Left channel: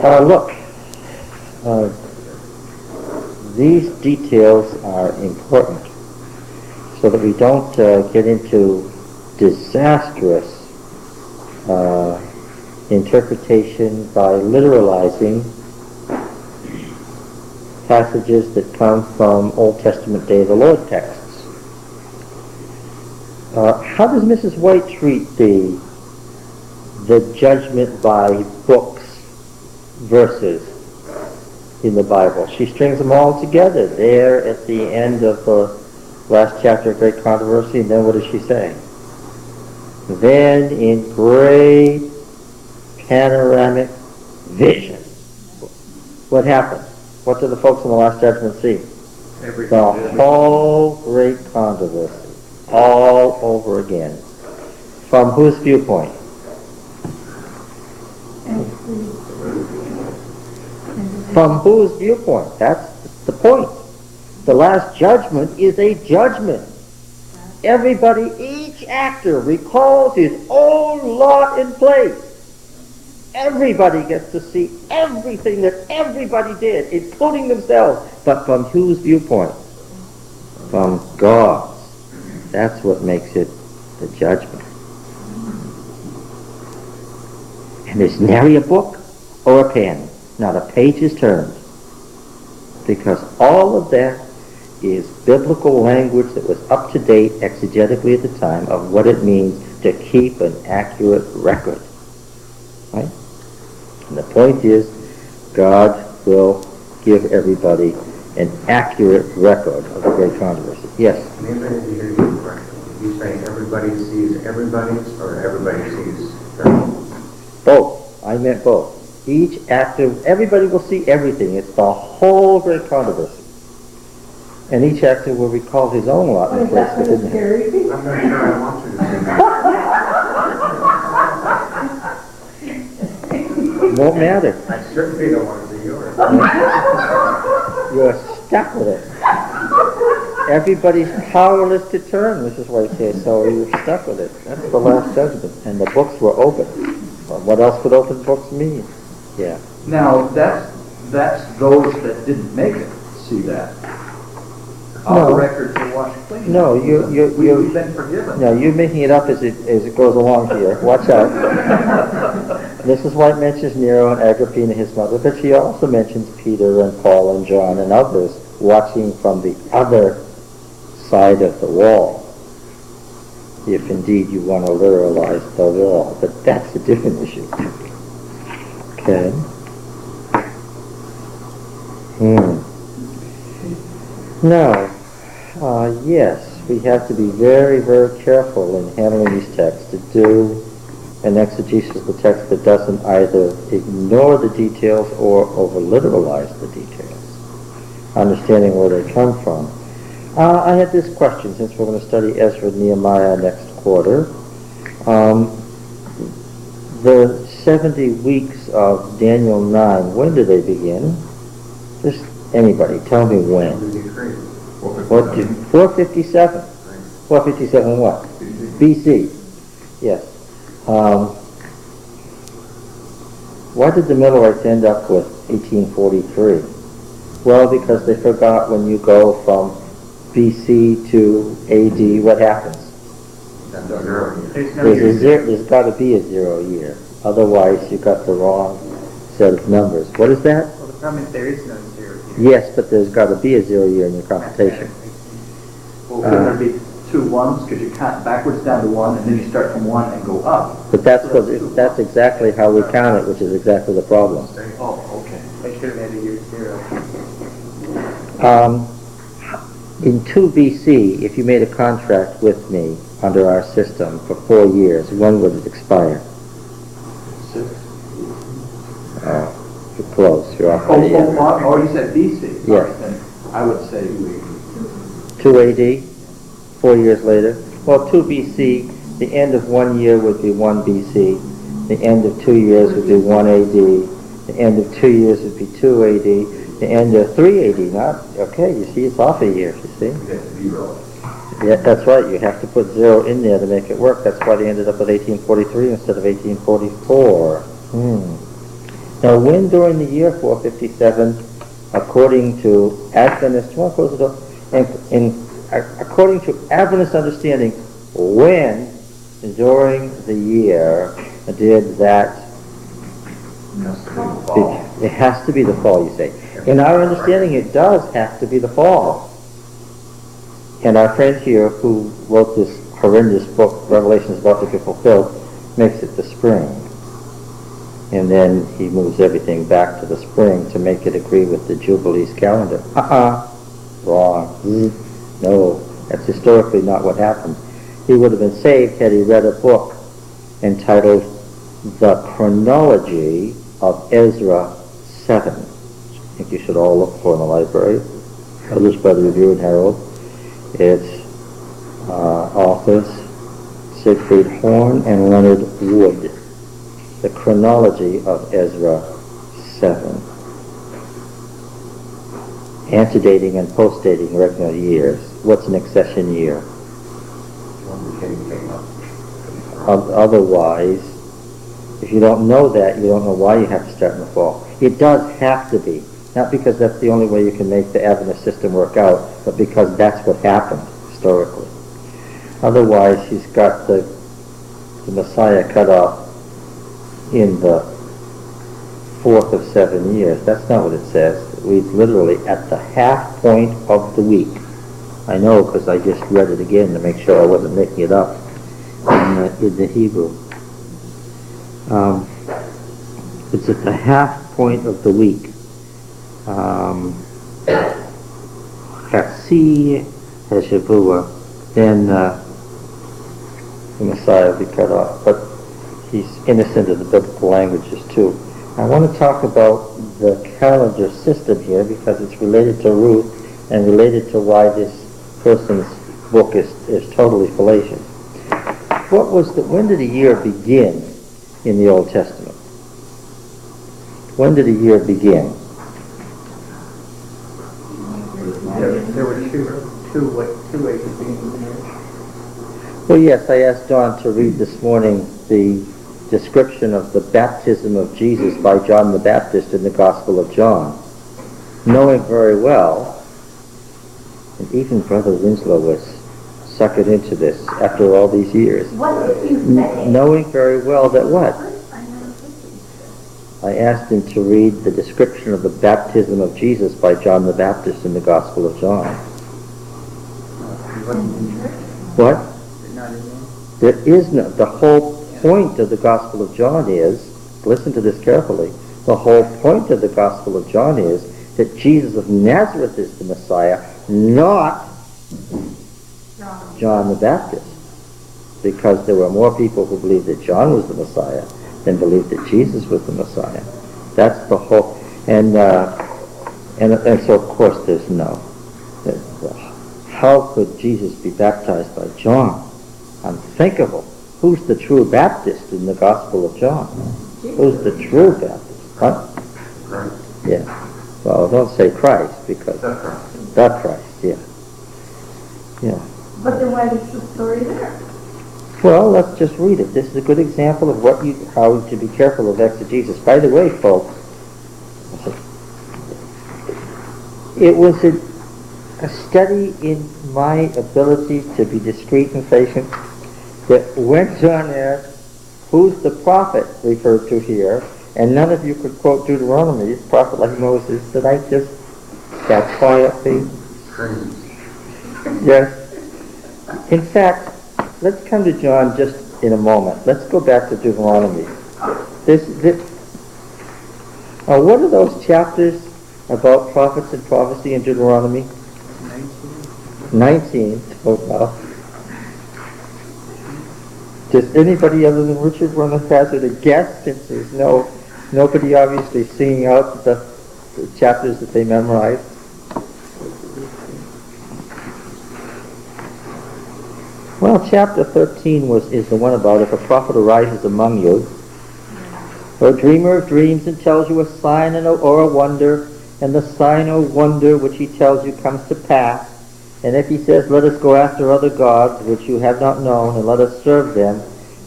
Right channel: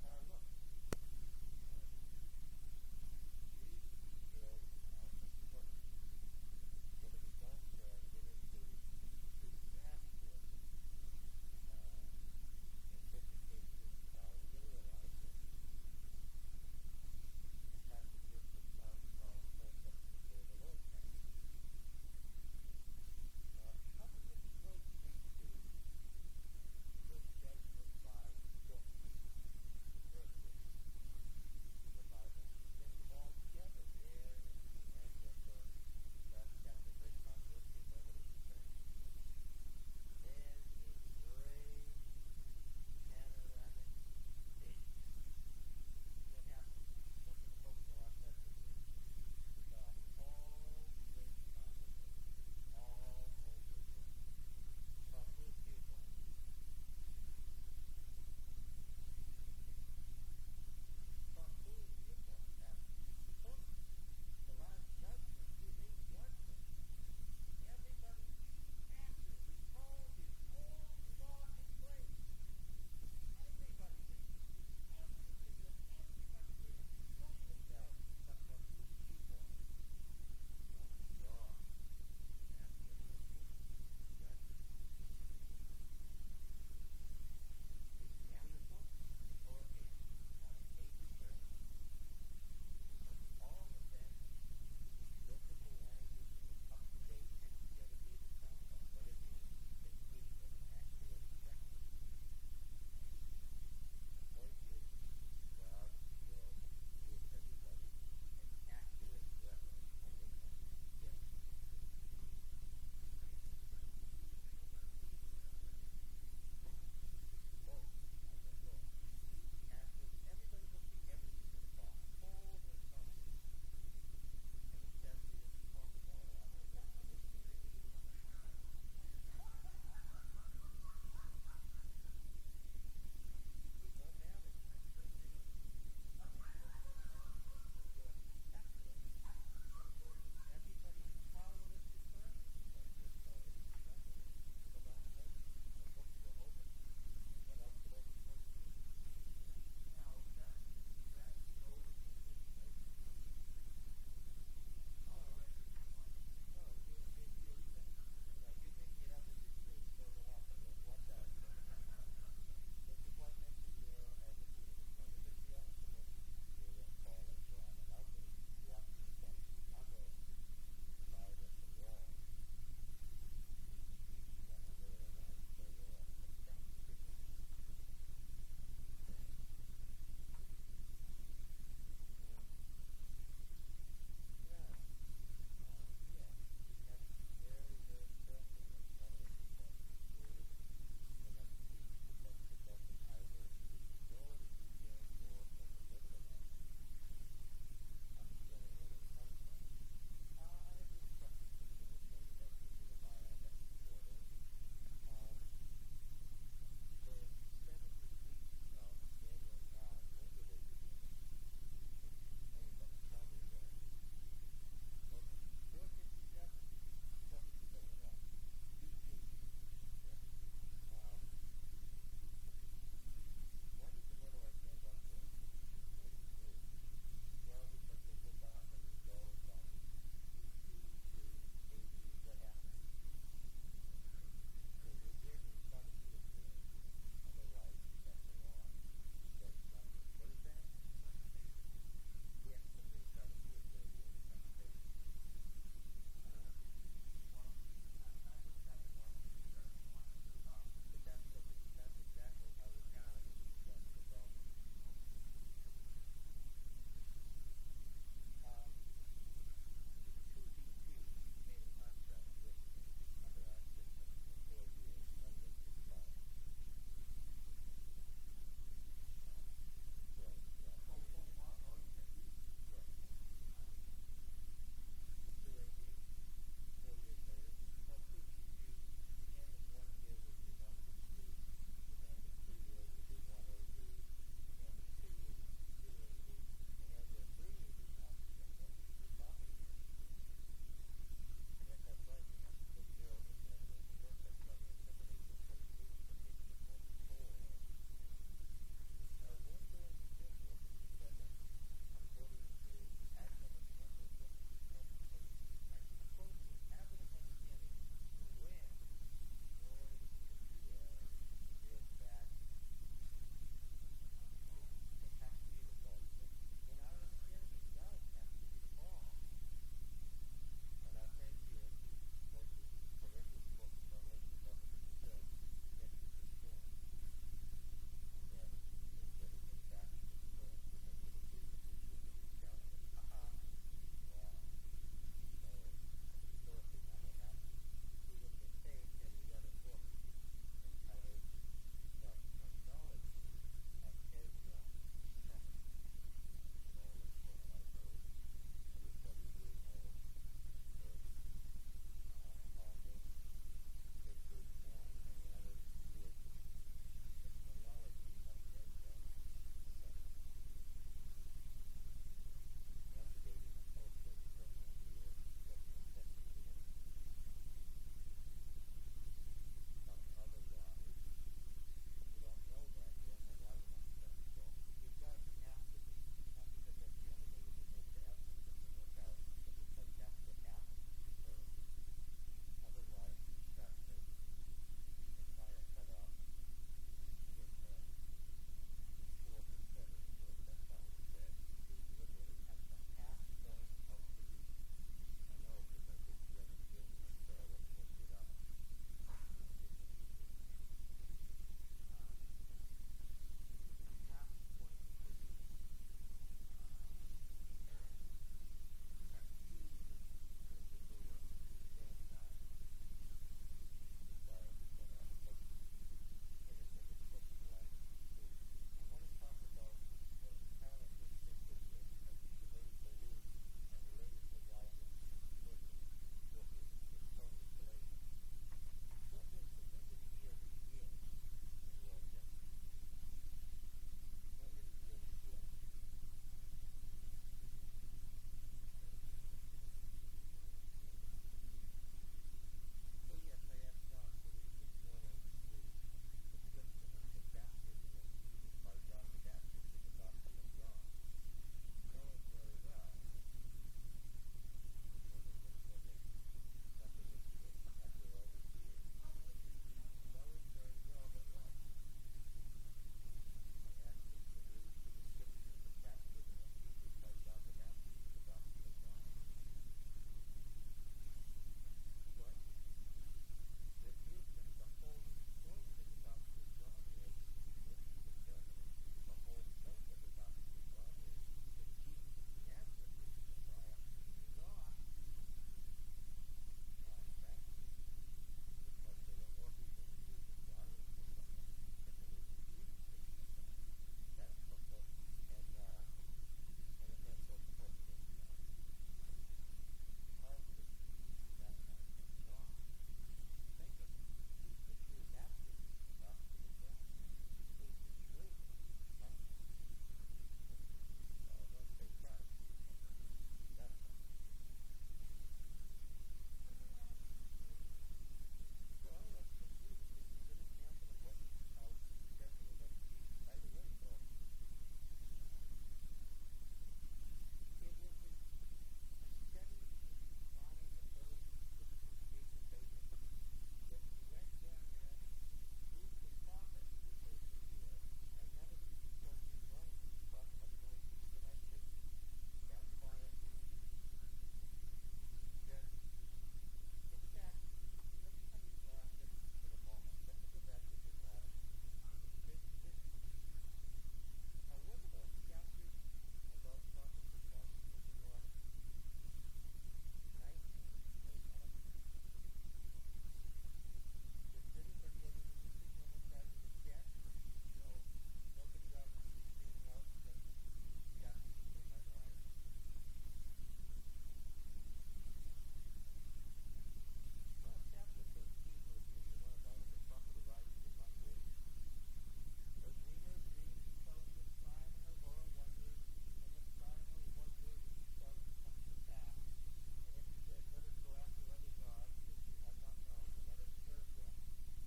Look, uh, these details are important so that we don't get into disastrous interpretation by literalizing passages that come from Old Testament Day of the Lord texts. How does Mrs. White treat the judgment by books verses in the Bible? She strings them all together there at the end of the last chapter of Great Controversy, and then what does she say? Then in great panoramic vision, what happens? What do the folks in the Last Judgment see? The whole Great Controversy, all over again. From whose viewpoint? From whose viewpoint? That's the point. The Last Judgment is a judgment. Everybody, each actor recalls his own lot in place. Everybody gets to see everything that everybody did, including themselves. But from whose viewpoint? From God's. That's what makes it the judgment. And there's nary a book or a pen. Not a page is turned. Because all of that is biblical language that was up to date exegetically at the time of what it means to keep an accurate record. Right? And the point is, God will give everybody an accurate record of the Great Controversy. Yes? Maybe I didn't hear you correctly. You say everybody sees everybody's, or everybody sees their own? Both. I meant both. Each actor, everybody will see everything. It's the whole Great Controversy. And each actor will recall his own lot in place within him. I'm not sure I want you to see that. Won't matter. I certainly don't want to see yours. You're stuck with it. Everybody's powerless to turn, Mrs. White says, so you're stuck with it. That's the Last Judgment. And the books were open. Well, what else would open books mean? Yeah. Now, that's those that didn't make it see that. All the records are washed clean. No, we've been forgiven. No, you're making it up as it goes along here. Watch out. Mrs. White mentions Nero and Agrippina, his mother, but she also mentions Peter and Paul and John and others watching from the other side of the wall, if indeed you want to literalize the wall. But that's a different issue. Okay. Now, yes, we have to be very, very careful in handling these texts to do an exegesis of the text that doesn't either ignore the details or over-literalize the details, understanding where they come from. I had this question, since we're going to study Ezra and Nehemiah next quarter. The 70 weeks of Daniel 9, when do they begin? Just anybody, tell me when. 457. 457 what? BC. Yes. Why did the Millerites end up with 1843? Well, because they forgot when you go from BC to AD, what happens? There's got to be a 0 year. Otherwise, you got the wrong set of numbers. What is that? Well, the problem is there is no 0 year. Yes, but there's got to be a 0 year in your computation. Well, could there be 2 ones? Because you count backwards down to 1, and then you start from 1 and go up. But that's exactly how we count it, which is exactly the problem. Oh, okay. I should have had a year 0. In 2 BC, if you made a contract with me under our system for 4 years, when would it expire? 6. You're close. You're off. Oh, you said BC? Yes. Right, then I would say 2 AD, 4 years later. Well, 2 BC, the end of 1 year would be 1 BC. The end of 2 years would be 1 AD. The end of 2 years would be 2 AD. The end of 3 AD, not, okay, you see, it's off a year, you see? Yeah, that's right, you have to put 0 in there to make it work. That's why they ended up with 1843 instead of 1844. Now, when during the year 457, according to Adventist, according to Adventist understanding, when during the year did that? It has to be the fall, you say. In our understanding, it does have to be the fall. And our friend here, who wrote this horrendous book, Revelations About to Be Fulfilled, makes it the spring. And then he moves everything back to the spring to make it agree with the Jubilees calendar. Wrong. No, that's historically not what happened. He would have been saved had he read a book entitled The Chronology of Ezra 7. I think you should all look for in the library. Published by the Review and Herald. Its authors Siegfried Horn and Leonard Wood. The Chronology of Ezra 7. Antedating and postdating regular years. What's an accession year? When the king came up. Otherwise, if you don't know that, you don't know why you have to start in the fall. It does have to be. Not because that's the only way you can make the Adventist system work out, but because that's what happened historically. Otherwise, he's got the Messiah cut off in the 4th of 7 years. That's not what it says. It reads literally at the half point of the week. I know because I just read it again to make sure I wasn't making it up in the Hebrew. It's at the half point of the week. Chatzi Hashavua, then the Messiah will be cut off. But he's innocent of the biblical languages too. I want to talk about the calendar system here because it's related to Ruth and related to why this person's book is totally fallacious. When did a year begin in the Old Testament? When did a year begin? There were two ways of being here. Well, yes, I asked Don to read this morning the description of the baptism of Jesus by John the Baptist in the Gospel of John, knowing very well, and even Brother Winslow was suckered into this after all these years, knowing very well that what? I asked him to read the description of the baptism of Jesus by John the Baptist in the Gospel of John. What? There is no, the whole point of the Gospel of John is, listen to this carefully, the whole point of the Gospel of John is that Jesus of Nazareth is the Messiah, not John the Baptist. Because there were more people who believed that John was the Messiah than believed that Jesus was the Messiah. That's the whole, and so of course there's no. How could Jesus be baptized by John? Unthinkable. Who's the true Baptist in the Gospel of John? Who's the true Baptist? Huh? Christ. Yeah. Well, don't say Christ because The Christ. the Christ. Yeah. Yeah. But then why is the story there? Well, let's just read it. This is a good example of how to be careful of exegesis. By the way, folks, it was a study in my ability to be discreet and patient that when John asked, who's the prophet referred to here, and none of you could quote Deuteronomy, prophet like Moses, that I just sat quietly. Crazy. Yes. In fact, let's come to John just in a moment. Let's go back to Deuteronomy. What are those chapters about prophets and prophecy in Deuteronomy? 19. Oh, well. Does anybody other than Richard want to hazard a guess, since there's nobody obviously singing out the chapters that they memorized? Well, chapter 13 is the one about if a prophet arises among you, or a dreamer of dreams and tells you a sign or a wonder, and the sign or wonder which he tells you comes to pass, and if he says, let us go after other gods which you have not known, and let us serve them,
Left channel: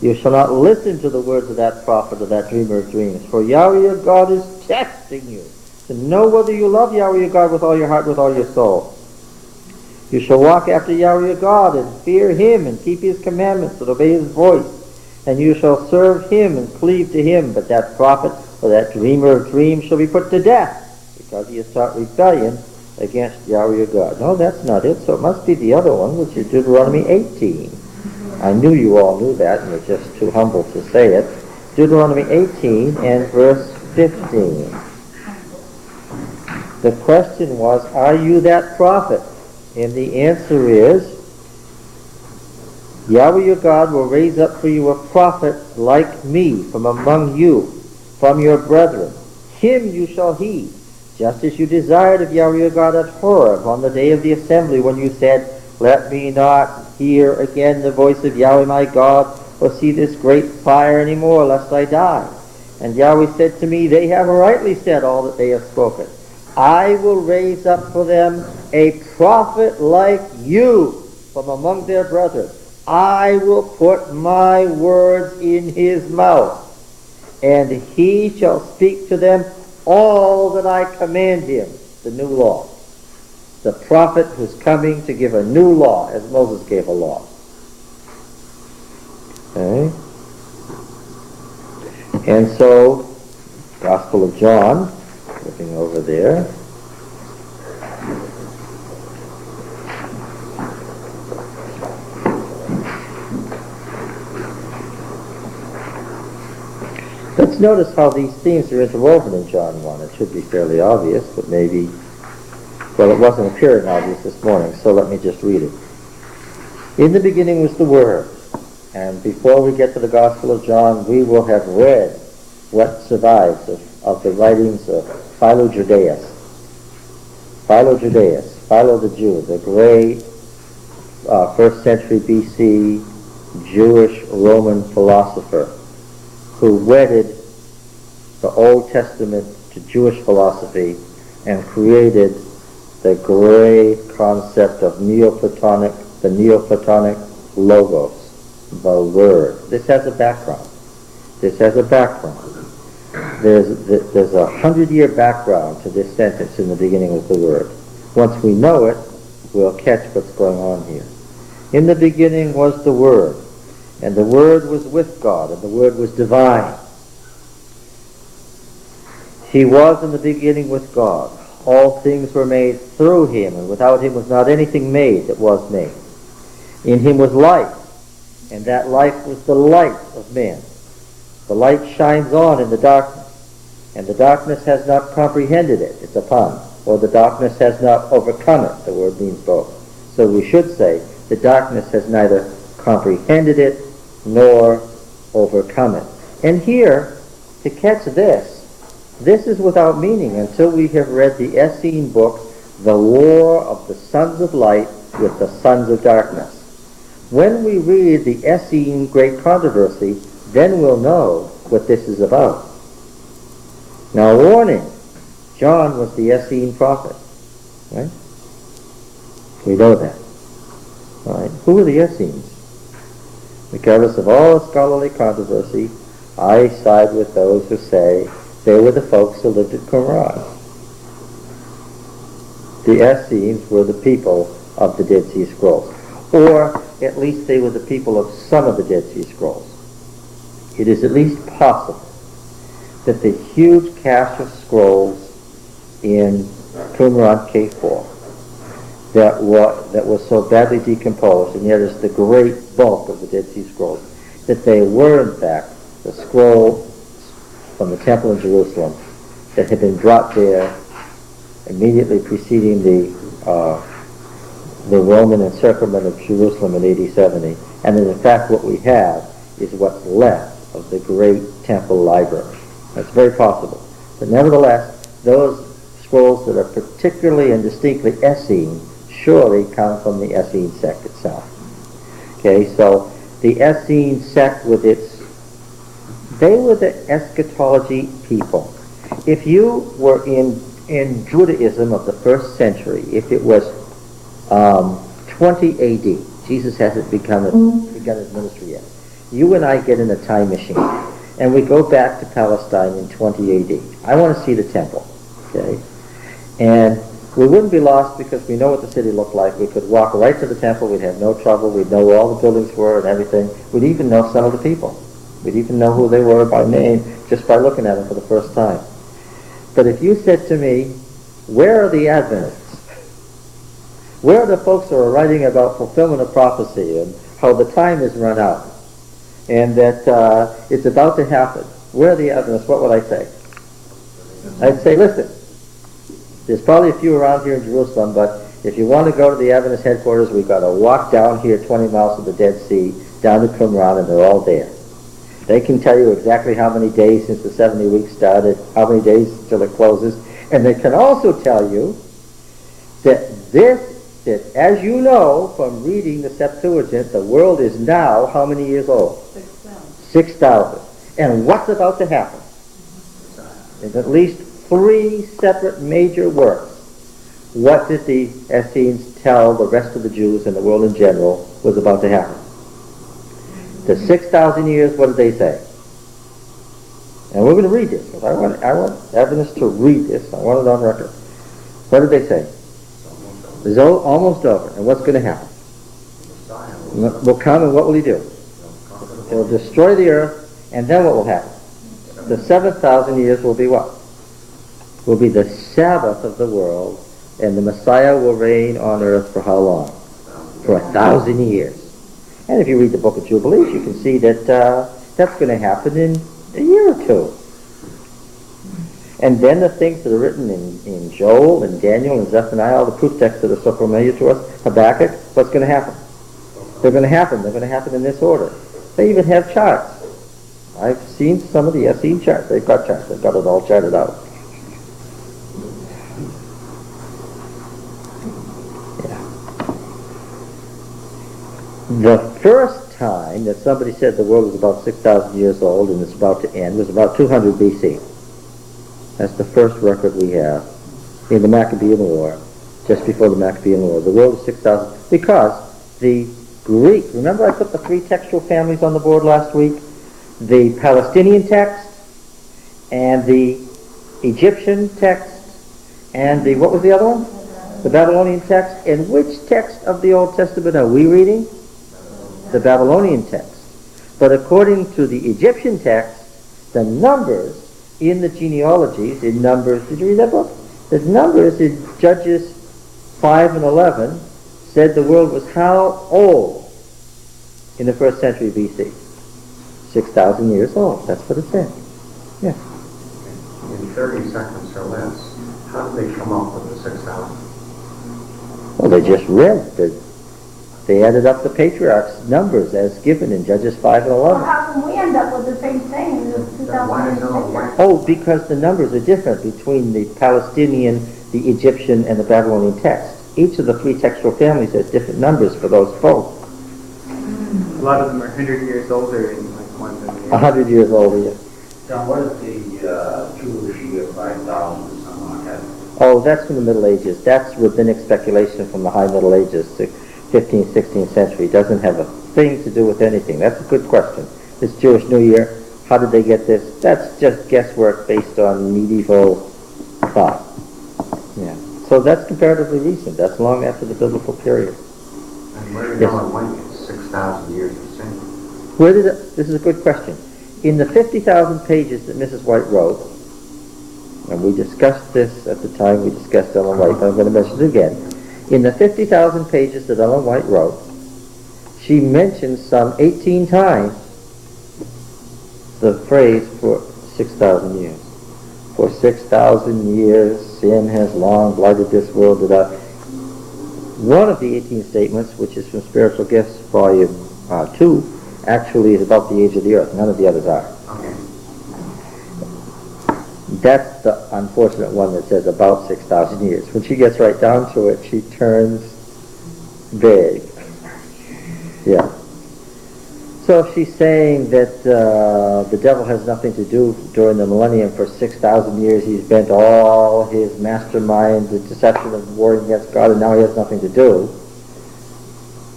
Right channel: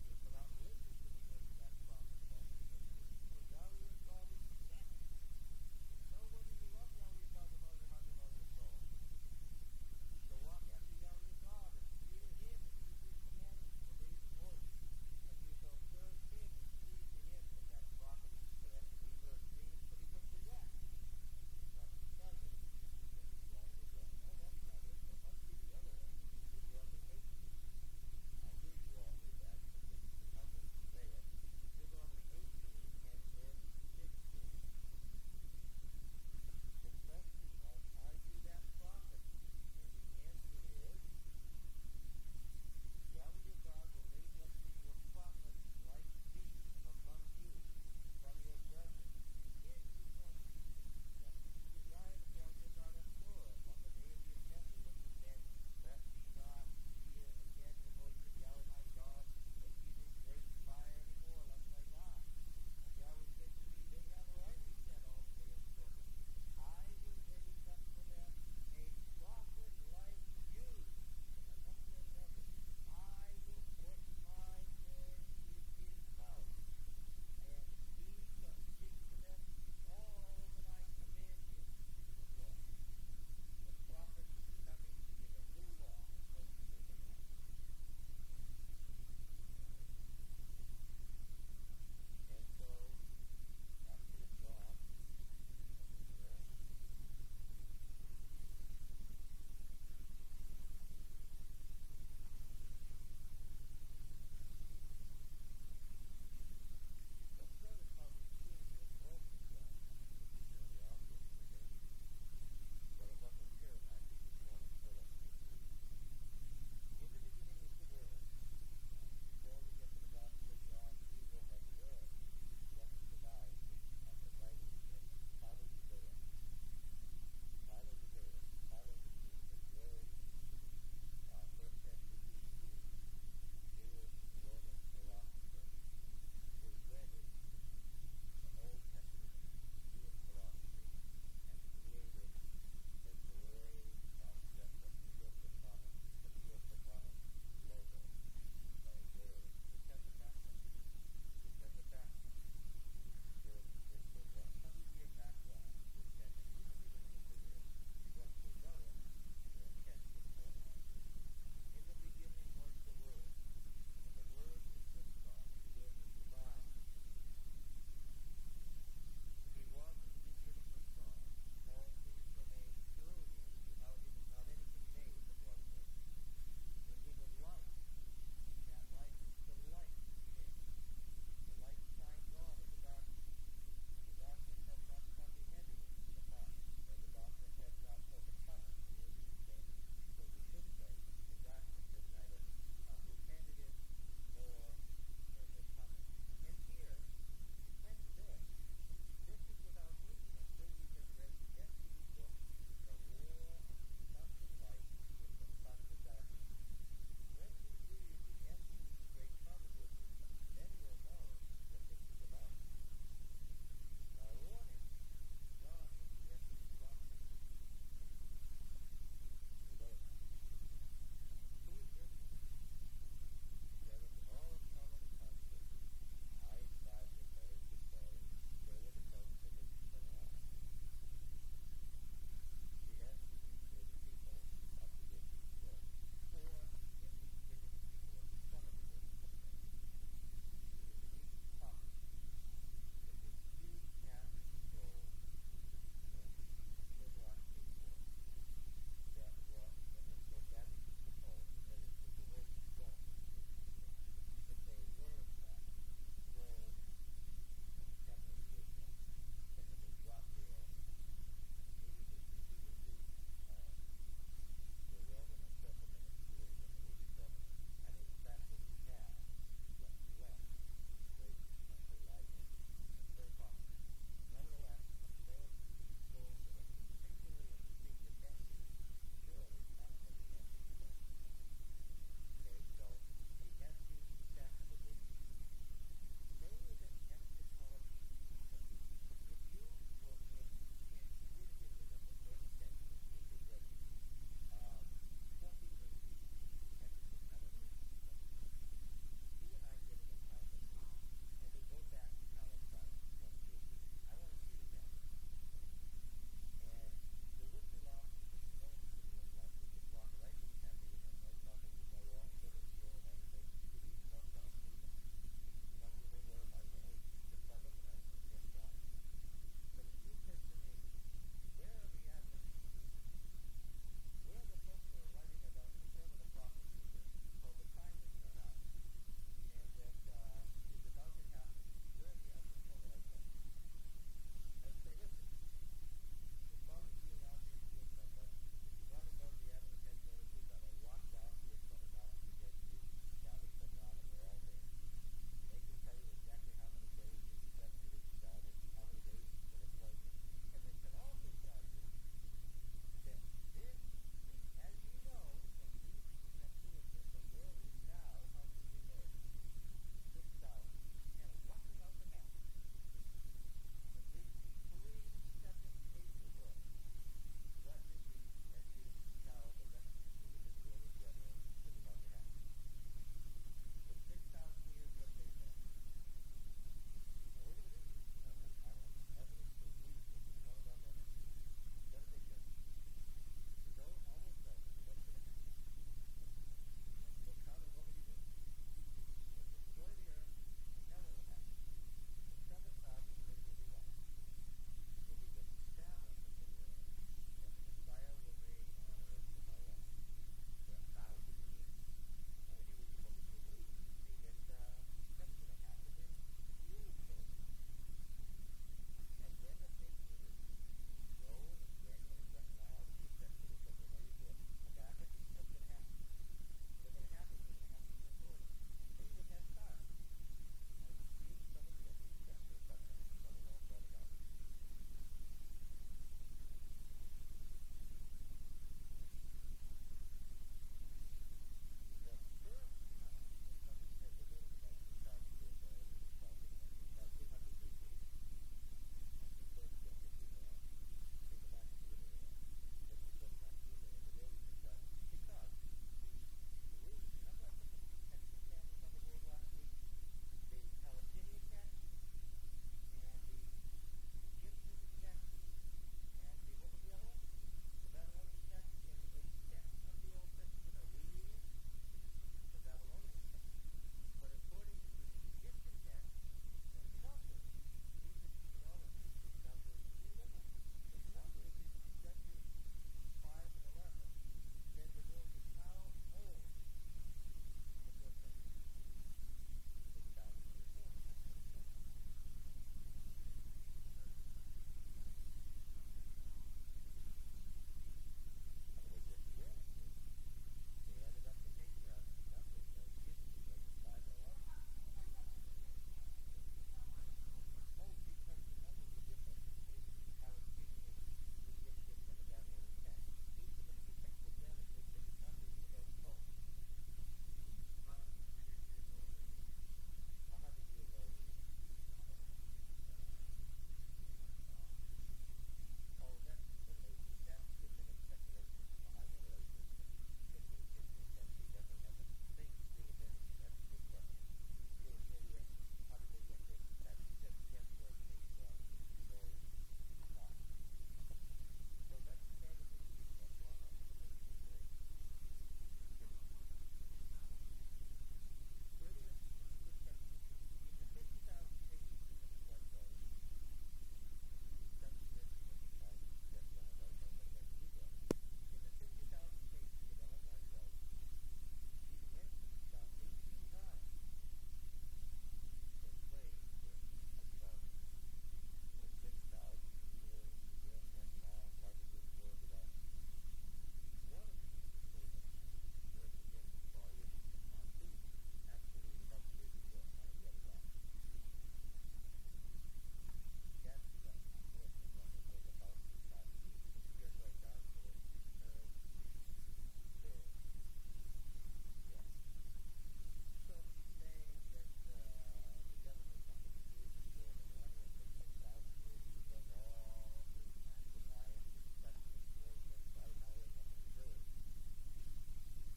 You shall not listen to the words of that prophet or that dreamer of dreams, for Yahweh your God is testing you to know whether you love Yahweh your God with all your heart, with all your soul. You shall walk after Yahweh your God and fear him and keep his commandments and obey his voice. And you shall serve him and cleave to him. But that prophet or that dreamer of dreams shall be put to death, because he has taught rebellion against Yahweh your God. No, that's not it. So it must be the other one, which is Deuteronomy 18. I knew you all knew that, and you're just too humble to say it. Deuteronomy 18 and verse 15. The question was, are you that prophet? And the answer is, Yahweh your God will raise up for you a prophet like me from among you, from your brethren. Him you shall heed, just as you desired of Yahweh your God at Horeb on the day of the assembly, when you said, let me not hear again the voice of Yahweh my God, or see this great fire any more, lest I die. And Yahweh said to me, they have rightly said all that they have spoken. I will raise up for them a prophet like you from among their brethren. I will put my words in his mouth, and he shall speak to them all that I command him, the new law. The prophet who's coming to give a new law, as Moses gave a law. Okay? And so, Gospel of John, looking over there. Let's notice how these themes are interwoven in John 1. It should be fairly obvious, but maybe, well, it wasn't appearing obvious this morning, so let me just read it. In the beginning was the Word, and before we get to the Gospel of John, we will have read what survives of the writings of Philo Judaeus. Philo Judaeus, Philo the Jew, the great 1st century BC Jewish Roman philosopher, who wedded the Old Testament to Jewish philosophy and created the great concept of the Neoplatonic Logos, the Word. This has a background. There's a 100-year background to this sentence, in the beginning was the Word. Once we know it, we'll catch what's going on here. In the beginning was the Word, and the Word was with God, and the Word was divine. He was in the beginning with God. All things were made through him, and without him was not anything made that was made. In him was life, and that life was the light of men. The light shines on in the darkness, and the darkness has not comprehended it. It's a pun. Or the darkness has not overcome it. The word means both. So we should say, the darkness has neither comprehended it nor overcome it. And here, to catch this is without meaning until we have read the Essene book, The War of the Sons of Light with the Sons of Darkness. When we read the Essene Great Controversy, then we'll know what this is about. Now, warning, John was the Essene prophet, right? We know that. All right. Who are the Essenes? Regardless of all the scholarly controversy, I side with those who say they were the folks who lived at Qumran. The Essenes were the people of the Dead Sea Scrolls, or at least they were the people of some of the Dead Sea Scrolls. It is at least possible that the huge cache of scrolls in Qumran K4 that was so badly decomposed, and yet is the great bulk of the Dead Sea Scrolls, that they were in fact the scroll from the temple in Jerusalem that had been brought there immediately preceding the Roman encirclement of Jerusalem in AD 70, and that in fact what we have is what's left of the great temple library. That's very possible. But nevertheless, those scrolls that are particularly and distinctly Essene surely come from the Essene sect itself. Okay, so the Essene sect they were the eschatology people. If you were in Judaism of the 1st century, if it was 20 AD, Jesus hasn't begun his ministry yet. you and I get in a time machine and we go back to Palestine in 20 AD. I want to see the temple, okay? And we wouldn't be lost because we know what the city looked like. We could walk right to the temple. We'd have no trouble. We'd know where all the buildings were and everything. We'd even know some of the people. We'd even know who they were by name just by looking at them for the first time. But if you said to me, where are the Adventists? Where are the folks who are writing about fulfillment of prophecy and how the time is run out and that it's about to happen? Where are the Adventists? What would I say? I'd say, listen, there's probably a few around here in Jerusalem, but if you want to go to the Adventist headquarters, we've got to walk down here 20 miles to the Dead Sea, down to Qumran, and they're all there. They can tell you exactly how many days since the 70 weeks started, how many days till it closes, and they can also tell you that that as you know from reading the Septuagint, the world is now how many years old? 6,000. And what's about to happen? There's at least 3 separate major works. What did the Essenes tell the rest of the Jews and the world in general was about to happen? The 6,000 years, what did they say? And we're going to read this, because I want Adventists to read this. I want it on record. What did they say? It's almost over. And what's going to happen? Will come, and what will he do? He'll destroy the earth, and then what will happen? The 7,000 years will be what? Will be the Sabbath of the world, and the Messiah will reign on earth for how long? For 1,000 years. And if you read the book of Jubilees, you can see that that's going to happen in a year or two. And then the things that are written in Joel and Daniel and Zephaniah, all the proof texts that are so familiar to us, Habakkuk, what's going to happen? They're going to happen. They're going to happen in this order. They even have charts. I've seen some of the Essene charts. They've got charts. They've got it all charted out. The first time that somebody said the world was about 6,000 years old and it's about to end was about 200 BC. That's the first record we have in the Maccabean War, just before the Maccabean War. The world is 6,000, because the Greek, remember I put the 3 textual families on the board last week? The Palestinian text, and the Egyptian text, and the, what was the other one? The Babylonian text. And which text of the Old Testament are we reading? The Babylonian text. But according to the Egyptian text, the numbers in the genealogies, in Numbers, did you read that book? The numbers in Judges 5 and 11 said the world was how old in the 1st century BC? 6,000 years old. That's what it said. Yeah. In 30 seconds or less, how did they come up with the 6,000? Well, they just read. They added up the patriarchs' numbers as given in Judges 5 and 11. Well, how can we end up with the same thing? Oh, because the numbers are different between the Palestinian, the Egyptian, and the Babylonian text. Each of the 3 textual families has different numbers for those folks. A lot of them are 100 years older in like one than the other. 100 years older, yeah. John, what is the Jewish year 5,000 or something like that? Oh, that's from the Middle Ages. That's rabbinic speculation from the High Middle Ages, 15th, 16th century. It doesn't have a thing to do with anything. That's a good question. This Jewish New Year, how did they get this? That's just guesswork based on medieval thought. Yeah. So that's comparatively recent. That's long after the biblical period. And where did Ellen White get 6,000 years of sin? Where did it, this is a good question. In the 50,000 pages that Mrs. White wrote, and we discussed this at the time we discussed Ellen White, but I'm going to mention it again. In the 50,000 pages that Ellen White wrote, she mentions some 18 times the phrase for 6,000 years. For 6,000 years, sin has long blighted this world. One of the 18 statements, which is from Spiritual Gifts, Volume 2, actually is about the age of the earth. None of the others are. Okay. That's the unfortunate one that says about 6,000 years. When she gets right down to it, she turns vague. Yeah. So she's saying that the devil has nothing to do during the millennium. For 6,000 years he's bent all his mastermind, the deception of warring against God, and now he has nothing to do.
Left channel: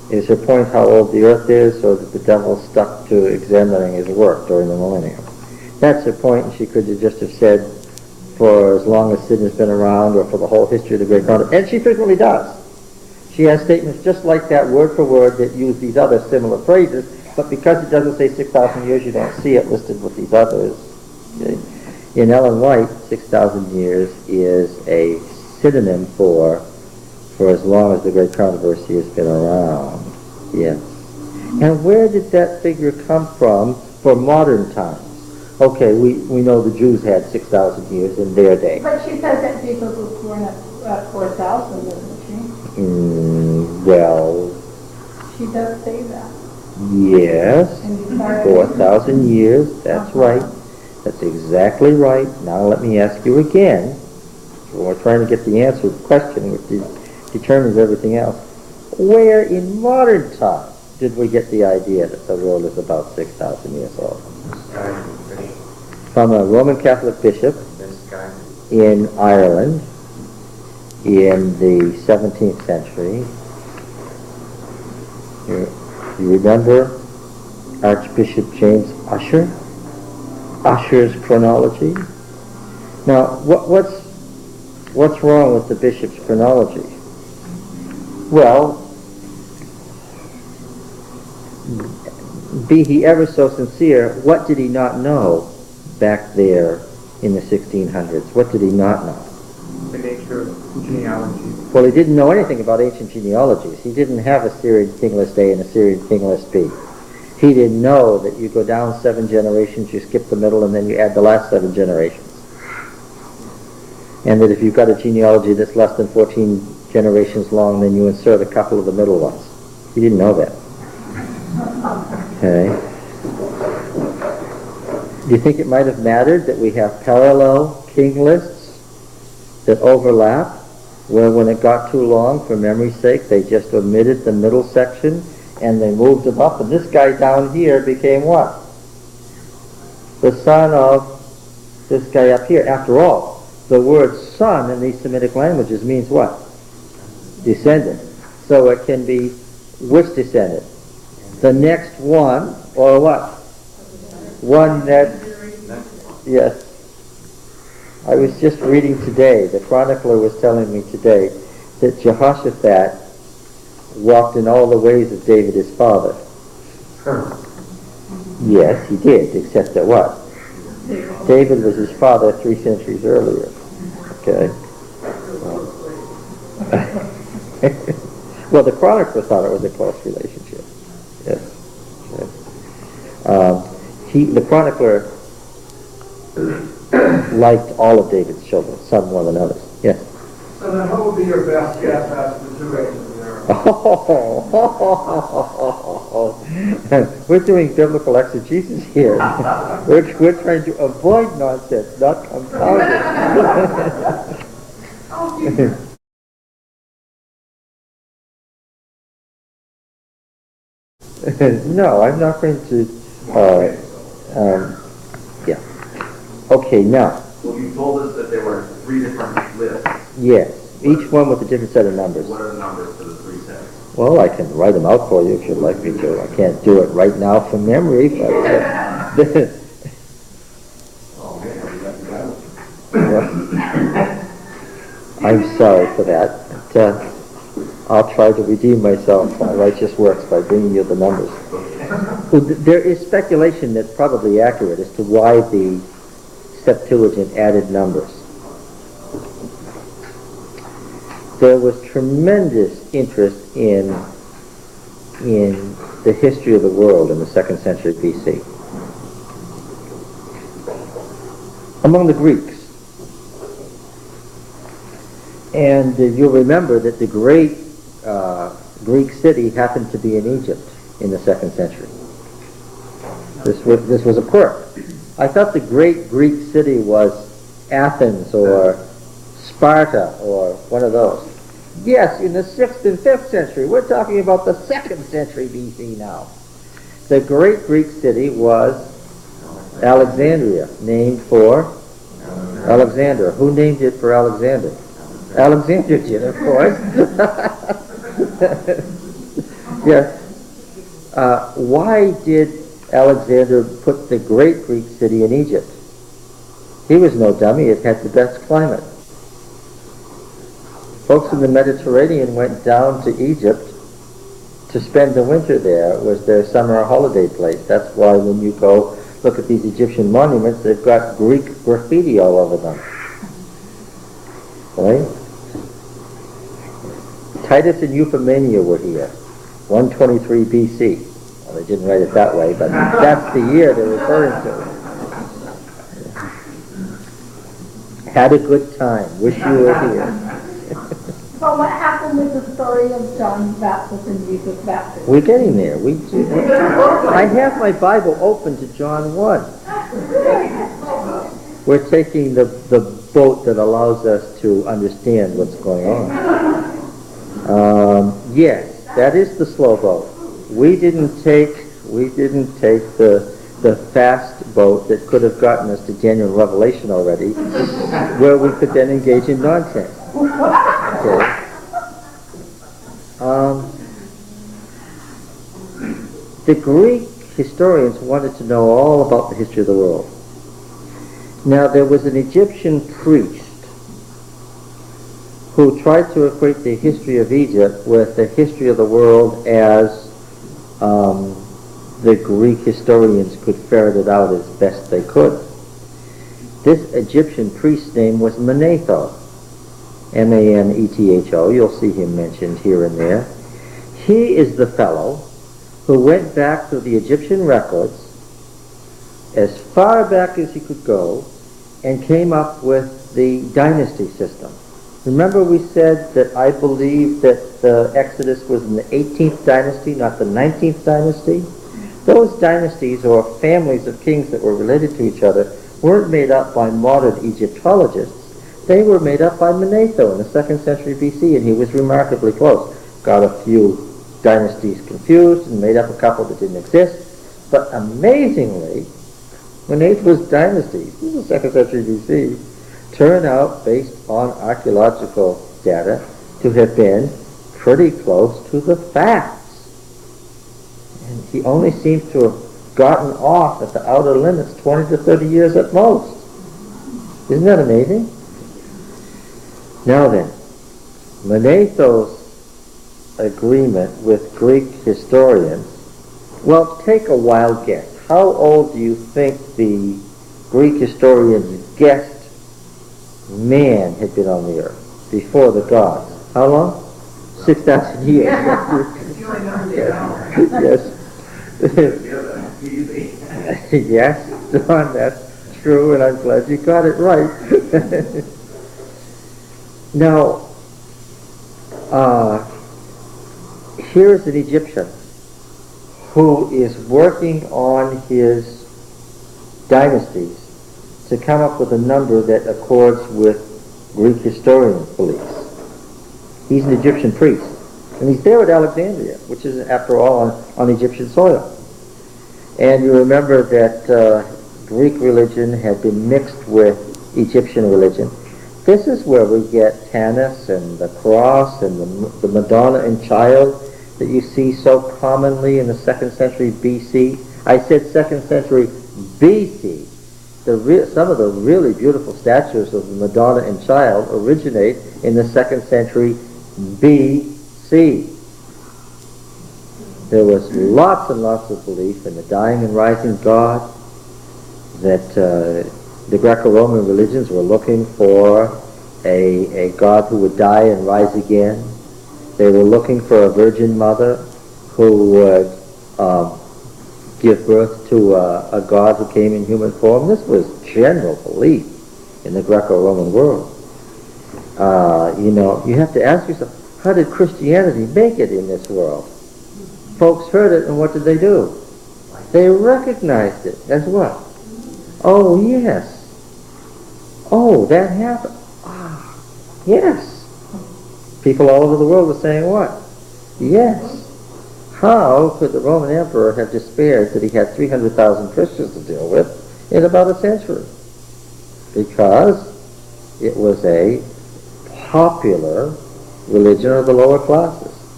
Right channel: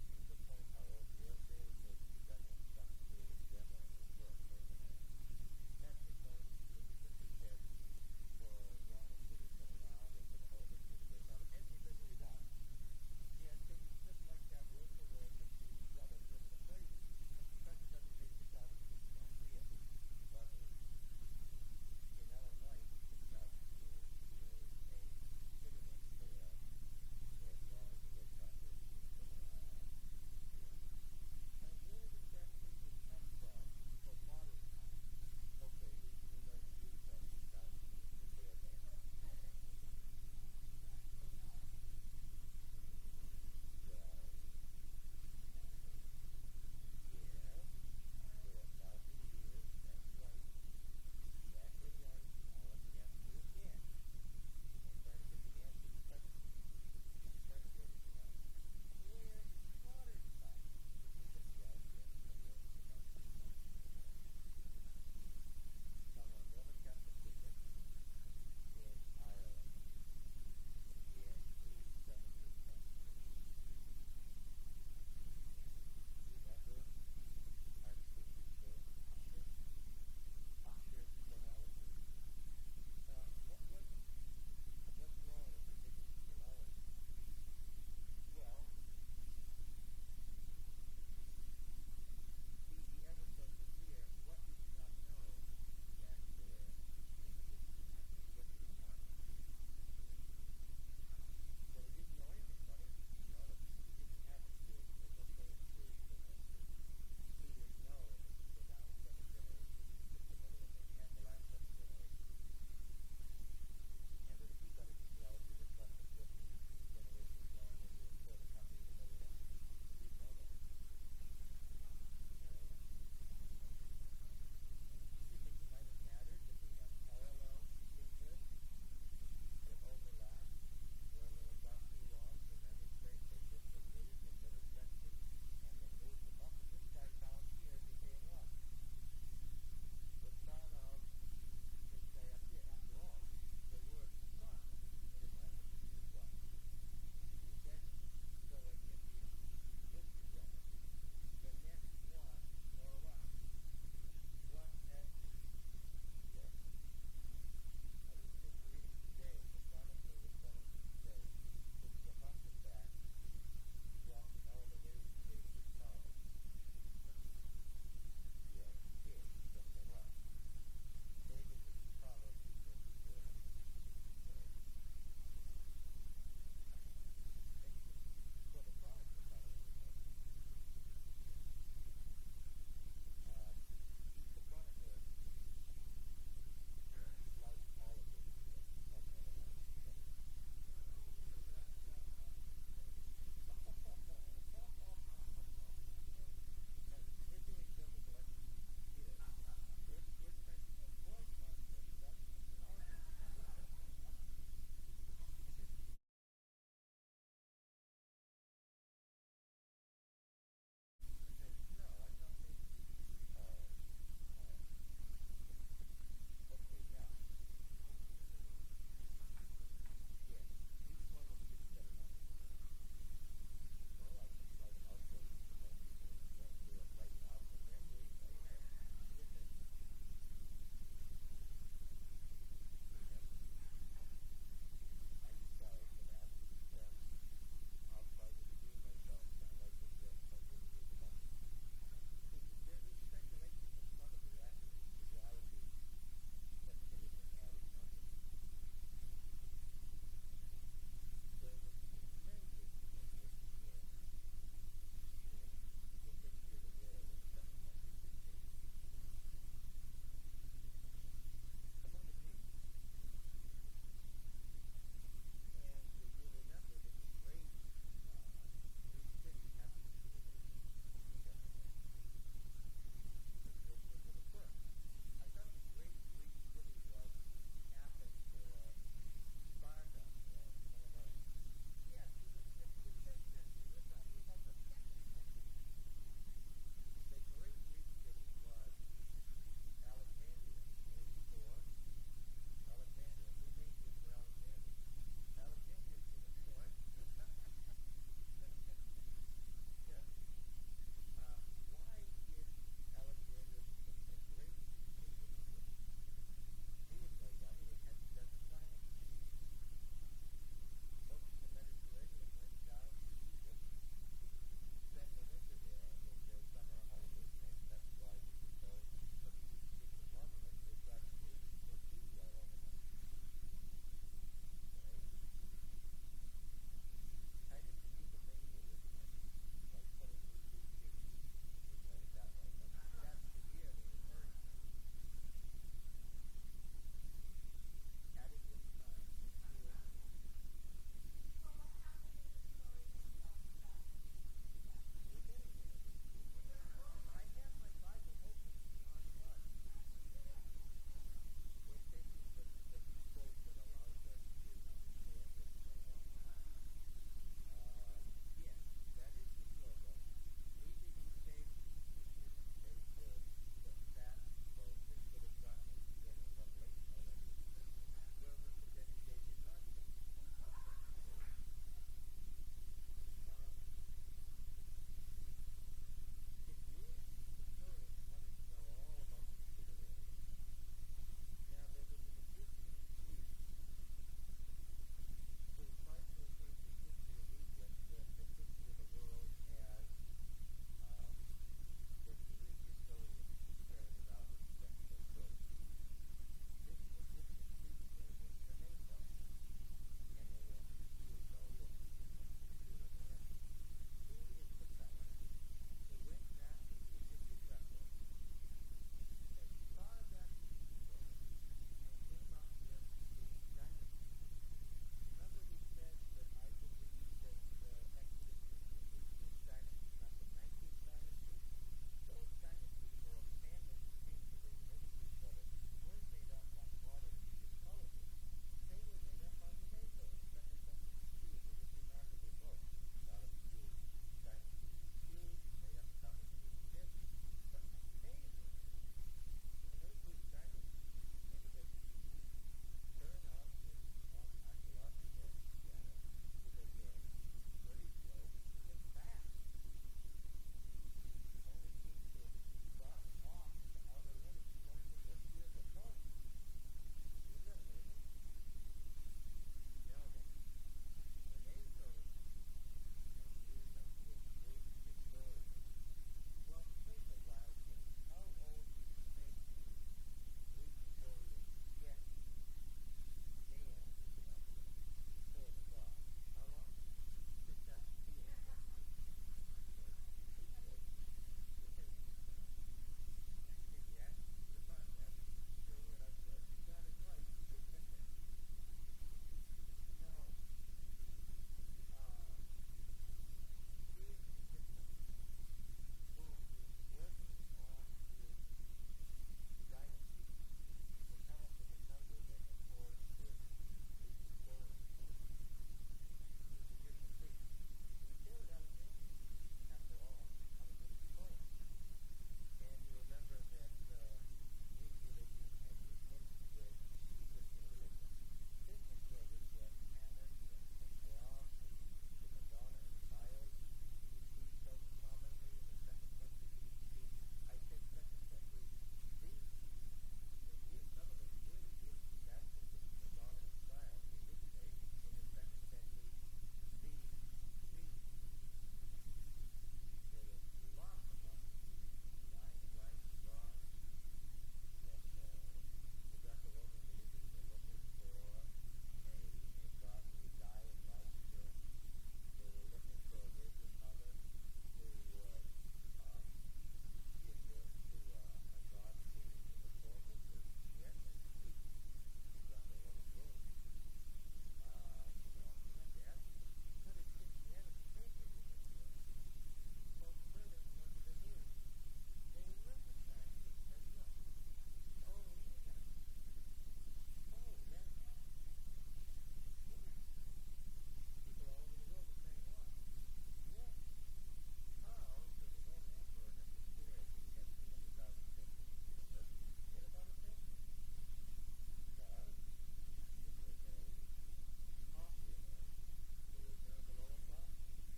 Is her point how old the earth is, or that the devil stuck to examining his work during the millennium? That's her point, and she could have just have said, for as long as sin has been around, or for the whole history of the Great Controversy. And she frequently does. She has statements just like that, word for word, that use these other similar phrases, but because it doesn't say 6,000 years, you don't see it listed with these others. Okay? In Ellen White, 6,000 years is a synonym for as long as the Great Controversy has been around. Yes. And where did that figure come from for modern times? Okay, we know the Jews had 6,000 years in their day. But she says that Jesus was born at 4,000, doesn't she? Well, She does say that. yes, And you start- 4,000 years, that's right. That's exactly right. Now let me ask you again. We're trying to get the answer to the question, which determines everything else. Where in modern times did we get the idea that the world is about 6,000 years old? Misguided bishop. From a Roman Catholic bishop Misguided. in Ireland in the 17th century. You remember Archbishop James Ussher? Ussher's chronology? Now, what's wrong with the bishop's chronology? Well, be he ever so sincere, what did he not know back there in the 1600s? What did he not know? The nature of genealogy. Well, he didn't know anything about ancient genealogies. He didn't have a Syrian kingless A and a Syrian kingless B. He didn't know that you go down 7 generations, you skip the middle, and then you add the last 7 generations. And that if you've got a genealogy that's less than 14 generations long, then you insert a couple of the middle ones. He didn't know that. Okay. Do you think it might have mattered that we have parallel king lists that overlap, where when it got too long, for memory's sake, they just omitted the middle section and they moved them up, and this guy down here became what? The son of this guy up here. After all, the word son in these Semitic languages means what? Descendant. So it can be which descendant? The next one, or what? One that, yes. I was just reading today, the chronicler was telling me today, that Jehoshaphat walked in all the ways of David his father. Yes, he did, except that what? David was his father 3 centuries earlier. Okay. Well, the chronicler thought it was a close relationship. Yes. Yes. The chronicler liked all of David's children, some more than others. Yes. So then what would be your best guess as to the duration of the era? We're doing biblical exegesis here. We're trying to avoid nonsense, not compound it. No, I'm not going to. Yeah. Okay, now. Well, you told us that there were 3 different lists. Yes, each one with a different set of numbers. What are the numbers for the 3 sets? Well, I can write them out for you if you'd like me to. I can't do it right now from memory, but I'm sorry for that. But, I'll try to redeem myself by righteous works by bringing you the numbers. Well, there is speculation that's probably accurate as to why the Septuagint added numbers. There was tremendous interest in the history of the world in the 2nd century BC among the Greeks. And you'll remember that the great Greek city happened to be in Egypt in the 2nd century. This was a quirk. I thought the great Greek city was Athens or Sparta or one of those. Yes, in the 6th and 5th century. We're talking about the 2nd century BC now. The great Greek city was Alexandria, named for Alexander. Who named it for Alexander? Alexander did, of course. Yes. Why did Alexander put the great Greek city in Egypt? He was no dummy. It had the best climate. Folks in the Mediterranean went down to Egypt to spend the winter there. It was their summer holiday place. That's why when you go look at these Egyptian monuments, they've got Greek graffiti all over them. Right? Titus and Euphemia were here, 123 BC. Well, they didn't write it that way, but that's the year they're referring to. Had a good time. Wish you were here. So what happened with the story of John's baptism and Jesus' baptism? We're getting there. I have my Bible open to John 1. We're taking the boat that allows us to understand what's going on. Yes, that is the slow boat. We didn't take the fast boat that could have gotten us to genuine revelation already, where we could then engage in nonsense. Okay. The Greek historians wanted to know all about the history of the world. Now, there was an Egyptian priest who tried to equate the history of Egypt with the history of the world as the Greek historians could ferret it out as best they could. This Egyptian priest's name was Manetho, M-A-N-E-T-H-O. You'll see him mentioned here and there. He is the fellow who went back to the Egyptian records as far back as he could go and came up with the dynasty system. Remember we said that I believe that the Exodus was in the 18th dynasty, not the 19th dynasty? Those dynasties, or families of kings that were related to each other, weren't made up by modern Egyptologists. They were made up by Manetho in the 2nd century BC, and he was remarkably close. Got a few dynasties confused and made up a couple that didn't exist. But amazingly, Manetho's dynasties, this is 2nd century BC, turn out, based on archaeological data, to have been pretty close to the facts. And he only seems to have gotten off at the outer limits 20 to 30 years at most. Isn't that amazing? Now then, Manetho's agreement with Greek historians, well, take a wild guess. How old do you think the Greek historians guessed man had been on the earth before the gods? How long? 6,000 years. Yes. Yes, John, that's true, and I'm glad you got it right. Now, here's an Egyptian who is working on his dynasties to come up with a number that accords with Greek historians' beliefs. He's an Egyptian priest, and he's there at Alexandria, which is, after all, on Egyptian soil. And you remember that Greek religion had been mixed with Egyptian religion. This is where we get Tanis and the cross and the Madonna and Child that you see so commonly in the 2nd century BC. I said 2nd century BC. Some of the really beautiful statues of the Madonna and Child originate in the 2nd century BC. There was lots and lots of belief in the dying and rising God, that the Greco-Roman religions were looking for a God who would die and rise again. They were looking for a virgin mother who would give birth to a God who came in human form. This was general belief in the Greco-Roman world. You have to ask yourself, how did Christianity make it in this world? Folks heard it, and what did they do? They recognized it as what? Oh, yes. Oh, that happened. Ah, yes. People all over the world were saying what? Yes. How could the Roman emperor have despaired that he had 300,000 Christians to deal with in about a century? Because it was a popular religion of the lower classes.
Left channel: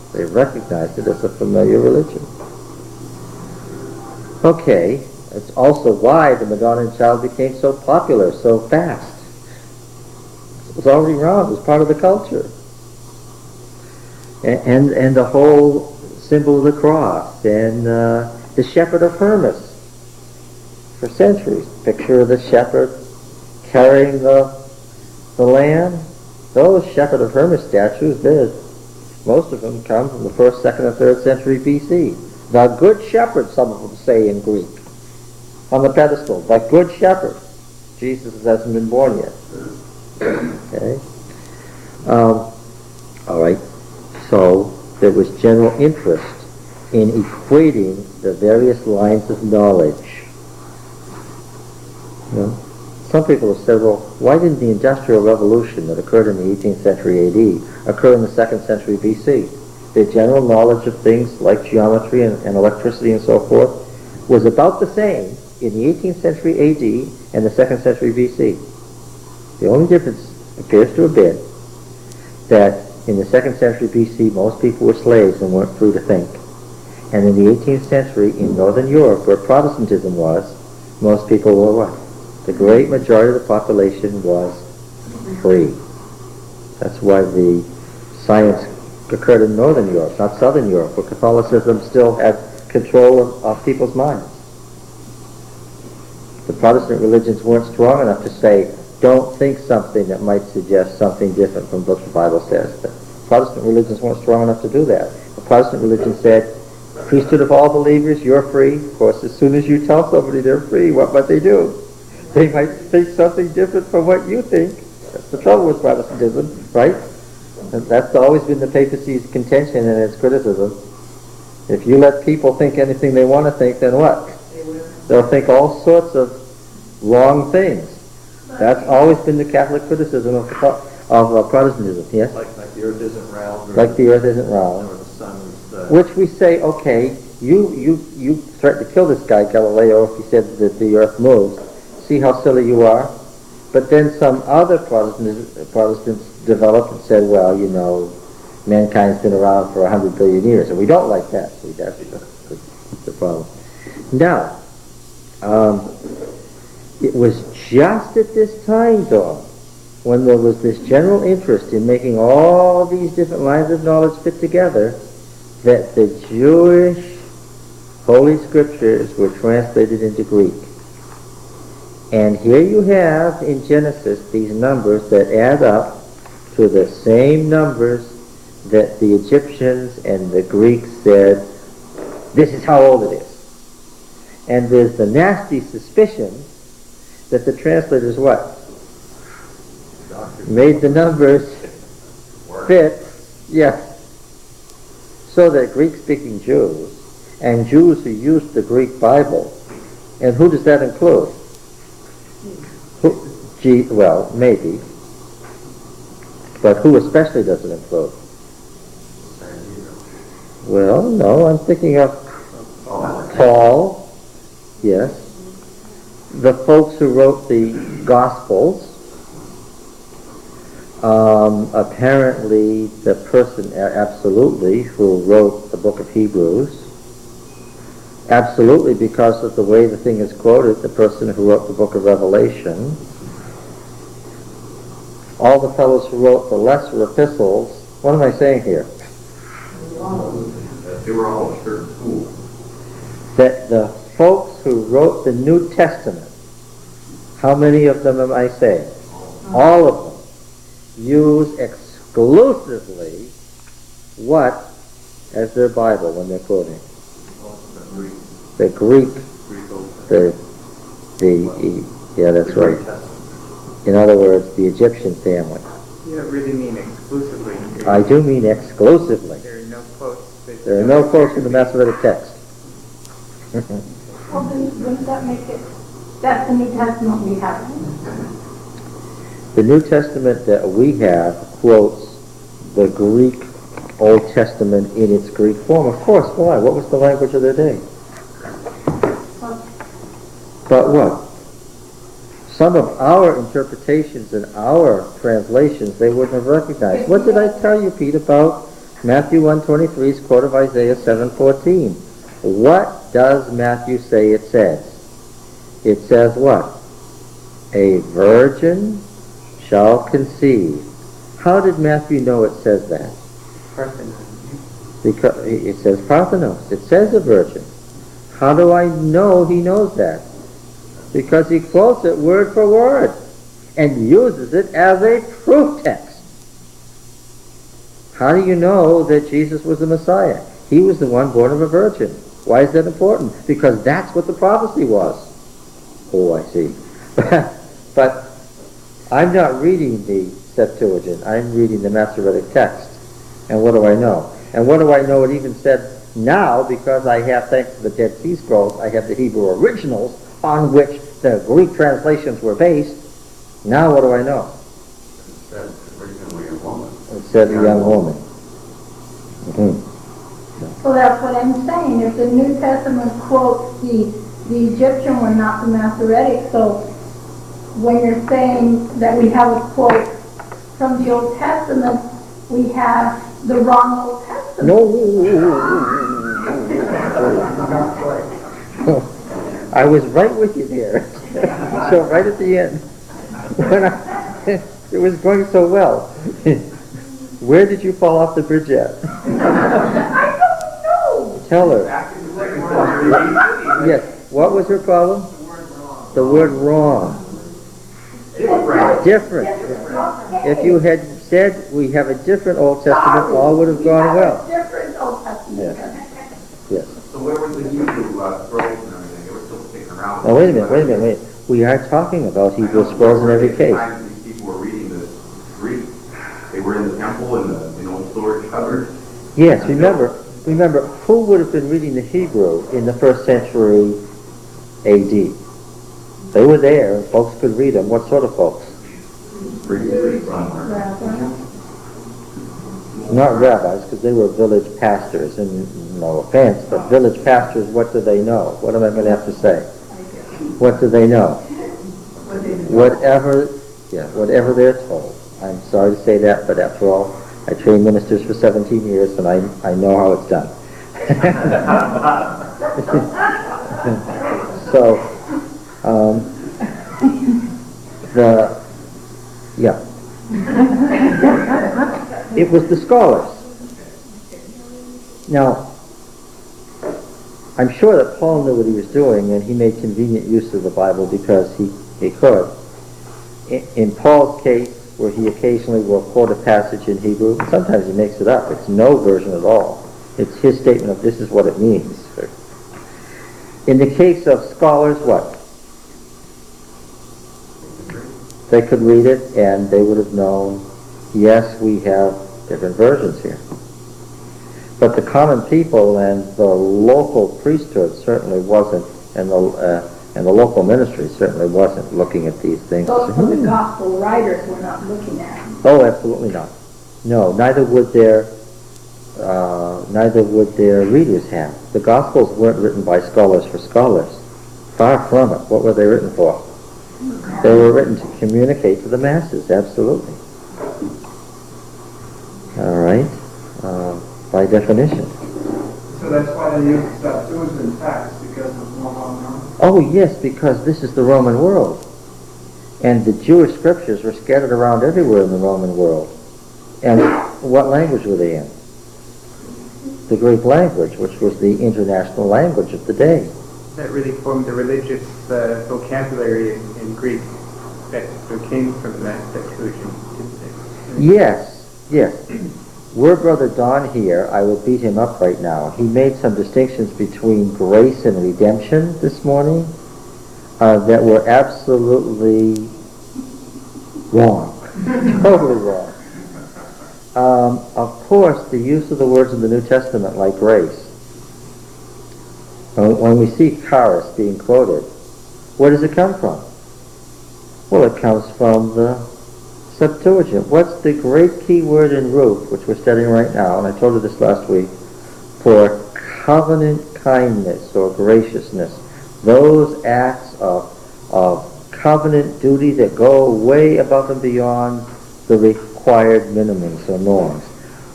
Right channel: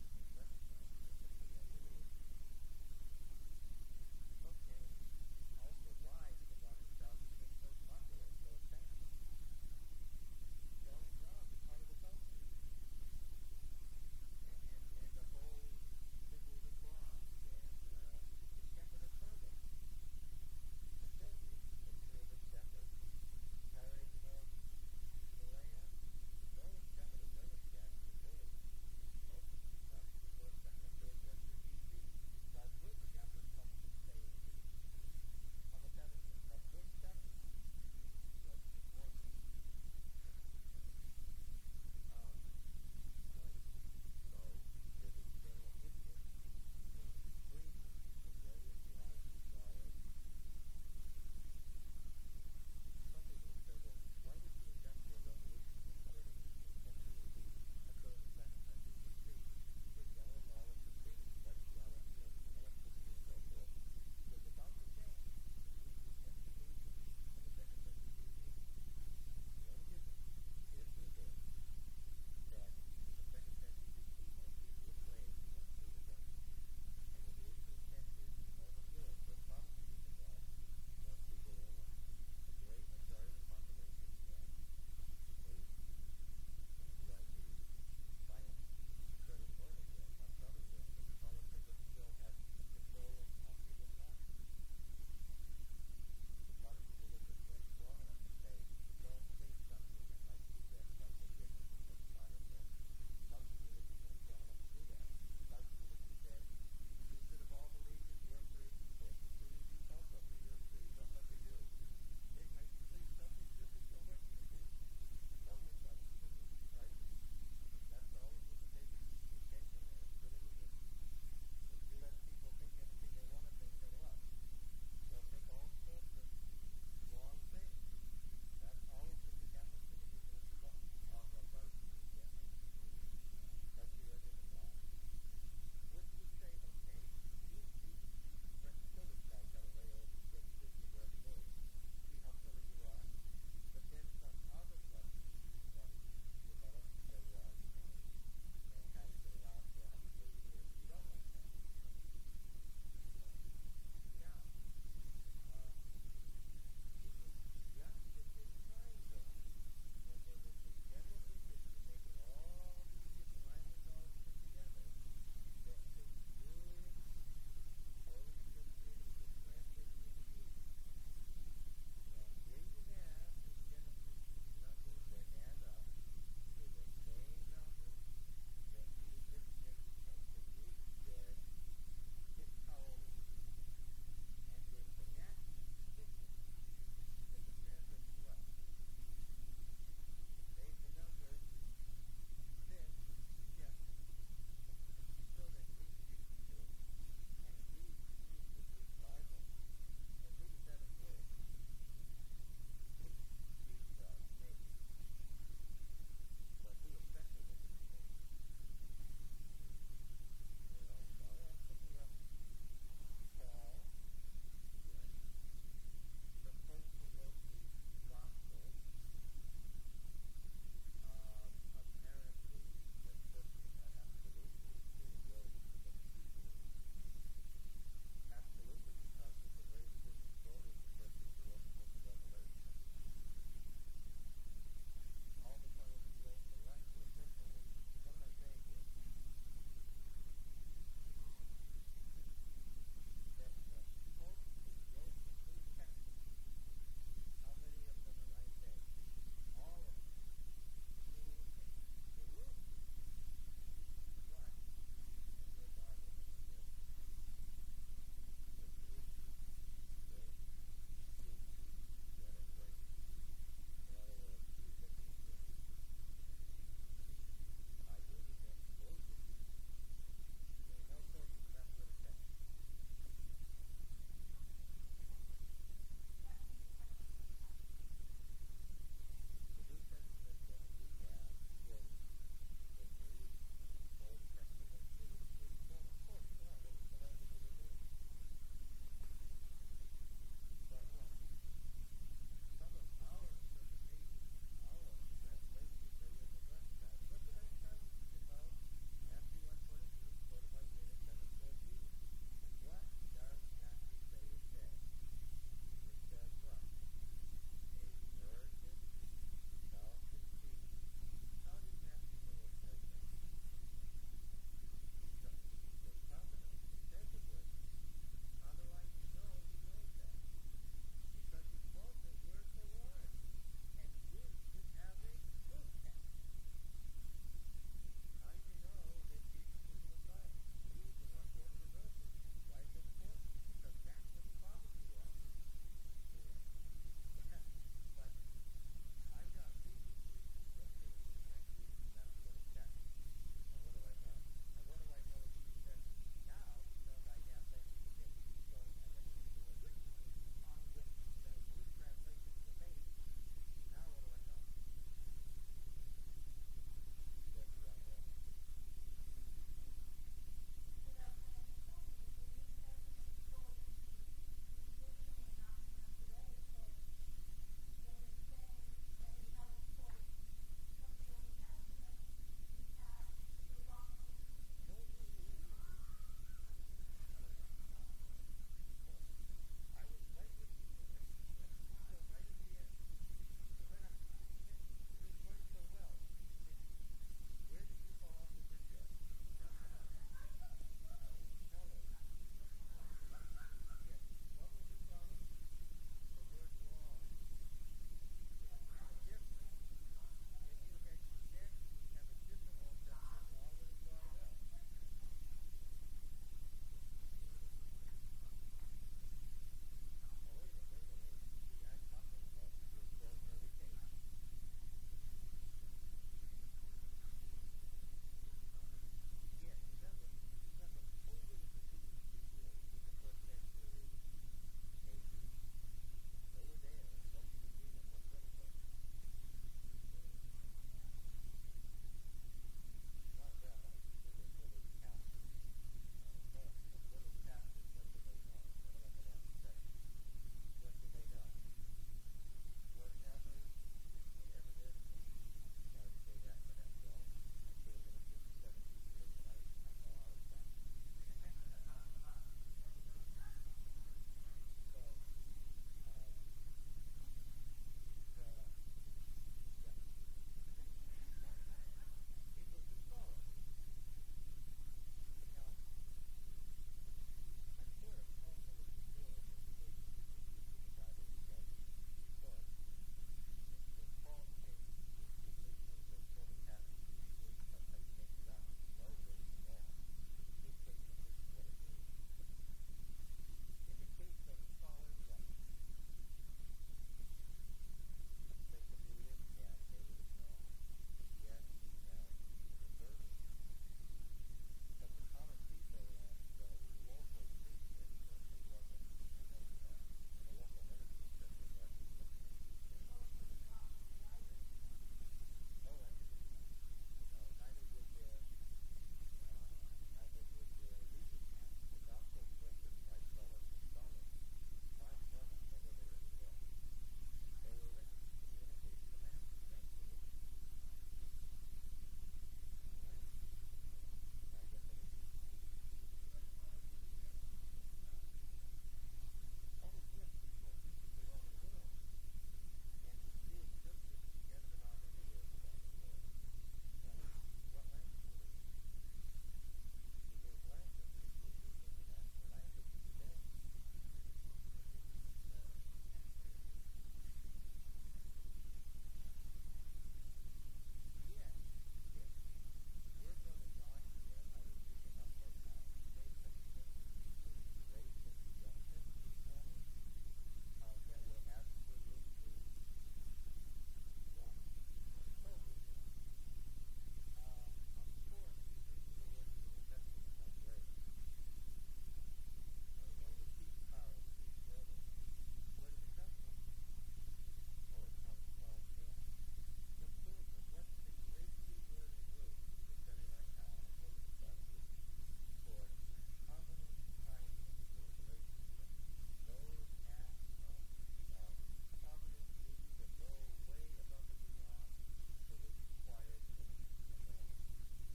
They recognized it as a familiar religion. Okay, it's also why the Madonna child became so popular so fast. It was already around, it was part of the culture. And the whole symbol of the cross, and the shepherd of Hermas. For centuries, picture of the shepherd carrying the lamb. Those shepherd of Hermas statues, most of them come from the 1st, 2nd, and 3rd century BC. The good shepherd, some of them say in Greek, on the pedestal. The good shepherd. Jesus hasn't been born yet. Okay. All right. So there was general interest in equating the various lines of knowledge. You know, some people have said, well, why didn't the Industrial Revolution that occurred in the 18th century AD occur in the 2nd century BC? The general knowledge of things like geometry and electricity and so forth was about the same in the 18th century AD and the 2nd century BC. The only difference appears to have been that in the 2nd century BC, most people were slaves and weren't free to think. And in the 18th century, in Northern Europe, where Protestantism was, most people were what? The great majority of the population was free. That's why the science occurred in Northern Europe, not Southern Europe, where Catholicism still had control of people's minds. The Protestant religions weren't strong enough to say, don't think something that might suggest something different from what the Bible says. The Protestant religions weren't strong enough to do that. The Protestant religion said, priesthood of all believers, you're free. Of course, as soon as you tell somebody they're free, what might they do? They might think something different from what you think. That's the trouble with Protestantism, right? And that's always been the papacy's contention and its criticism. If you let people think anything they want to think, then what? They'll think all sorts of wrong things. That's always been the Catholic criticism of Protestantism. Yes? Like the earth isn't round. Like the earth isn't round. Or the sun is... Which we say, okay, you threatened to kill this guy, Galileo, if he said that the earth moves. See how silly you are? But then some other Protestants developed and said, well, you know, mankind's been around for 100 billion years, and we don't like that. See, that's the problem. Now, it was just at this time, though, when there was this general interest in making all these different lines of knowledge fit together, that the Jewish Holy Scriptures were translated into Greek. And here you have in Genesis these numbers that add up to the same numbers that the Egyptians and the Greeks said, this is how old it is. And there's the nasty suspicion that the translators what? Made the numbers fit, yes, so that Greek-speaking Jews and Jews who used the Greek Bible, and who does that include? Well, maybe, but who especially does it include? Well, no, I'm thinking of Paul, yes, the folks who wrote the Gospels, apparently the person absolutely who wrote the book of Hebrews, absolutely because of the way the thing is quoted, the person who wrote the book of Revelation, all the fellows who wrote the lesser epistles. What am I saying here? They were all a certain school. That the folks who wrote the New Testament, how many of them am I saying? All of them use exclusively what as their Bible when they're quoting? The Greek. Yeah, that's right. In other words, the Egyptian family. You don't really mean exclusively. I do mean exclusively. There are no quotes. There are no quotes in the Masoretic text. Well, then wouldn't that make it, that's the New Testament we have? The New Testament that we have quotes the Greek Old Testament in its Greek form. Of course, why? What was the language of their day? But what? Some of our interpretations and our translations they wouldn't have recognized. What did I tell you, Pete, about Matthew 1:23 is quote of Isaiah 7:14. What does Matthew say it says? It says what? A virgin shall conceive. How did Matthew know it says that? Parthenon. Because it says Parthenos. It says a virgin. How do I know he knows that? Because he quotes it word for word and uses it as a proof text. How do you know that Jesus was the Messiah? He was the one born of a virgin. Why is that important? Because that's what the prophecy was. Oh, I see. But I'm not reading the Septuagint. I'm reading the Masoretic text. And what do I know? And what do I know? It even said now, because I have, thanks to the Dead Sea Scrolls, I have the Hebrew originals on which the Greek translations were based. Now what do I know? It said originally a woman. It said a young woman. So that's what I'm saying. If the New Testament quotes the Egyptian one, not the Masoretic, so when you're saying that we have a quote from the Old Testament, we have the wrong Old Testament. No. I was right with you there. So right at the end, when it was going so well. Where did you fall off the bridge at? I don't know. Tell her. Yes. What was her problem? The word wrong. Different. If you had said we have a different Old Testament, all would have gone well. Different Old Testament. Yes. So where was the Hebrew scrolls and everything? They were still sticking around. Now wait a minute. We are talking about Hebrew scrolls in every case. These people were reading the Greek. They were in the temple in the old storage cupboard. Yes, remember, who would have been reading the Hebrew in the first century A.D.? They were there, folks could read them. What sort of folks? Not rabbis, because they were village pastors, and no offense, but village pastors, what do they know? What am I going to have to say? What do they know? Whatever they're told. I'm sorry to say that, but after all, I trained ministers for 17 years, and I know how it's done. So, it was the scholars. Now, I'm sure that Paul knew what he was doing, and he made convenient use of the Bible because he could. In Paul's case, where he occasionally will quote a passage in Hebrew, sometimes he makes it up. It's no version at all. It's his statement of this is what it means. In the case of scholars, what? They could read it and they would have known, yes, we have different versions here. But the common people and the local priesthood certainly wasn't, and the local ministry certainly wasn't looking at these things. Those were the gospel writers were not looking at them. Oh, absolutely not. No, neither would their readers have. The Gospels weren't written by scholars for scholars. Far from it. What were they written for? They were written to communicate to the masses, absolutely. All right, by definition. So that's why they use the Septuagint text, because it's more well known? Oh, yes, because this is the Roman world. And the Jewish scriptures were scattered around everywhere in the Roman world. And what language were they in? The Greek language, which was the international language of the day. That really formed the religious vocabulary in Greek that came from that Septuagint, didn't it? Yes. Were Brother Don here, I would beat him up right now. He made some distinctions between grace and redemption this morning that were absolutely wrong. Totally wrong. Of course, the use of the words in the New Testament like grace. When we see charis being quoted, where does it come from? Well, it comes from the Septuagint. What's the great key word in Ruth, which we're studying right now, and I told you this last week, for covenant kindness or graciousness, those acts of covenant duty that go way above and beyond the required minimums or norms.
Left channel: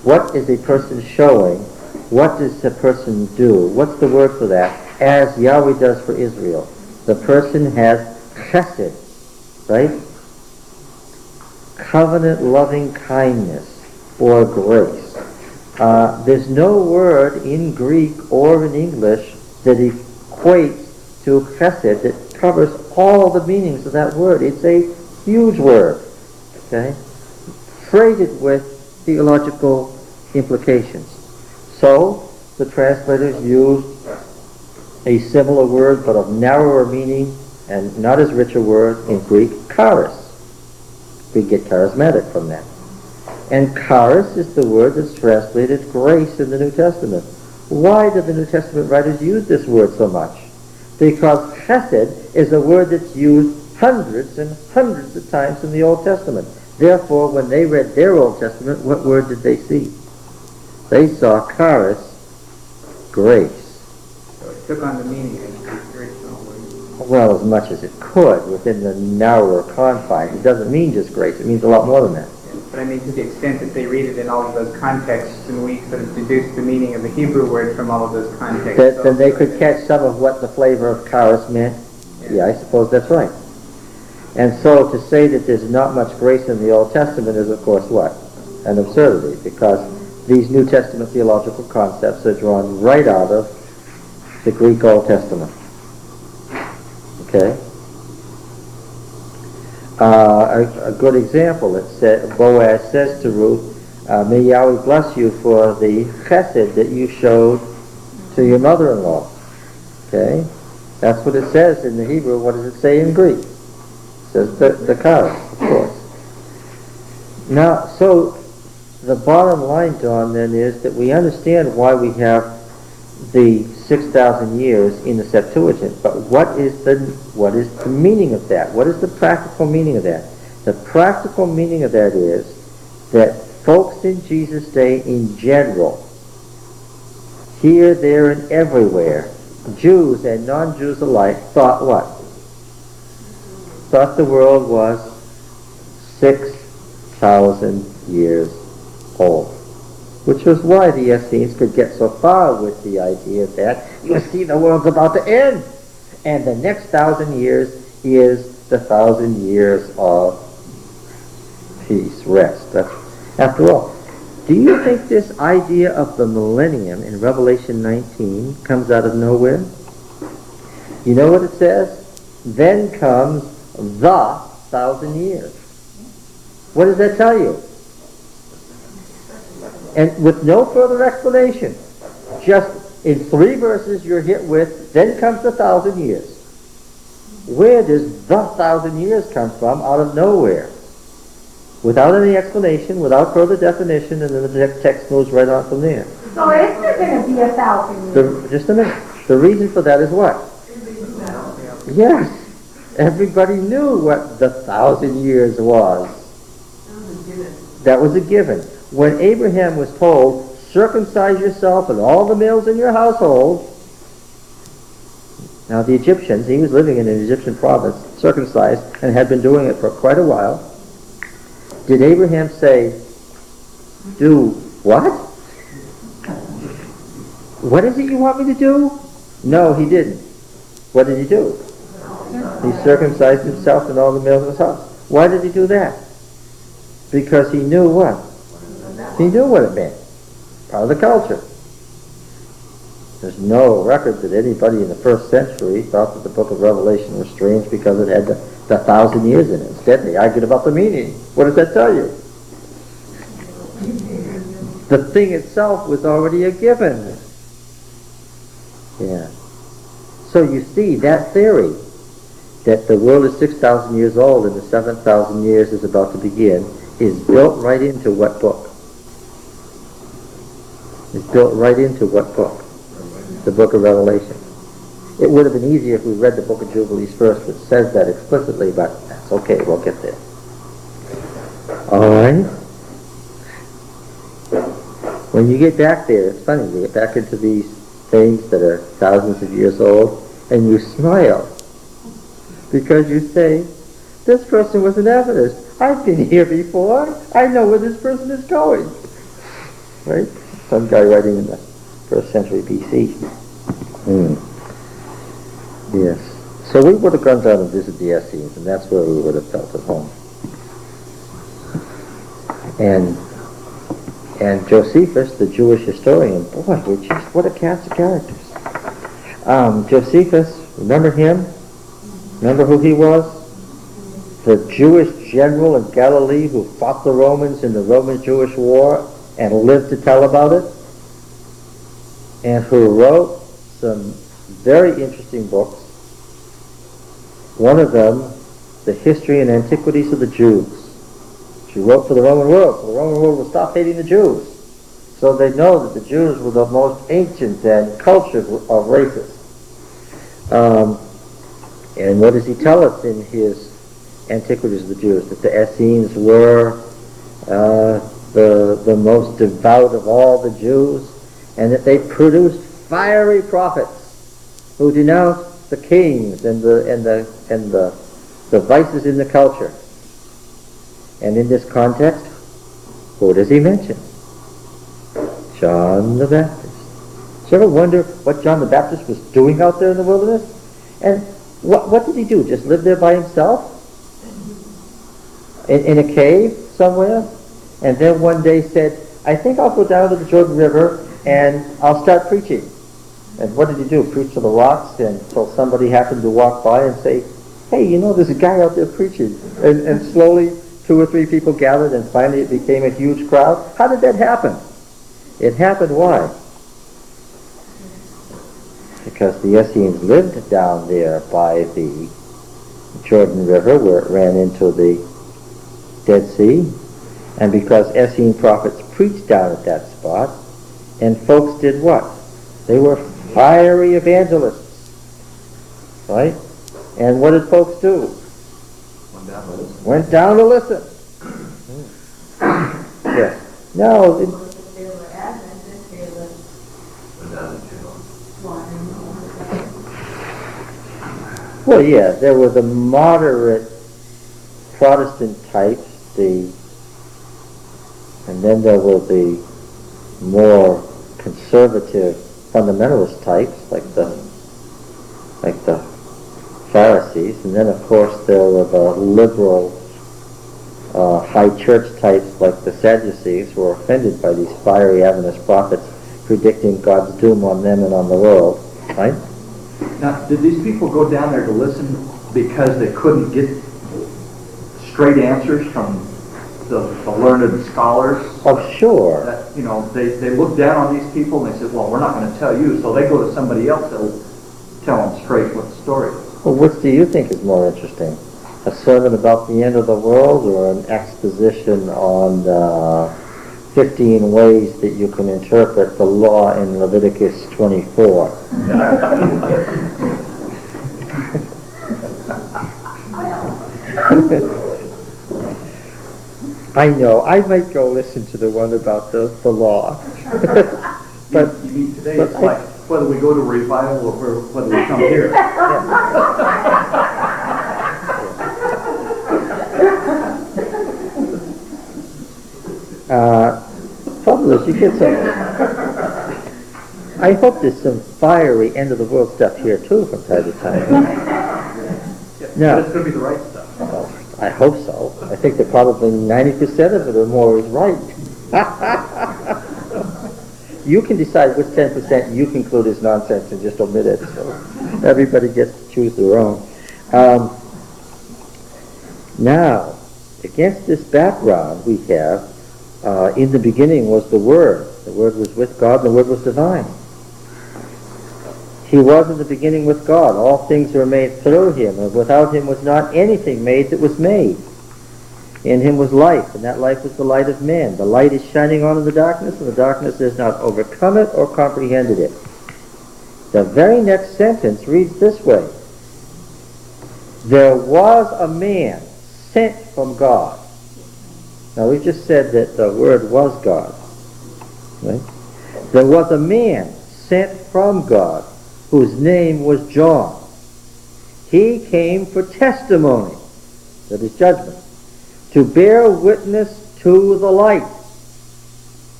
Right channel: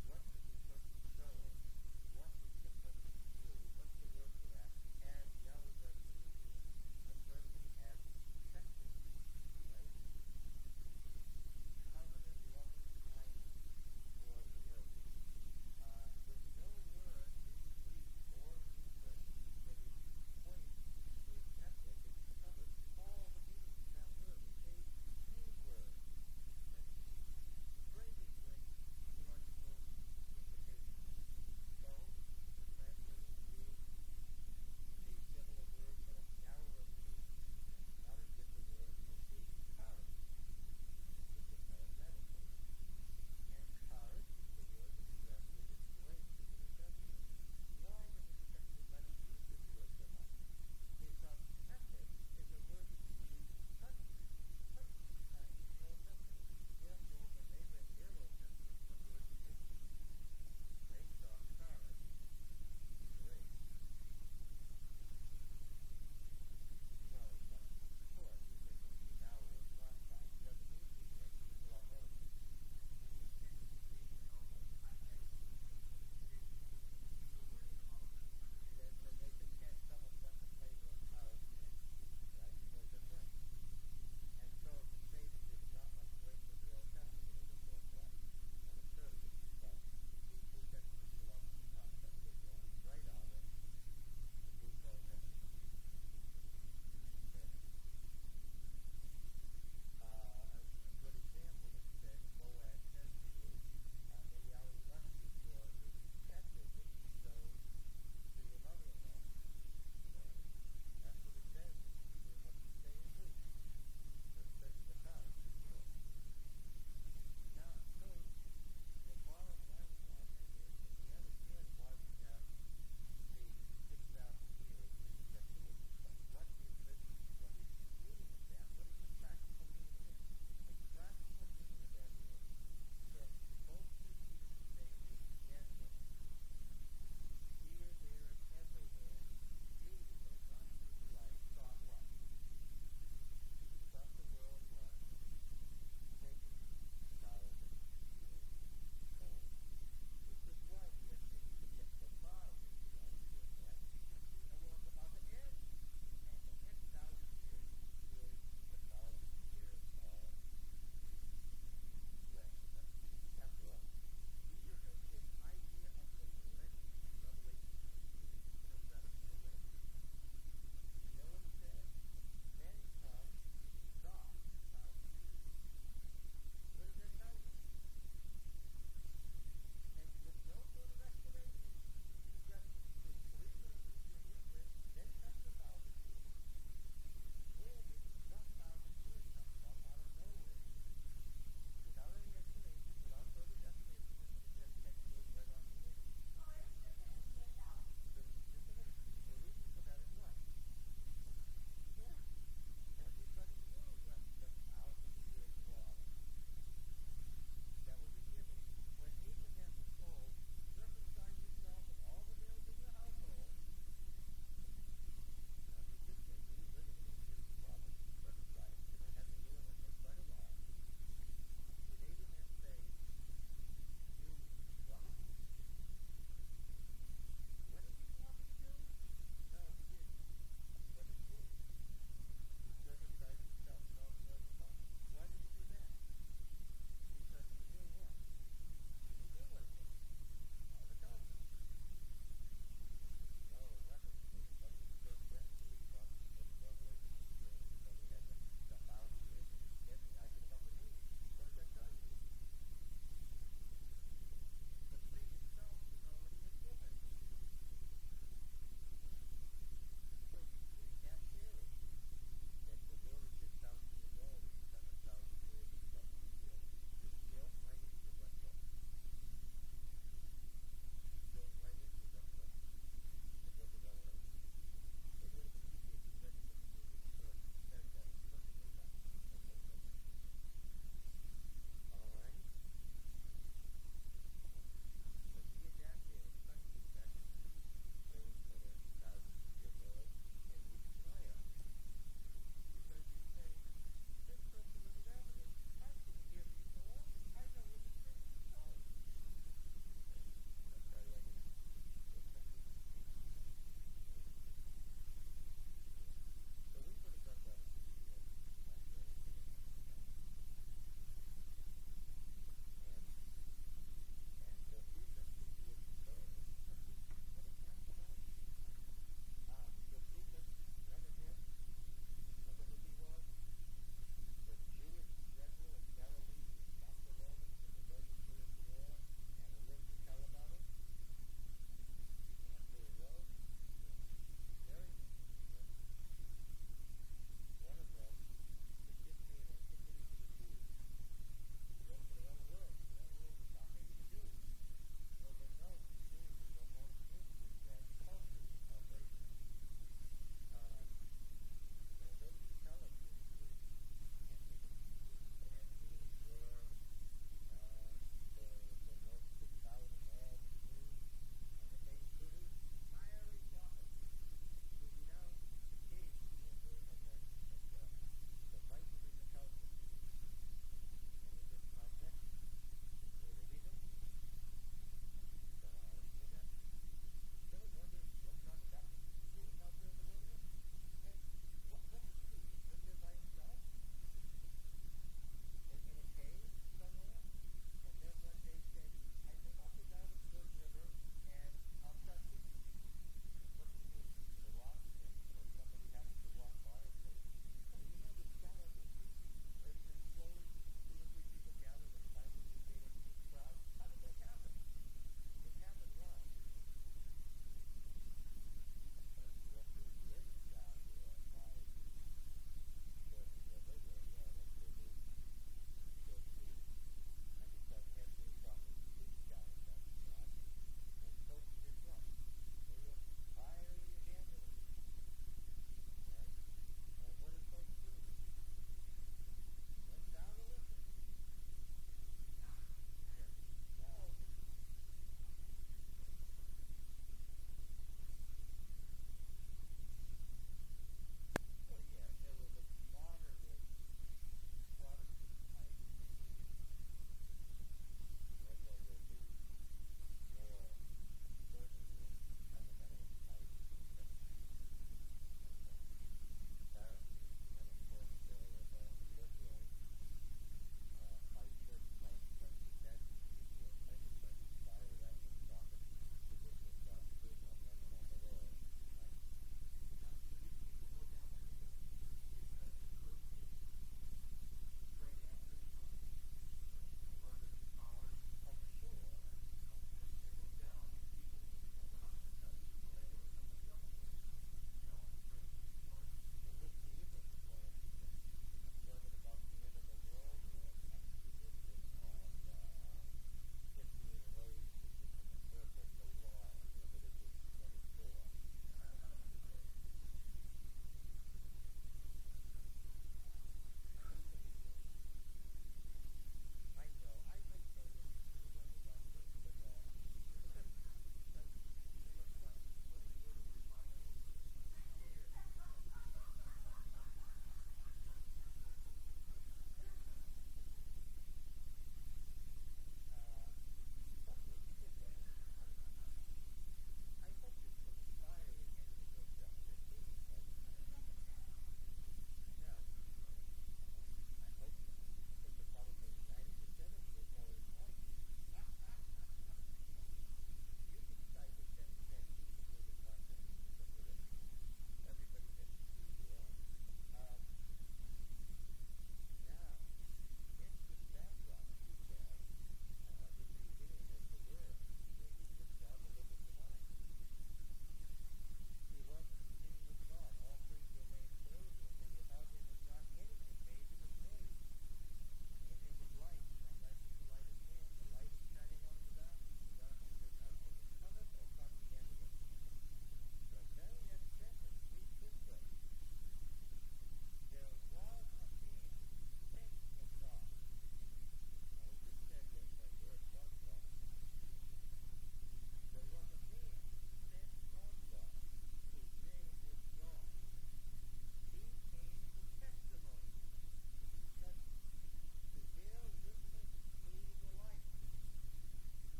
What is a person showing? What does a person do? What's the word for that? As Yahweh does for Israel. The person has chesed, right? Covenant loving kindness or grace. There's no word in Greek or in English that equates to chesed that covers all the meanings of that word. It's a huge word, okay? Freighted with theological implications. So, the translators used a similar word but of narrower meaning and not as rich a word in Greek, charis. We get charismatic from that. And charis is the word that's translated grace in the New Testament. Why do the New Testament writers use this word so much? Because chesed is a word that's used hundreds and hundreds of times in the Old Testament. Therefore, when they read their Old Testament, what word did they see? They saw charis, grace. So it took on the meaning of the original word. Well, as much as it could within the narrower confines. It doesn't mean just grace. It means a lot more than that. But I mean, to the extent that they read it in all of those contexts, and we sort of deduce the meaning of the Hebrew word from all of those contexts. Then they could catch some of what the flavor of charis meant. Yeah, I suppose that's right. And so to say that there's not much grace in the Old Testament is, of course, what? An absurdity, because these New Testament theological concepts are drawn right out of the Greek Old Testament. Okay? A good example, Boaz says to Ruth, may Yahweh bless you for the chesed that you showed to your mother-in-law. Okay? That's what it says in the Hebrew. What does it say in Greek? It says the charis, of course. Now, so the bottom line, Don, then is that we understand why we have the 6,000 years in the Septuagint, but what is the meaning of that? What is the practical meaning of that? The practical meaning of that is that folks in Jesus' day in general, here, there, and everywhere, Jews and non-Jews alike, thought what? Thought the world was 6,000 years old. Which was why the Essenes could get so far with the idea that you see the world's about to end, and the next 1,000 years is the 1,000 years of peace, rest. After all, do you think this idea of the millennium in Revelation 19 comes out of nowhere? You know what it says? Then comes the 1,000 years. What does that tell you? And with no further explanation, just in 3 verses you're hit with, then comes the 1,000 years. Where does the 1,000 years come from out of nowhere? Without any explanation, without further definition, and then the text moves right on from there. So is there going to be 1,000 years? Just a minute. The reason for that is what? Yes. Everybody knew what the 1,000 years was. That was a given. When Abraham was told, circumcise yourself and all the males in your household, now the Egyptians, he was living in an Egyptian province, circumcised, and had been doing it for quite a while. Did Abraham say, do what? What is it you want me to do? No, he didn't. What did he do? He circumcised himself and all the males of his house. Why did he do that? Because he knew what? He knew what it meant. Part of the culture. There's no record that anybody in the first century thought that the book of Revelation was strange because it had the 1,000 years in it. Instead, they argued about the meaning. What does that tell you? The thing itself was already a given. Yeah. So you see, that theory that the world is 6,000 years old and the 7,000 years is about to begin is built right into what book? It's built right into what book? The book of Revelation. It would have been easier if we read the book of Jubilees first, which says that explicitly, but that's okay, we'll get there. All right? When you get back there, it's funny, you get back into these things that are thousands of years old, and you smile. Because you say, this person was an Adventist. I've been here before. I know where this person is going. right? Some guy writing in the 1st century BC. Yes. So we would have gone down and visited the Essenes, and that's where we would have felt at home. And Josephus, the Jewish historian, boy, what a cast of characters. Josephus, remember him? Remember who he was? The Jewish general in Galilee who fought the Romans in the Roman-Jewish War and lived to tell about it, and who wrote some very interesting books. One of them, The History and Antiquities of the Jews. She wrote for the Roman world, so the Roman world will stop hating the Jews. So they know that the Jews were the most ancient and cultured of races. And what does he tell us in his Antiquities of the Jews? That the Essenes were the most devout of all the Jews, and that they produced fiery prophets who denounced the kings and the vices in the culture. And in this context, who does he mention? John the Baptist. Did you ever wonder what John the Baptist was doing out there in the wilderness? And what did he do? Just live there by himself? In a cave somewhere? And then one day said, I think I'll go down to the Jordan River and I'll start preaching. And what did he do? Preach to the rocks until somebody happened to walk by and say, hey, you know, there's a guy out there preaching. And slowly 2 or 3 people gathered, and finally it became a huge crowd. How did that happen? It happened why? Because the Essenes lived down there by the Jordan River where it ran into the Dead Sea, and because Essene prophets preached down at that spot, and folks did what? They were fiery evangelists, right? And what did folks do? Went down to listen. Yes. No. Well, yeah, there were the moderate Protestant types, and then there were the more conservative fundamentalist types, like the Pharisees, and then of course there were the liberal high church types like the Sadducees, who were offended by these fiery Adventist prophets predicting God's doom on them and on the world, right? Now, did these people go down there to listen because they couldn't get straight answers from the learned scholars? Oh, sure. That, you know, they looked down on these people and they said, well, we're not going to tell you, so they go to somebody else that'll tell them straight what the story is. Well, which do you think is more interesting? A sermon about the end of the world, or an exposition on 15 ways that you can interpret the law in Leviticus 24? I know, I might go listen to the one about the law. But you mean today it's like whether we go to revival or whether we come here. Trouble is, you get some. I hope there's some fiery end of the world stuff here too from time to time. No, it's going to be the right stuff. Well, I hope so. I think that probably 90% of it or more is right. You can decide which 10% you conclude is nonsense and just omit it. So everybody gets to choose their own. Now, against this background, we have, in the beginning was the Word. The Word was with God, and the Word was divine. He was in the beginning with God. All things were made through him, and without him was not anything made that was made. In him was life, and that life was the light of men. The light is shining on in the darkness, and the darkness has not overcome it or comprehended it. The very next sentence reads this way: there was a man sent from God. Now we just said that the Word was God. Right? There was a man sent from God whose name was John. He came for testimony, that is judgment, to bear witness to the light,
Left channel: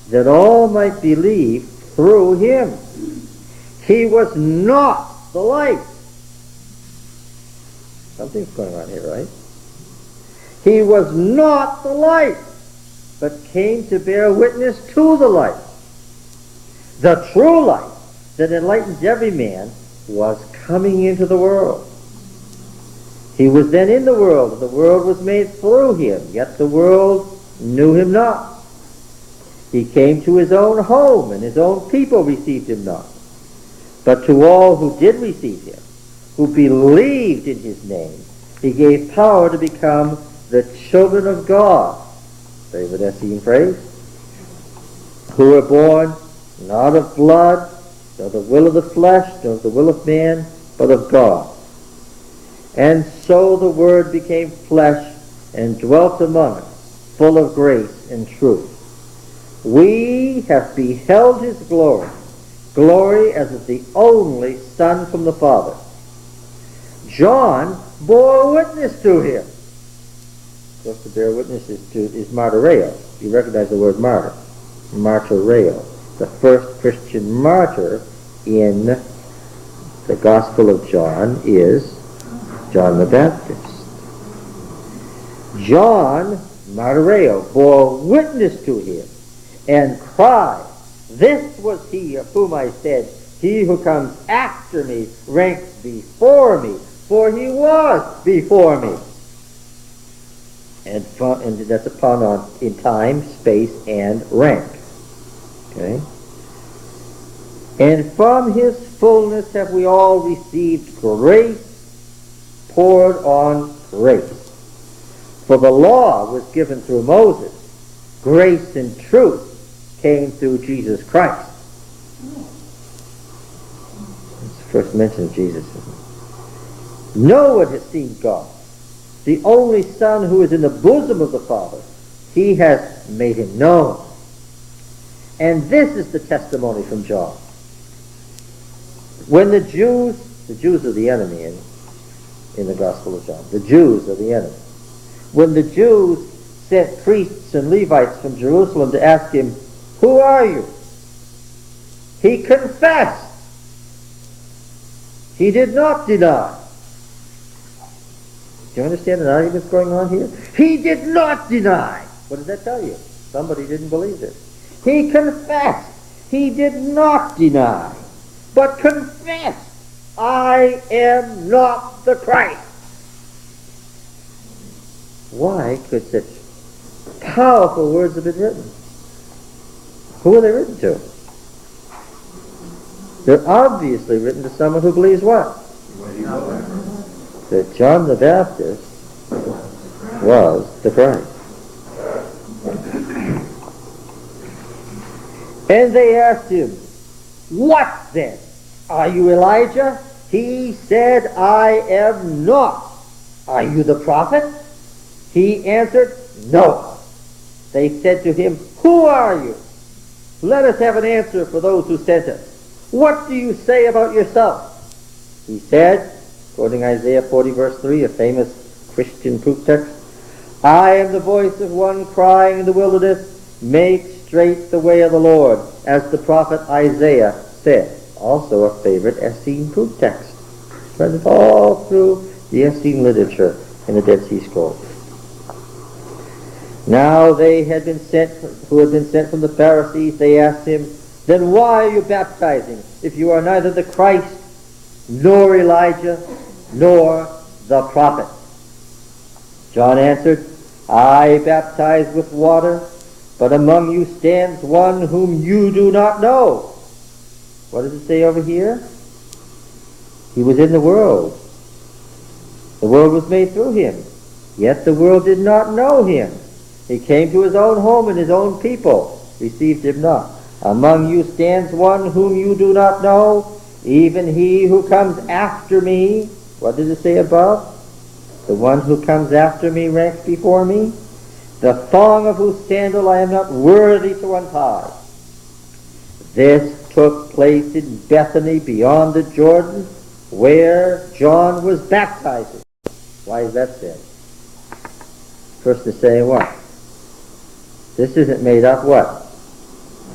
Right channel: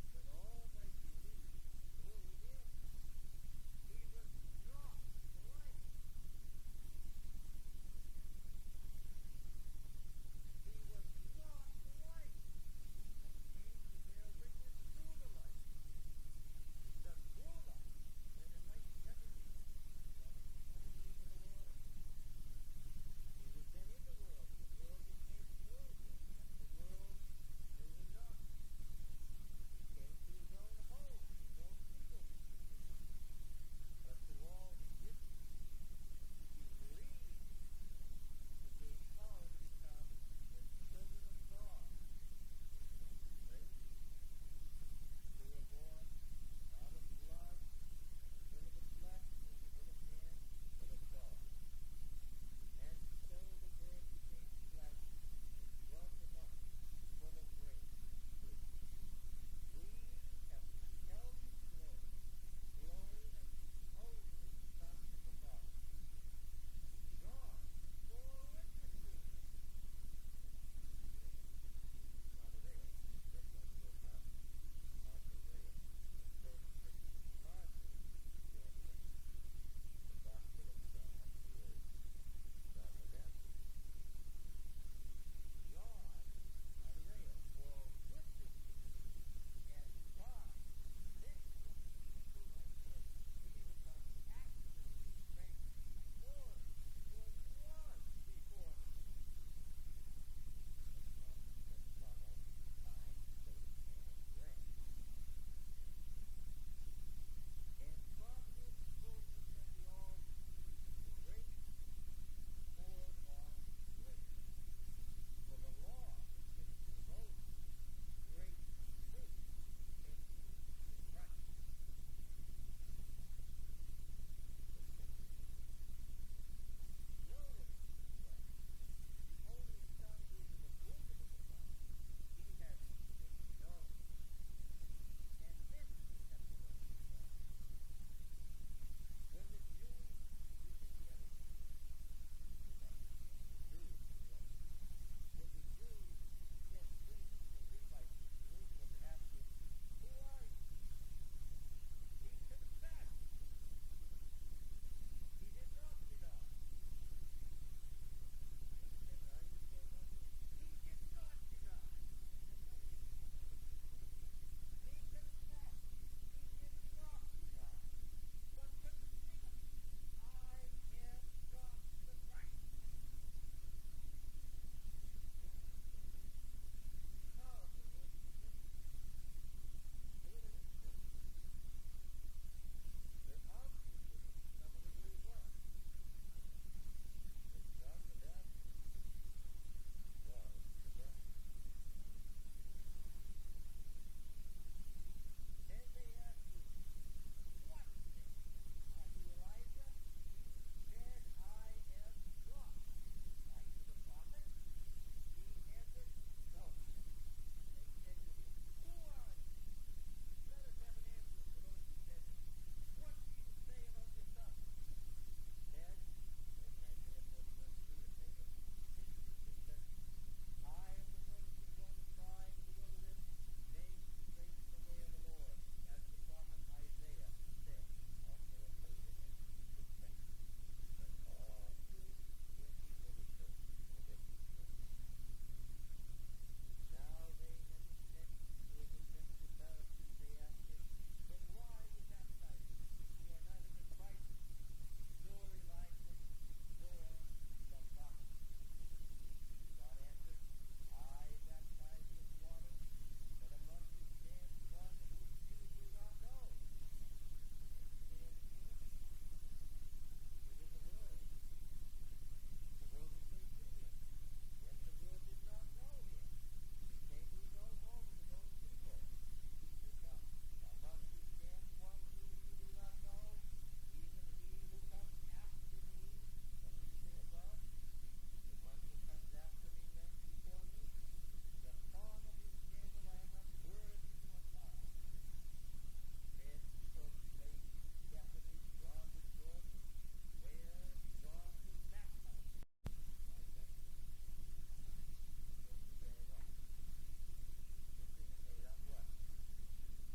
that all might believe through him. He was not the light. Something's going on here, right? He was not the light, but came to bear witness to the light. The true light that enlightens every man was coming into the world. He was then in the world, and the world was made through him, yet the world knew him not. He came to his own home, and his own people received him not. But to all who did receive him, who believed in his name, he gave power to become the children of God. Favorite Essene phrase. Who were born not of blood, nor the will of the flesh, nor the will of man, but of God. And so the Word became flesh and dwelt among us, full of grace and truth. We have beheld his glory, glory as of the only Son from the Father. John bore witness to him. Of course, to bear witness is martyreo. You recognize the word martyr. Martyreo. The first Christian martyr in the Gospel of John is John the Baptist. John, martyreo, bore witness to him and cried, "This was he of whom I said, he who comes after me ranks before me, for he was before me." And that's upon in time, space, and rank. Okay? And from his fullness have we all received grace poured on grace. For the law was given through Moses. Grace and truth came through Jesus Christ. It's the first mention of Jesus. No one has seen God. The only Son who is in the bosom of the Father, he has made him known. And this is the testimony from John. When the Jews are the enemy in the Gospel of John. The Jews are the enemy. When the Jews sent priests and Levites from Jerusalem to ask him, "Who are you?" he confessed. He did not deny. Do you understand the arguments going on here? He did not deny. What does that tell you? Somebody didn't believe this. He confessed. He did not deny, but confessed, "I am not the Christ." Why could such powerful words have been written? Who are they written to? They're obviously written to someone who believes what? That John the Baptist was the Christ. And they asked him, "What then? Are you Elijah?" He said, "I am not." "Are you the prophet?" He answered, "No." They said to him, "Who are you? Let us have an answer for those who sent us. What do you say about yourself?" He said, quoting Isaiah 40 verse 3, a famous Christian proof text, "I am the voice of one crying in the wilderness, make straight the way of the Lord," as the prophet Isaiah said. Also a favorite Essene proof text. Spread all through the Essene literature in the Dead Sea Scrolls. Now they who had been sent from the Pharisees, they asked him, "Then why are you baptizing, if you are neither the Christ, nor Elijah, nor the prophet?" John answered, "I baptize with water, but among you stands one whom you do not know." What does it say over here? He was in the world. The world was made through him, yet the world did not know him. He came to his own home, and his own people received him not. Among you stands one whom you do not know, even he who comes after me. What does it say above? The one who comes after me ranks before me, the thong of whose sandal I am not worthy to untie. This took place in Bethany beyond the Jordan, where John was baptizing. Why is that said? First to say what? This isn't made up what?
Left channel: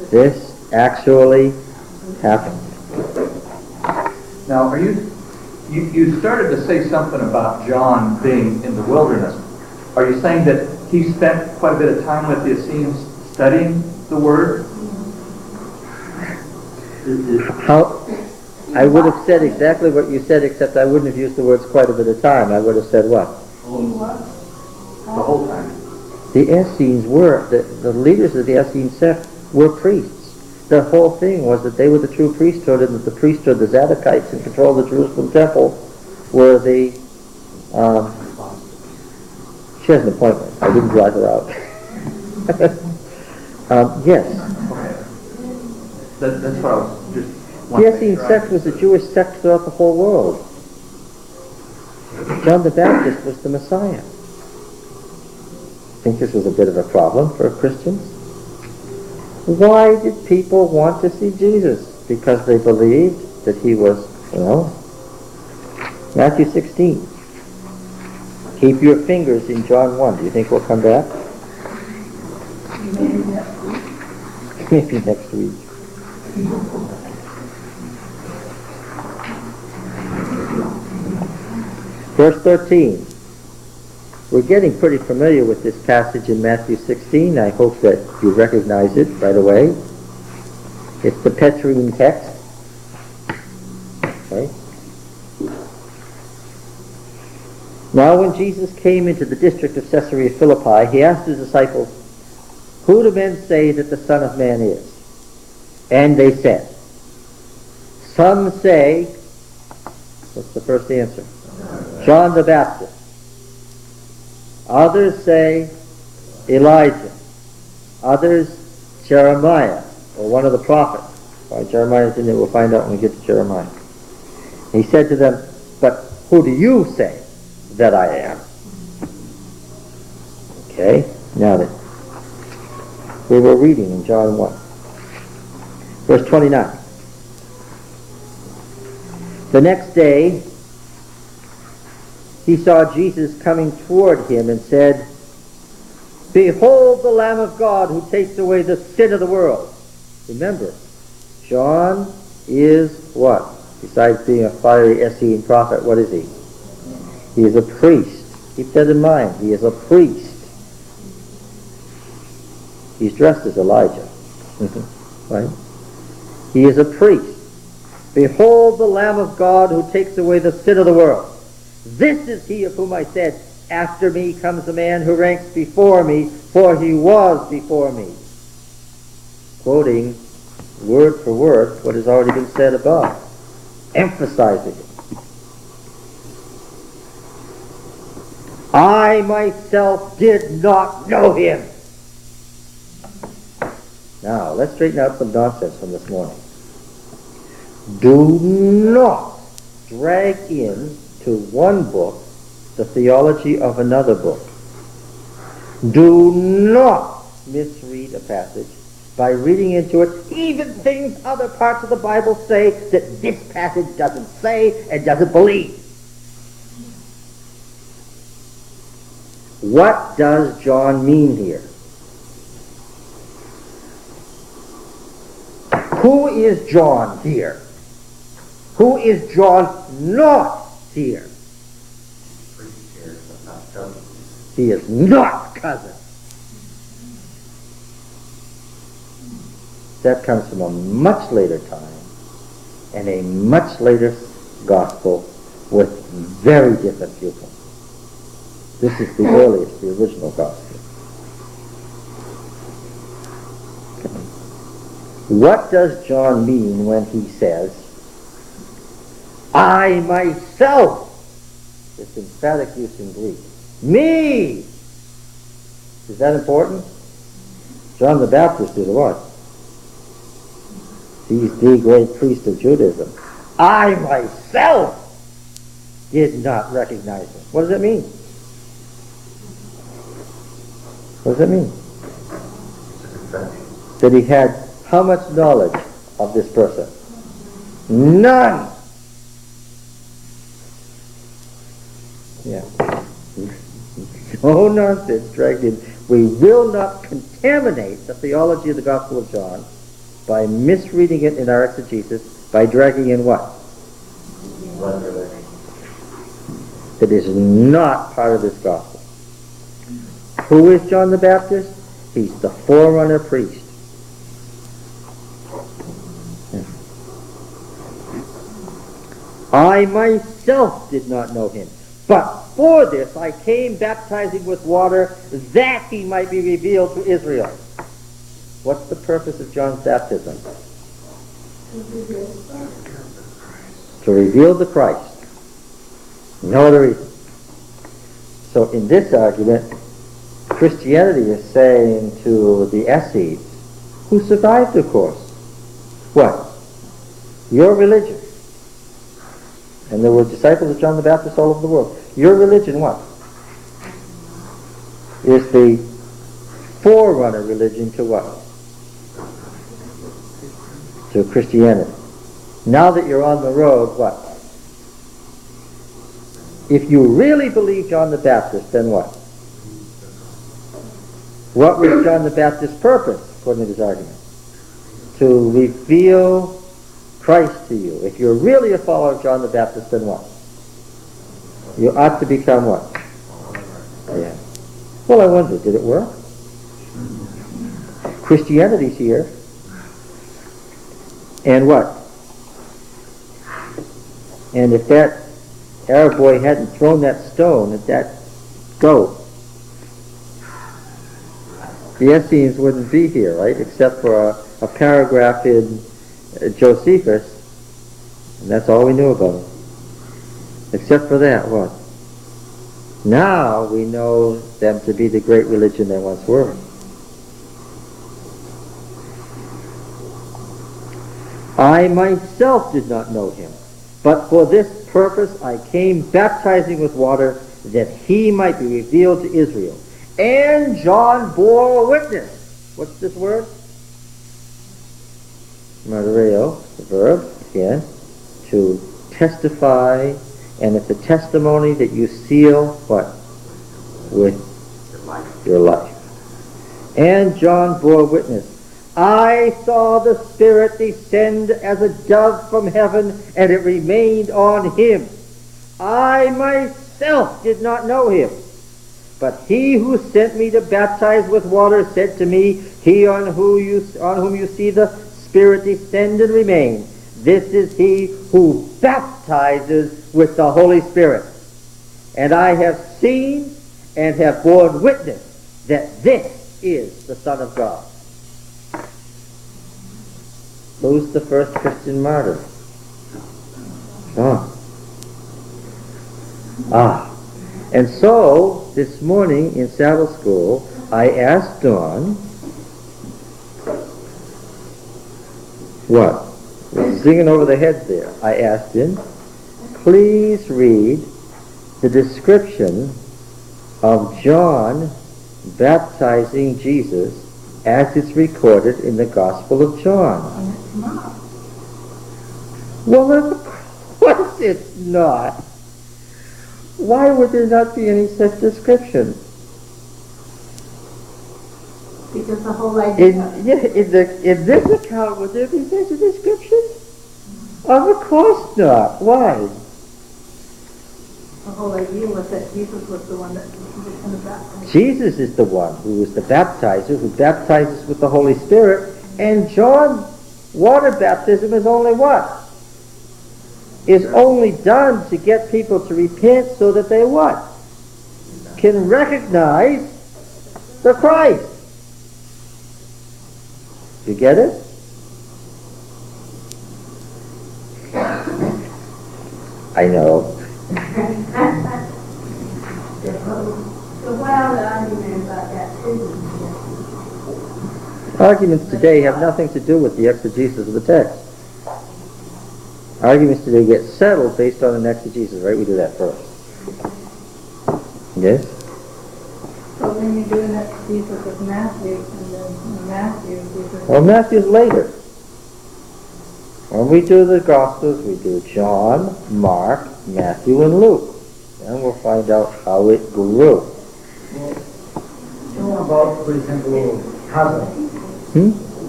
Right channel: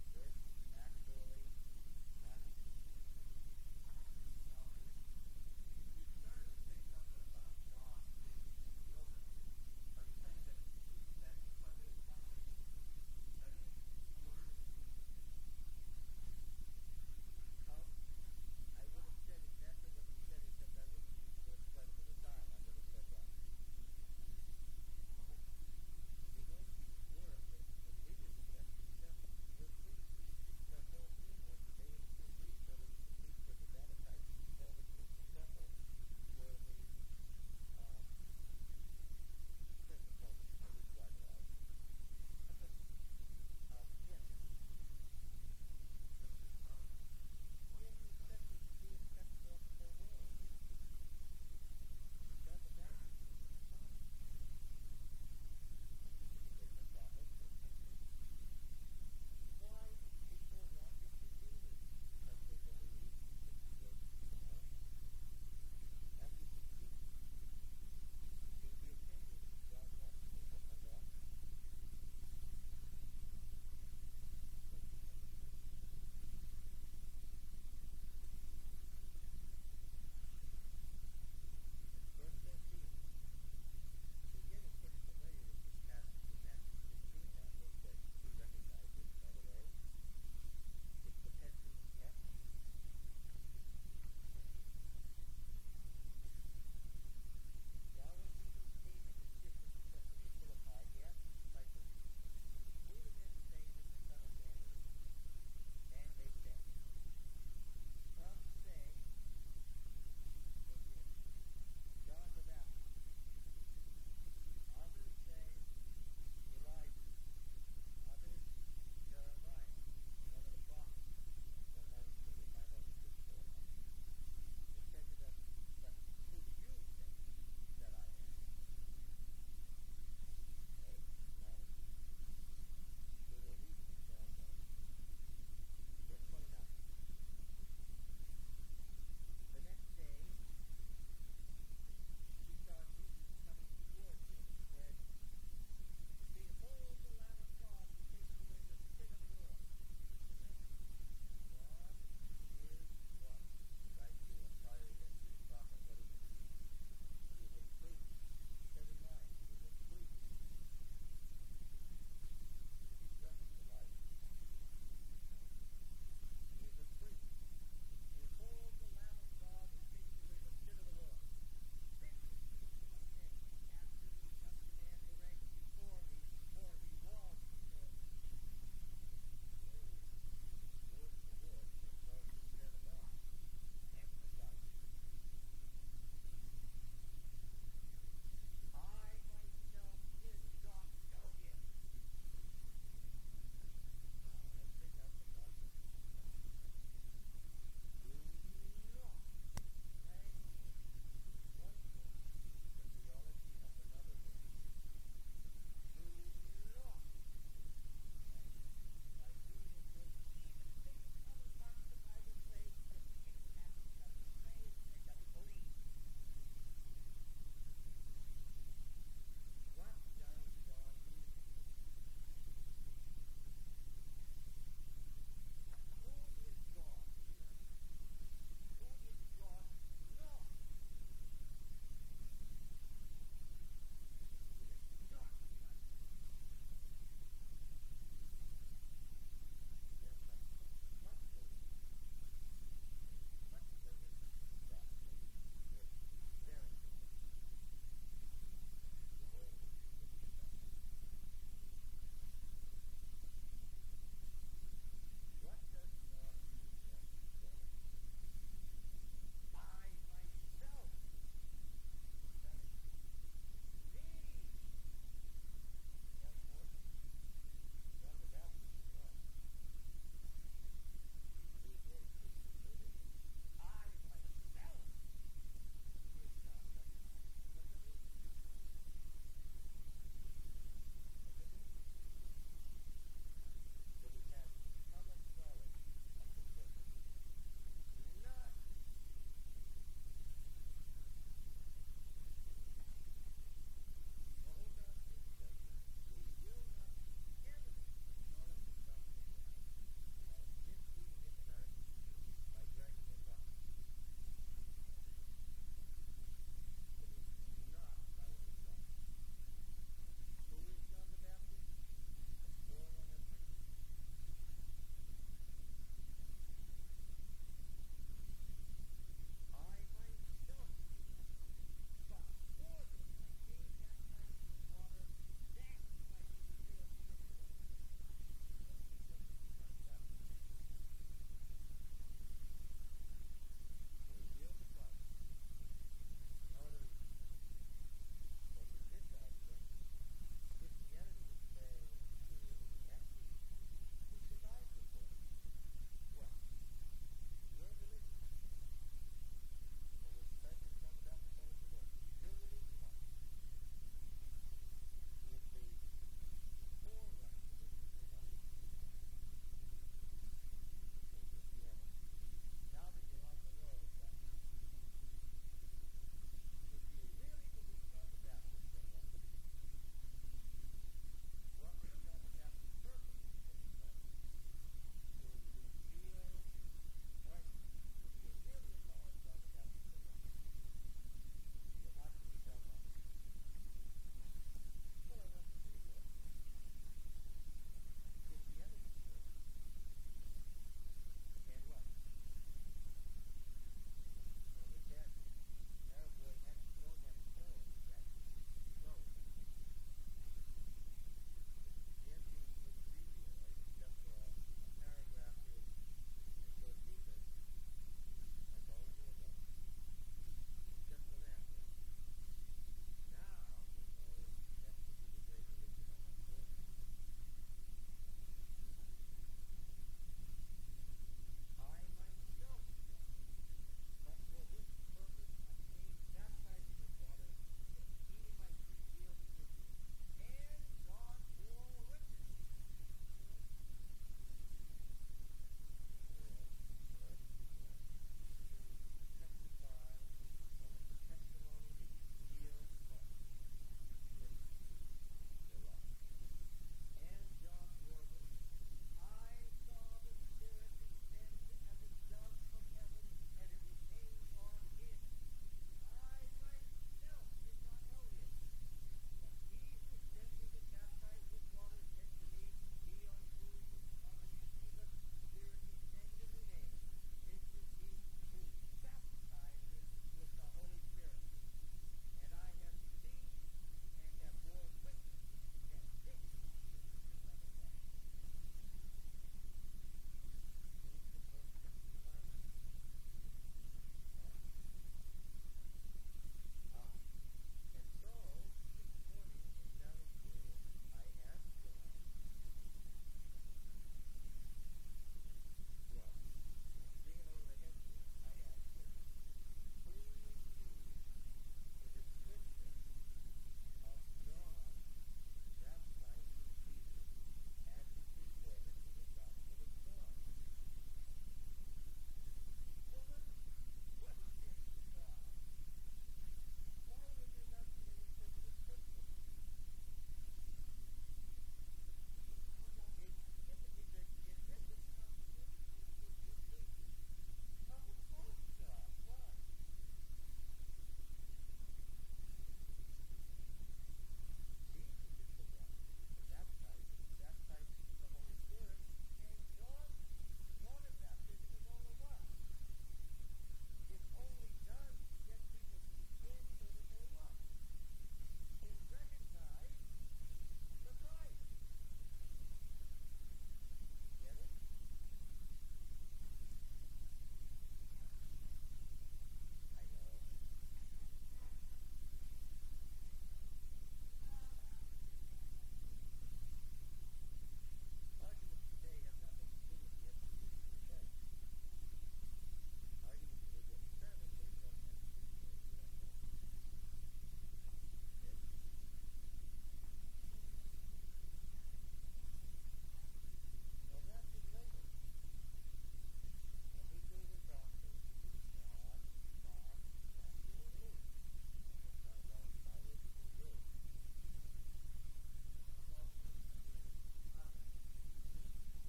This actually happened. Now, you started to say something about John being in the wilderness. Are you saying that he spent quite a bit of time with the Essenes studying the Word? How, I would have said exactly what you said, except I wouldn't have used the words quite a bit of time. I would have said what? The whole time. The Essenes were, the leaders of the Essene sect were priests. The whole thing was that they were the true priesthood, and that the priesthood, the Zadokites in control of the Jerusalem temple, were the, she has an appointment. I didn't drive her out. Yes. Okay. That's what I was just The wanting to Essene make sure I sect was a Jewish sect throughout the whole world. John the Baptist was the Messiah. I think this was a bit of a problem for Christians. Why did people want to see Jesus? Because they believed that he was, Matthew 16. Keep your fingers in John 1. Do you think we'll come back? Maybe next week. Verse 13. We're getting pretty familiar with this passage in Matthew 16. I hope that you recognize it right away. It's the Petrine text. Right? Now when Jesus came into the district of Caesarea Philippi, he asked his disciples, "Who do men say that the Son of Man is?" And they said, "Some say," what's the first answer? "John the Baptist. Others say Elijah. Others Jeremiah, or one of the prophets." Why Jeremiah's in there, we'll find out when we get to Jeremiah. He said to them, "But who do you say that I am?" Okay, now then. We were reading in John 1. Verse 29. The next day, he saw Jesus coming toward him and said, "Behold the Lamb of God who takes away the sin of the world." Remember, John is what? Besides being a fiery Essene prophet, what is he? He is a priest. Keep that in mind. He is a priest. He's dressed as Elijah. Right? He is a priest. "Behold the Lamb of God who takes away the sin of the world. This is he of whom I said, after me comes a man who ranks before me, for he was before me." Quoting word for word what has already been said above, emphasizing it. "I myself did not know him." Now, let's straighten out some nonsense from this morning. Do not drag in to one book the theology of another book. Do not misread a passage by reading into it even things other parts of the Bible say that this passage doesn't say and doesn't believe. What does John mean here? Who is John here? Who is John not here? He is not cousin. That comes from a much later time and a much later gospel with very different viewpoints. This is the earliest, the original gospel. Okay. What does John mean when he says, "I myself," this emphatic use in Greek, "me"? Is that important? John the Baptist is what? He's the great priest of Judaism. "I myself did not recognize him." What does that mean? What does that mean? That he had how much knowledge of this person? None. Yeah. No nonsense dragged in. We will not contaminate the theology of the Gospel of John by misreading it in our exegesis, by dragging in what? That is not part of this gospel. Who is John the Baptist? He's the forerunner priest. I myself did not know him, but for this I came baptizing with water, that he might be revealed to Israel. What's the purpose of John's baptism? To reveal the Christ. No other reason. So in this argument, Christianity is saying to the Essenes, who survived, of course, what? Your religion. And there were disciples of John the Baptist all over the world. Your religion, what? Is the forerunner religion to what? To Christianity. Now that you're on the road, what? If you really believe John the Baptist, then what? What was John the Baptist's purpose, according to his argument? To reveal Christ to you. If you're really a follower of John the Baptist, then what? You ought to become what? Yeah. Well, I wonder, did it work? Christianity's here. And what? And if that Arab boy hadn't thrown that stone at that goat, the Essenes wouldn't be here, right? Except for a paragraph in Josephus, and that's all we knew about him. Except for that, what? Now we know them to be the great religion they once were. I myself did not know him, but for this purpose I came baptizing with water, that he might be revealed to Israel. And John bore witness. What's this word? Martyreo, the verb, again, to testify, and it's a testimony that you seal, what? With your life. And John bore witness. I saw the Spirit descend as a dove from heaven, and it remained on him. I myself did not know him, but he who sent me to baptize with water said to me, he on whom you see the Spirit descend and remain, this is he who baptizes with the Holy Spirit. And I have seen and have borne witness that this is the Son of God. Who's the first Christian martyr? John. And so, this morning in Sabbath school, I asked Dawn, what? We're singing over the heads there. I asked him, please read the description of John baptizing Jesus as it's recorded in the Gospel of John. Well, of course it's not. Why would there not be any such description? Because the whole idea... In this account, would there be such a description? Of course not. Why? The whole idea was that Jesus was the one that was going to baptize. Jesus is the one who is the baptizer, who baptizes with the Holy Spirit, and John's water baptism is only what? Is only done to get people to repent so that they what? Can recognize the Christ. You get it? I know. So what are the arguments about that too? Arguments today have nothing to do with the exegesis of the text. Arguments today get settled based on an exegesis, right? We do that first. Yes? So then you do an exegesis of Matthew, and then in Matthew, Jesus... Well, Matthew's later. When we do the Gospels, we do John, Mark, Matthew, and Luke. And we'll find out how it grew. About, for example, Hazard.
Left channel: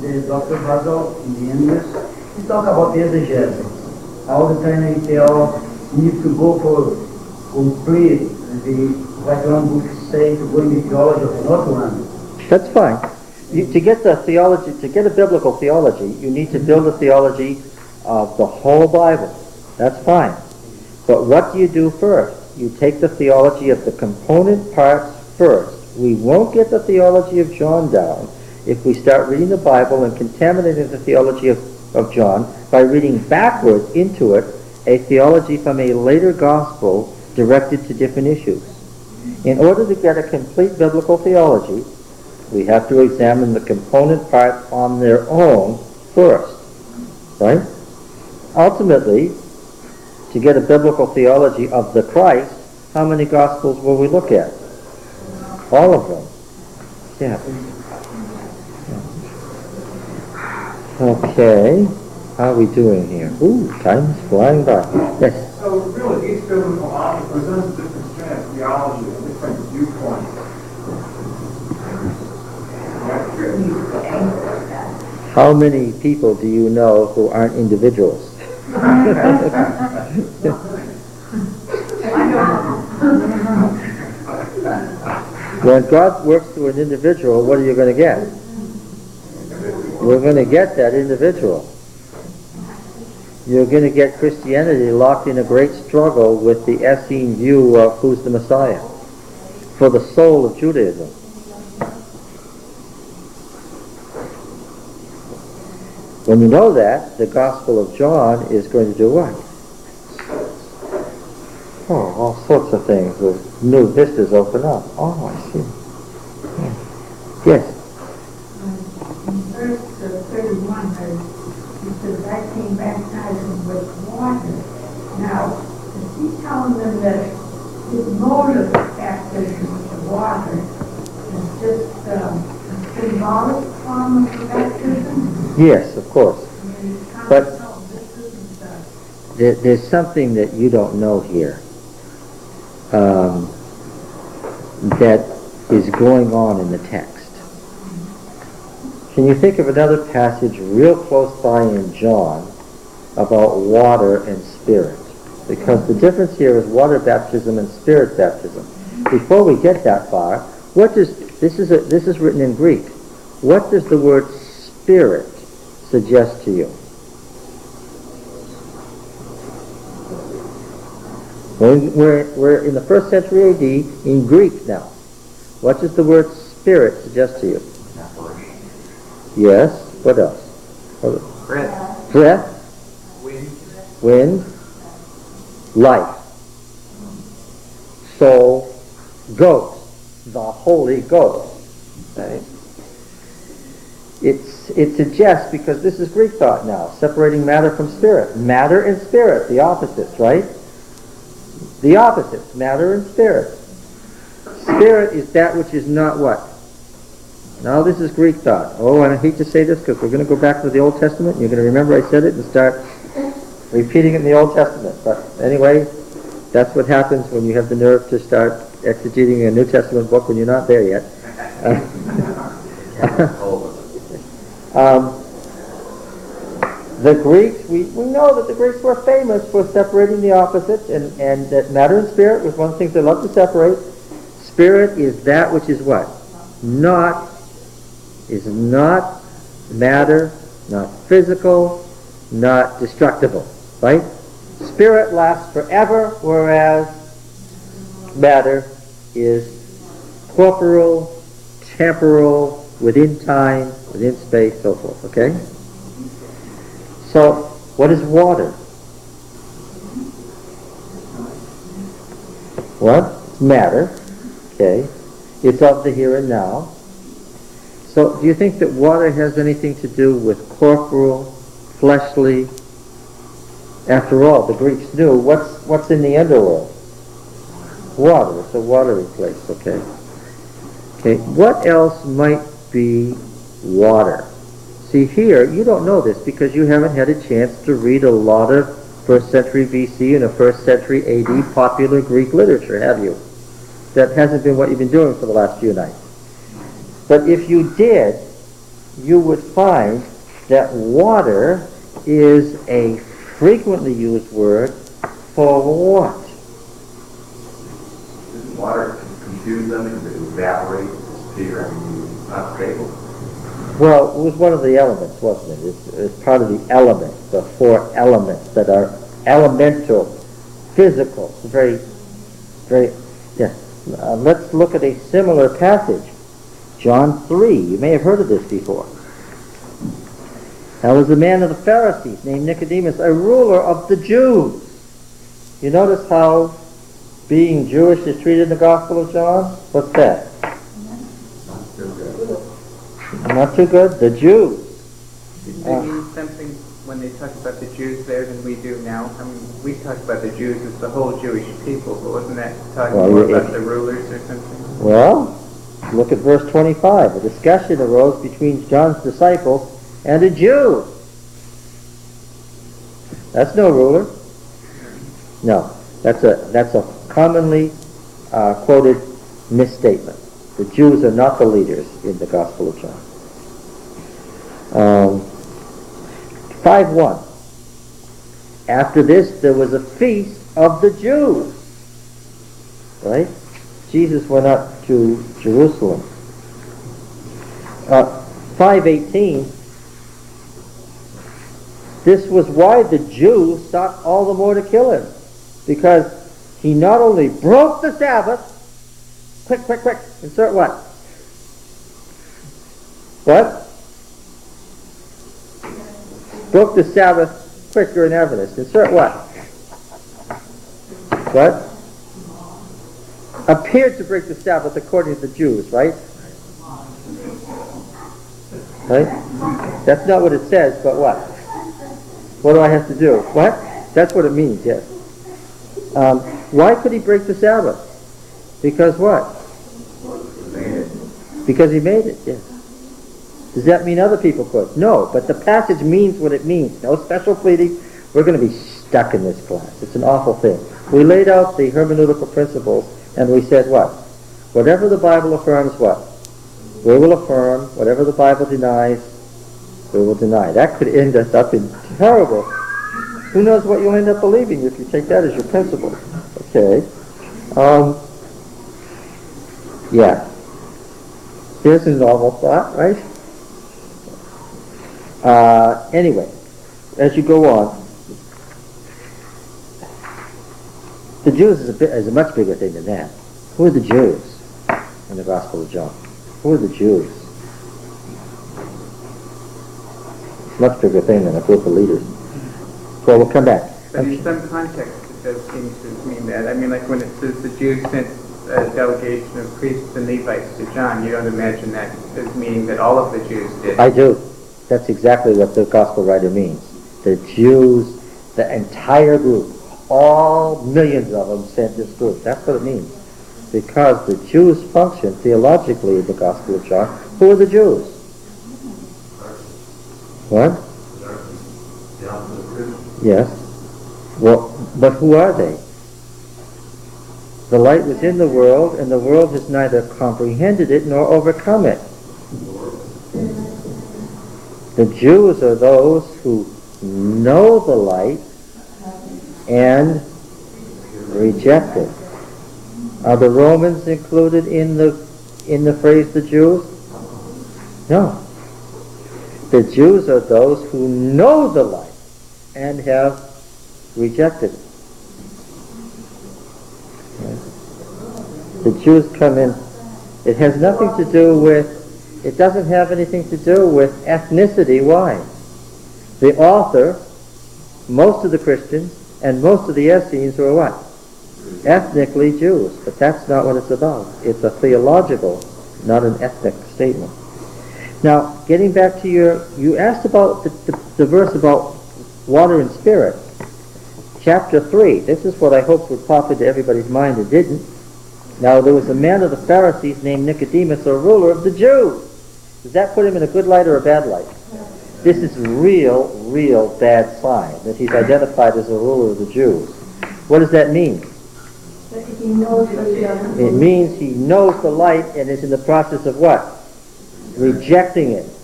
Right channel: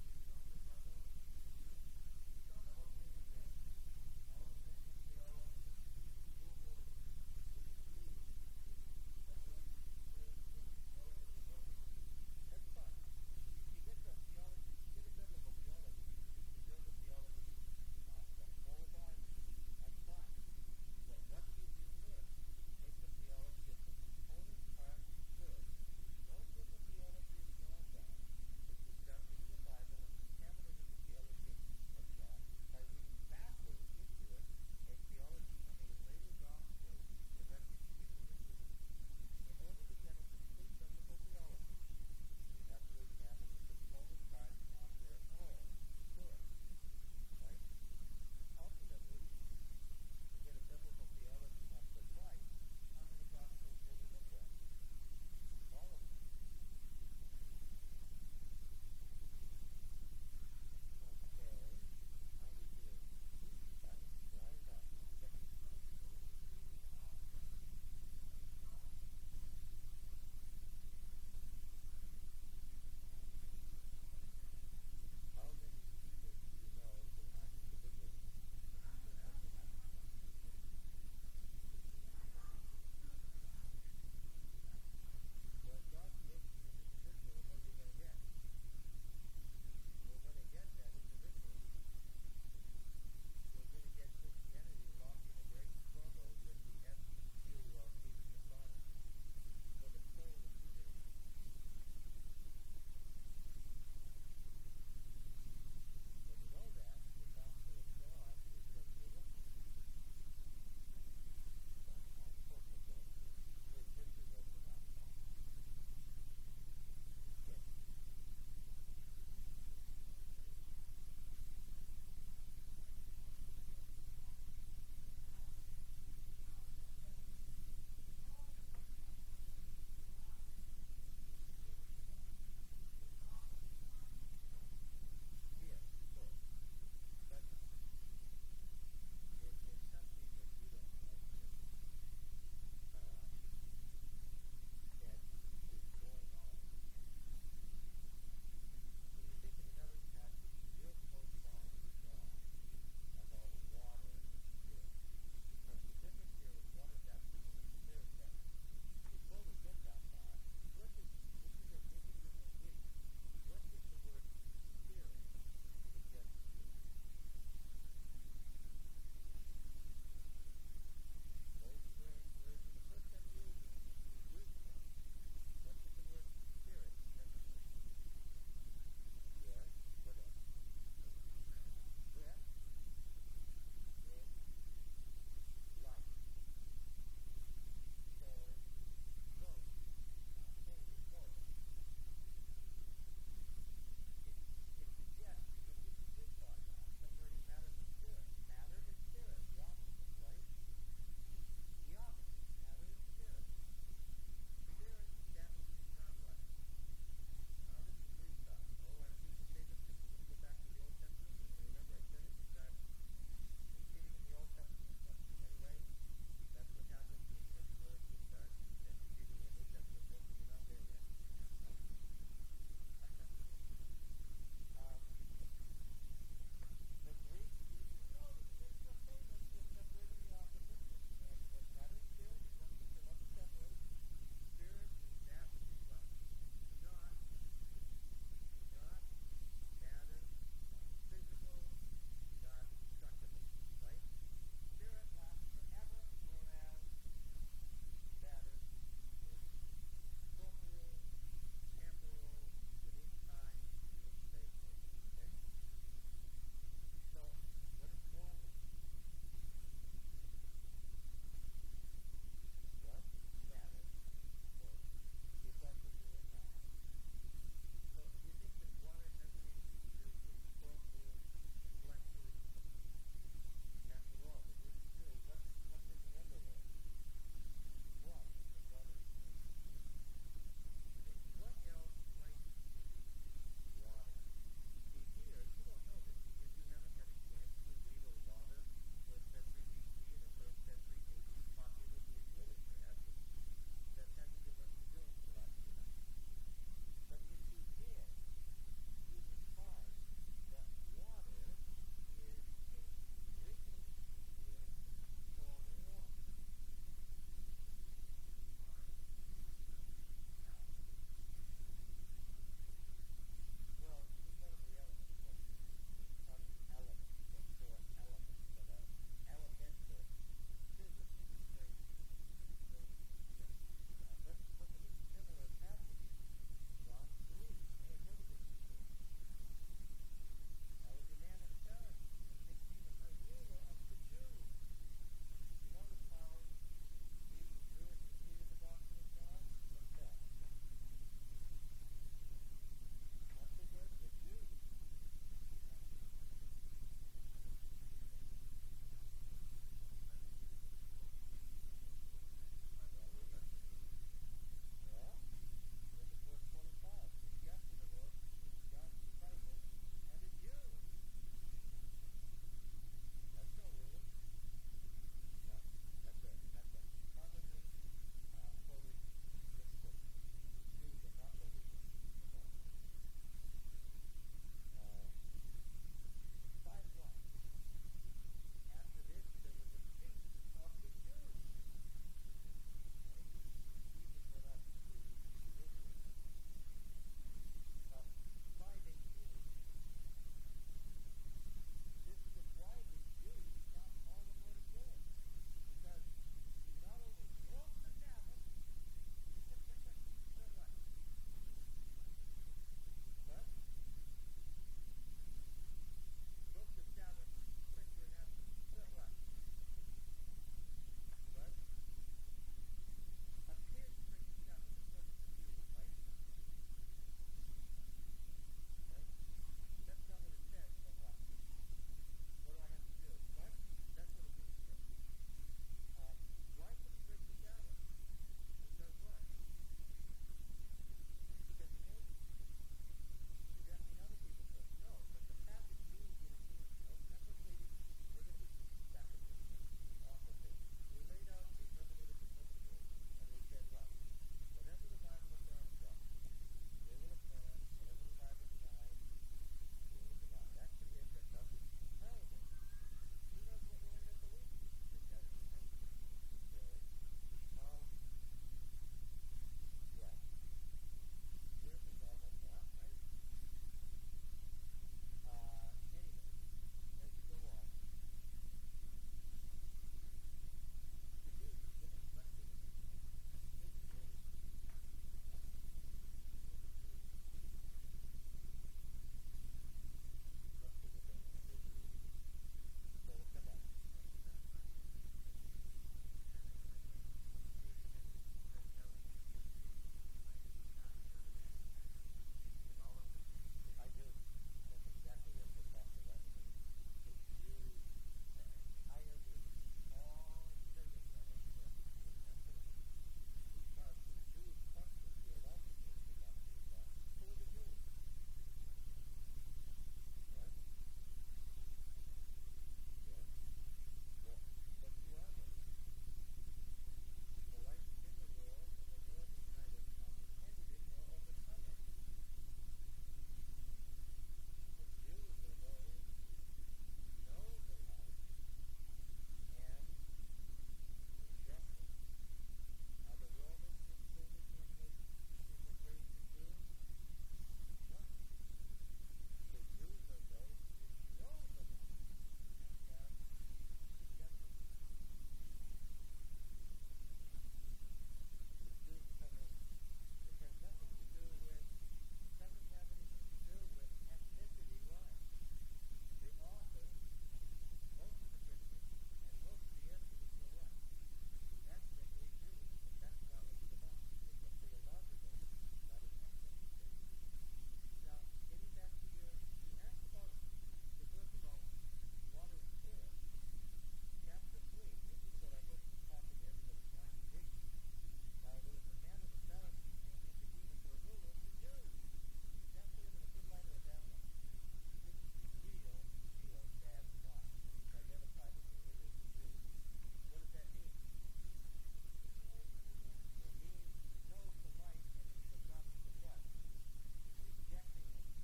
Dr. Basil in the English, he talk about exegesis. All the time he tell you need to go for complete like one book say to go in the theology of not one. That's fine. To get the theology, to get a biblical theology, you need to build a theology of the whole Bible. That's fine. But what do you do first? You take the theology of the component parts first. We won't get the theology of John down if we start reading the Bible and contaminating the theology of John by reading backwards into it a theology from a later gospel directed to different issues. In order to get a complete biblical theology, we have to examine the component parts on their own first, right? Ultimately, to get a biblical theology of the Christ, how many Gospels will we look at? All of them. Yeah. Okay. How are we doing here? Ooh, time is flying by. Yes. So really, each biblical author presents a different strand of theology, a different viewpoint. How many people do you know who aren't individuals? When God works through an individual, what are you going to get? You're going to get that individual. You're going to get Christianity locked in a great struggle with the Essene view of who's the Messiah for the soul of Judaism. When you know that, the Gospel of John is going to do what? Oh, all sorts of things. The new vistas open up. Oh, I see. Yeah. Yes? In verse 31, he says, I came baptizing with water. Now, is he telling them that his mode of baptism with water is just a symbolic form of baptism? Yes, of course. But there's something that you don't know here that is going on in the text. Can you think of another passage real close by in John about water and spirit? Because the difference here is water baptism and spirit baptism. Before we get that far, what does this is written in Greek? What does the word spirit suggest to you? We're in the 1st century AD in Greek now. What does the word spirit suggest to you? Yes. What else? Breath. Breath. Wind. Wind. Life. Soul. Ghost. The Holy Ghost. Right? It suggests, because this is Greek thought now, separating matter from spirit. Matter and spirit, the opposites, right? The opposites, matter and spirit. Spirit is that which is not what? Now this is Greek thought. Oh, and I hate to say this because we're going to go back to the Old Testament. You're going to remember I said it and start repeating it in the Old Testament. But anyway, that's what happens when you have the nerve to start exegeting a New Testament book when you're not there yet. The Greeks, we know that the Greeks were famous for separating the opposites, and that matter and spirit was one of the things they loved to separate. Spirit is that which is what? Not matter, not physical, not destructible, right? Spirit lasts forever, whereas matter is corporeal, temporal, within time, within space, so forth, okay? So, what is water? What? Matter, okay? It's of the here and now. So, do you think that water has anything to do with corporal, fleshly? After all, the Greeks knew what's in the underworld? Water. It's a watery place, okay? Okay, what else might be water? See here, you don't know this because you haven't had a chance to read a lot of 1st century BC and a 1st century AD popular Greek literature, have you? That hasn't been what you've been doing for the last few nights. But if you did, you would find that water is a frequently used word for what? Didn't water confuse them because it evaporates, disappear, it's not stable? Well, it was one of the elements, wasn't it? It's part of the elements, the four elements that are elemental, physical. It's very, yeah. Let's look at a similar passage. John 3. You may have heard of this before. There was a man of the Pharisees named Nicodemus, a ruler of the Jews. You notice how being Jewish is treated in the Gospel of John? What's that? Not too good? The Jews. Do they mean something when they talk about the Jews there than we do now? I mean, we talk about the Jews as the whole Jewish people, but wasn't that talking more about the rulers or something? Well, look at verse 25. A discussion arose between John's disciples and a Jew. That's no ruler. No, that's a commonly quoted misstatement. The Jews are not the leaders in the Gospel of John. 5:1. After this, there was a feast of the Jews. Right? Jesus went up to Jerusalem. 5:18. This was why the Jews sought all the more to kill him, because he not only broke the Sabbath. Quick. Insert what? What? Broke the Sabbath quicker in evidence. Insert what? What? Appeared to break the Sabbath according to the Jews, right? Right? That's not what it says, but what? What do I have to do? What? That's what it means, yes. Why could he break the Sabbath? Because what? Because he made it, yes. Does that mean other people could? No, but the passage means what it means. No special pleading. We're going to be stuck in this class. It's an awful thing. We laid out the hermeneutical principles, and we said what? Whatever the Bible affirms, what? We will affirm. Whatever the Bible denies, we will deny. That could end us up in terrible. Who knows what you'll end up believing if you take that as your principle? Okay. Yeah. Here's a normal thought, right? Anyway, as you go on, the Jews is a much bigger thing than that. Who are the Jews in the Gospel of John? Who are the Jews? It's a much bigger thing than a group of leaders. Well, we'll come back. But in some context, it does seem to mean that. I mean, like when it says the Jews sent a delegation of priests and Levites to John, you don't imagine that as meaning that all of the Jews did. I do. That's exactly what the gospel writer means. The Jews, the entire group, all millions of them sent this group. That's what it means. Because the Jews function theologically in the Gospel of John. Who are the Jews? What? Yes. Well, but who are they? The light was in the world, and the world has neither comprehended it nor overcome it. The Jews are those who know the light and reject it. Are the Romans included in the phrase the Jews? No. The Jews are those who know the light and have rejected it. The Jews come in. It has nothing to do with, it doesn't have anything to do with ethnicity. Why? The author, most of the Christians, and most of the Essenes are what? Ethnically Jews. But that's not what it's about. It's a theological, not an ethnic statement. Now, getting back to you asked about the verse about water and spirit. Chapter 3. This is what I hoped would pop into everybody's mind. It didn't. Now, there was a man of the Pharisees named Nicodemus, a ruler of the Jews. Does that put him in a good light or a bad light? This is real bad sign that he's identified as a ruler of the Jews. What does that mean? He knows the It means he knows the light and is in the process of what? Rejecting it.